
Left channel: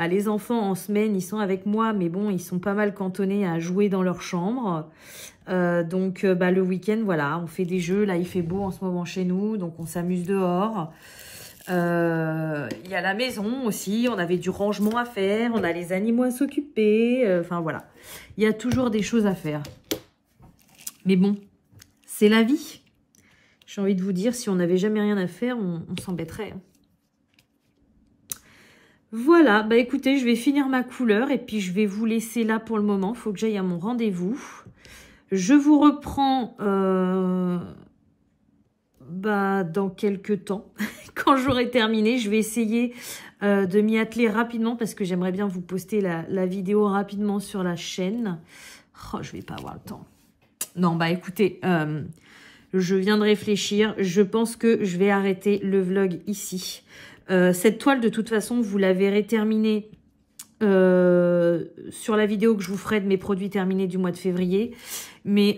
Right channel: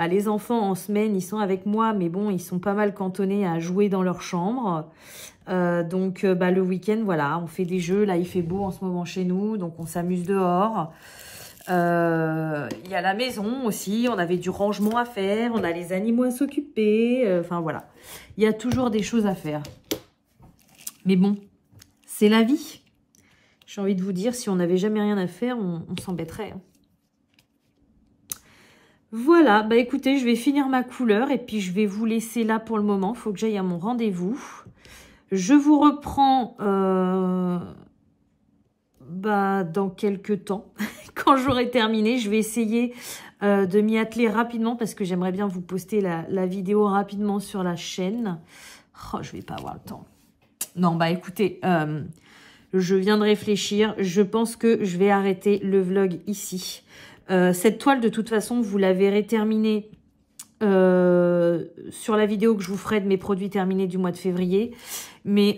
Les enfants en semaine, ils sont avec moi, mais bon, ils sont pas mal cantonnés à jouer dans leur chambre. Donc le week-end, voilà, on fait des jeux. Là, il fait beau en ce moment chez nous, donc on s'amuse dehors. Il y a la maison aussi, on avait du rangement à faire, on a les animaux à s'occuper. Enfin voilà, il y a toujours des choses à faire. Mais bon, c'est la vie. J'ai envie de vous dire, si on n'avait jamais rien à faire, on s'embêterait. Voilà, écoutez, je vais finir ma couleur et puis je vais vous laisser là pour le moment. Il faut que j'aille à mon rendez-vous. Je vous reprends dans quelques temps. Quand j'aurai terminé, je vais essayer de m'y atteler rapidement parce que j'aimerais bien vous poster la vidéo rapidement sur la chaîne. Oh, je vais pas avoir le temps. Non, écoutez, je viens de réfléchir. Je pense que je vais arrêter le vlog ici. Cette toile, de toute façon, vous la verrez terminée sur la vidéo que je vous ferai de mes produits terminés du mois de février. Mais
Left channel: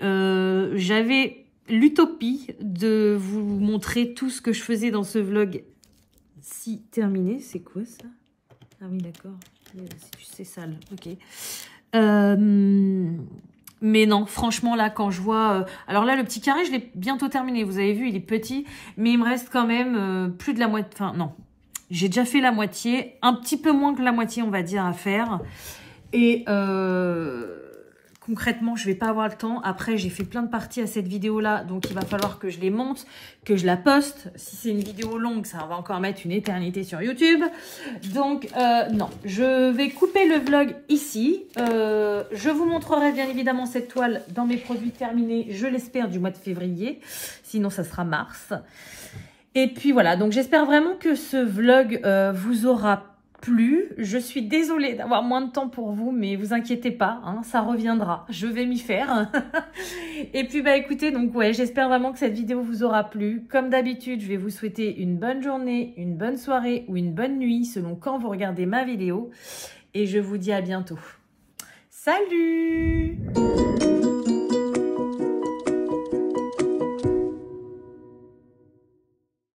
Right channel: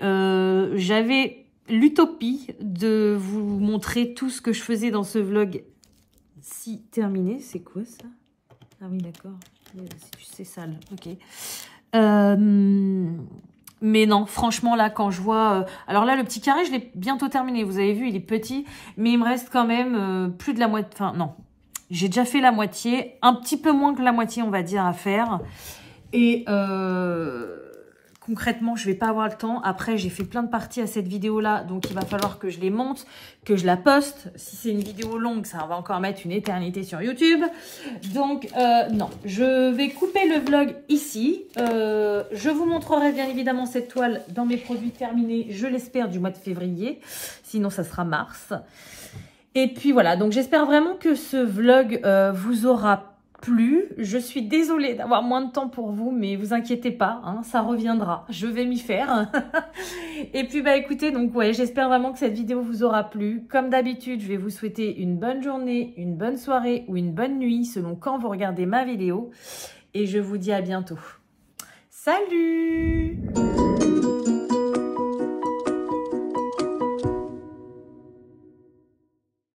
j'avais l'utopie de vous montrer tout ce que je faisais dans ce vlog si terminé. C'est quoi ça? Ah oui, d'accord. C'est sale. Ok. Mais non, franchement, là, quand je vois... alors là, le petit carré, je l'ai bientôt terminé. Vous avez vu, il est petit. Mais il me reste quand même plus de la moitié... Enfin, non. J'ai déjà fait la moitié. Un petit peu moins que la moitié, on va dire, à faire. Et concrètement, je vais pas avoir le temps. Après, j'ai fait plein de parties à cette vidéo-là. Donc, il va falloir que je les monte, que je la poste. Si c'est une vidéo longue, ça va encore mettre une éternité sur YouTube. Donc, non. Je vais couper le vlog ici. Je vous montrerai bien évidemment cette toile dans mes produits terminés, je l'espère, du mois de février. Sinon, ça sera mars. Et puis, voilà. Donc, j'espère vraiment que ce vlog vous aura plu. Je suis désolée d'avoir moins de temps pour vous, mais vous inquiétez pas, hein, ça reviendra. Je vais m'y faire. Et puis bah écoutez, donc ouais, j'espère vraiment que cette vidéo vous aura plu. Comme d'habitude, je vais vous souhaiter une bonne journée, une bonne soirée ou une bonne nuit selon quand vous regardez ma vidéo. Et je vous dis à bientôt. Salut!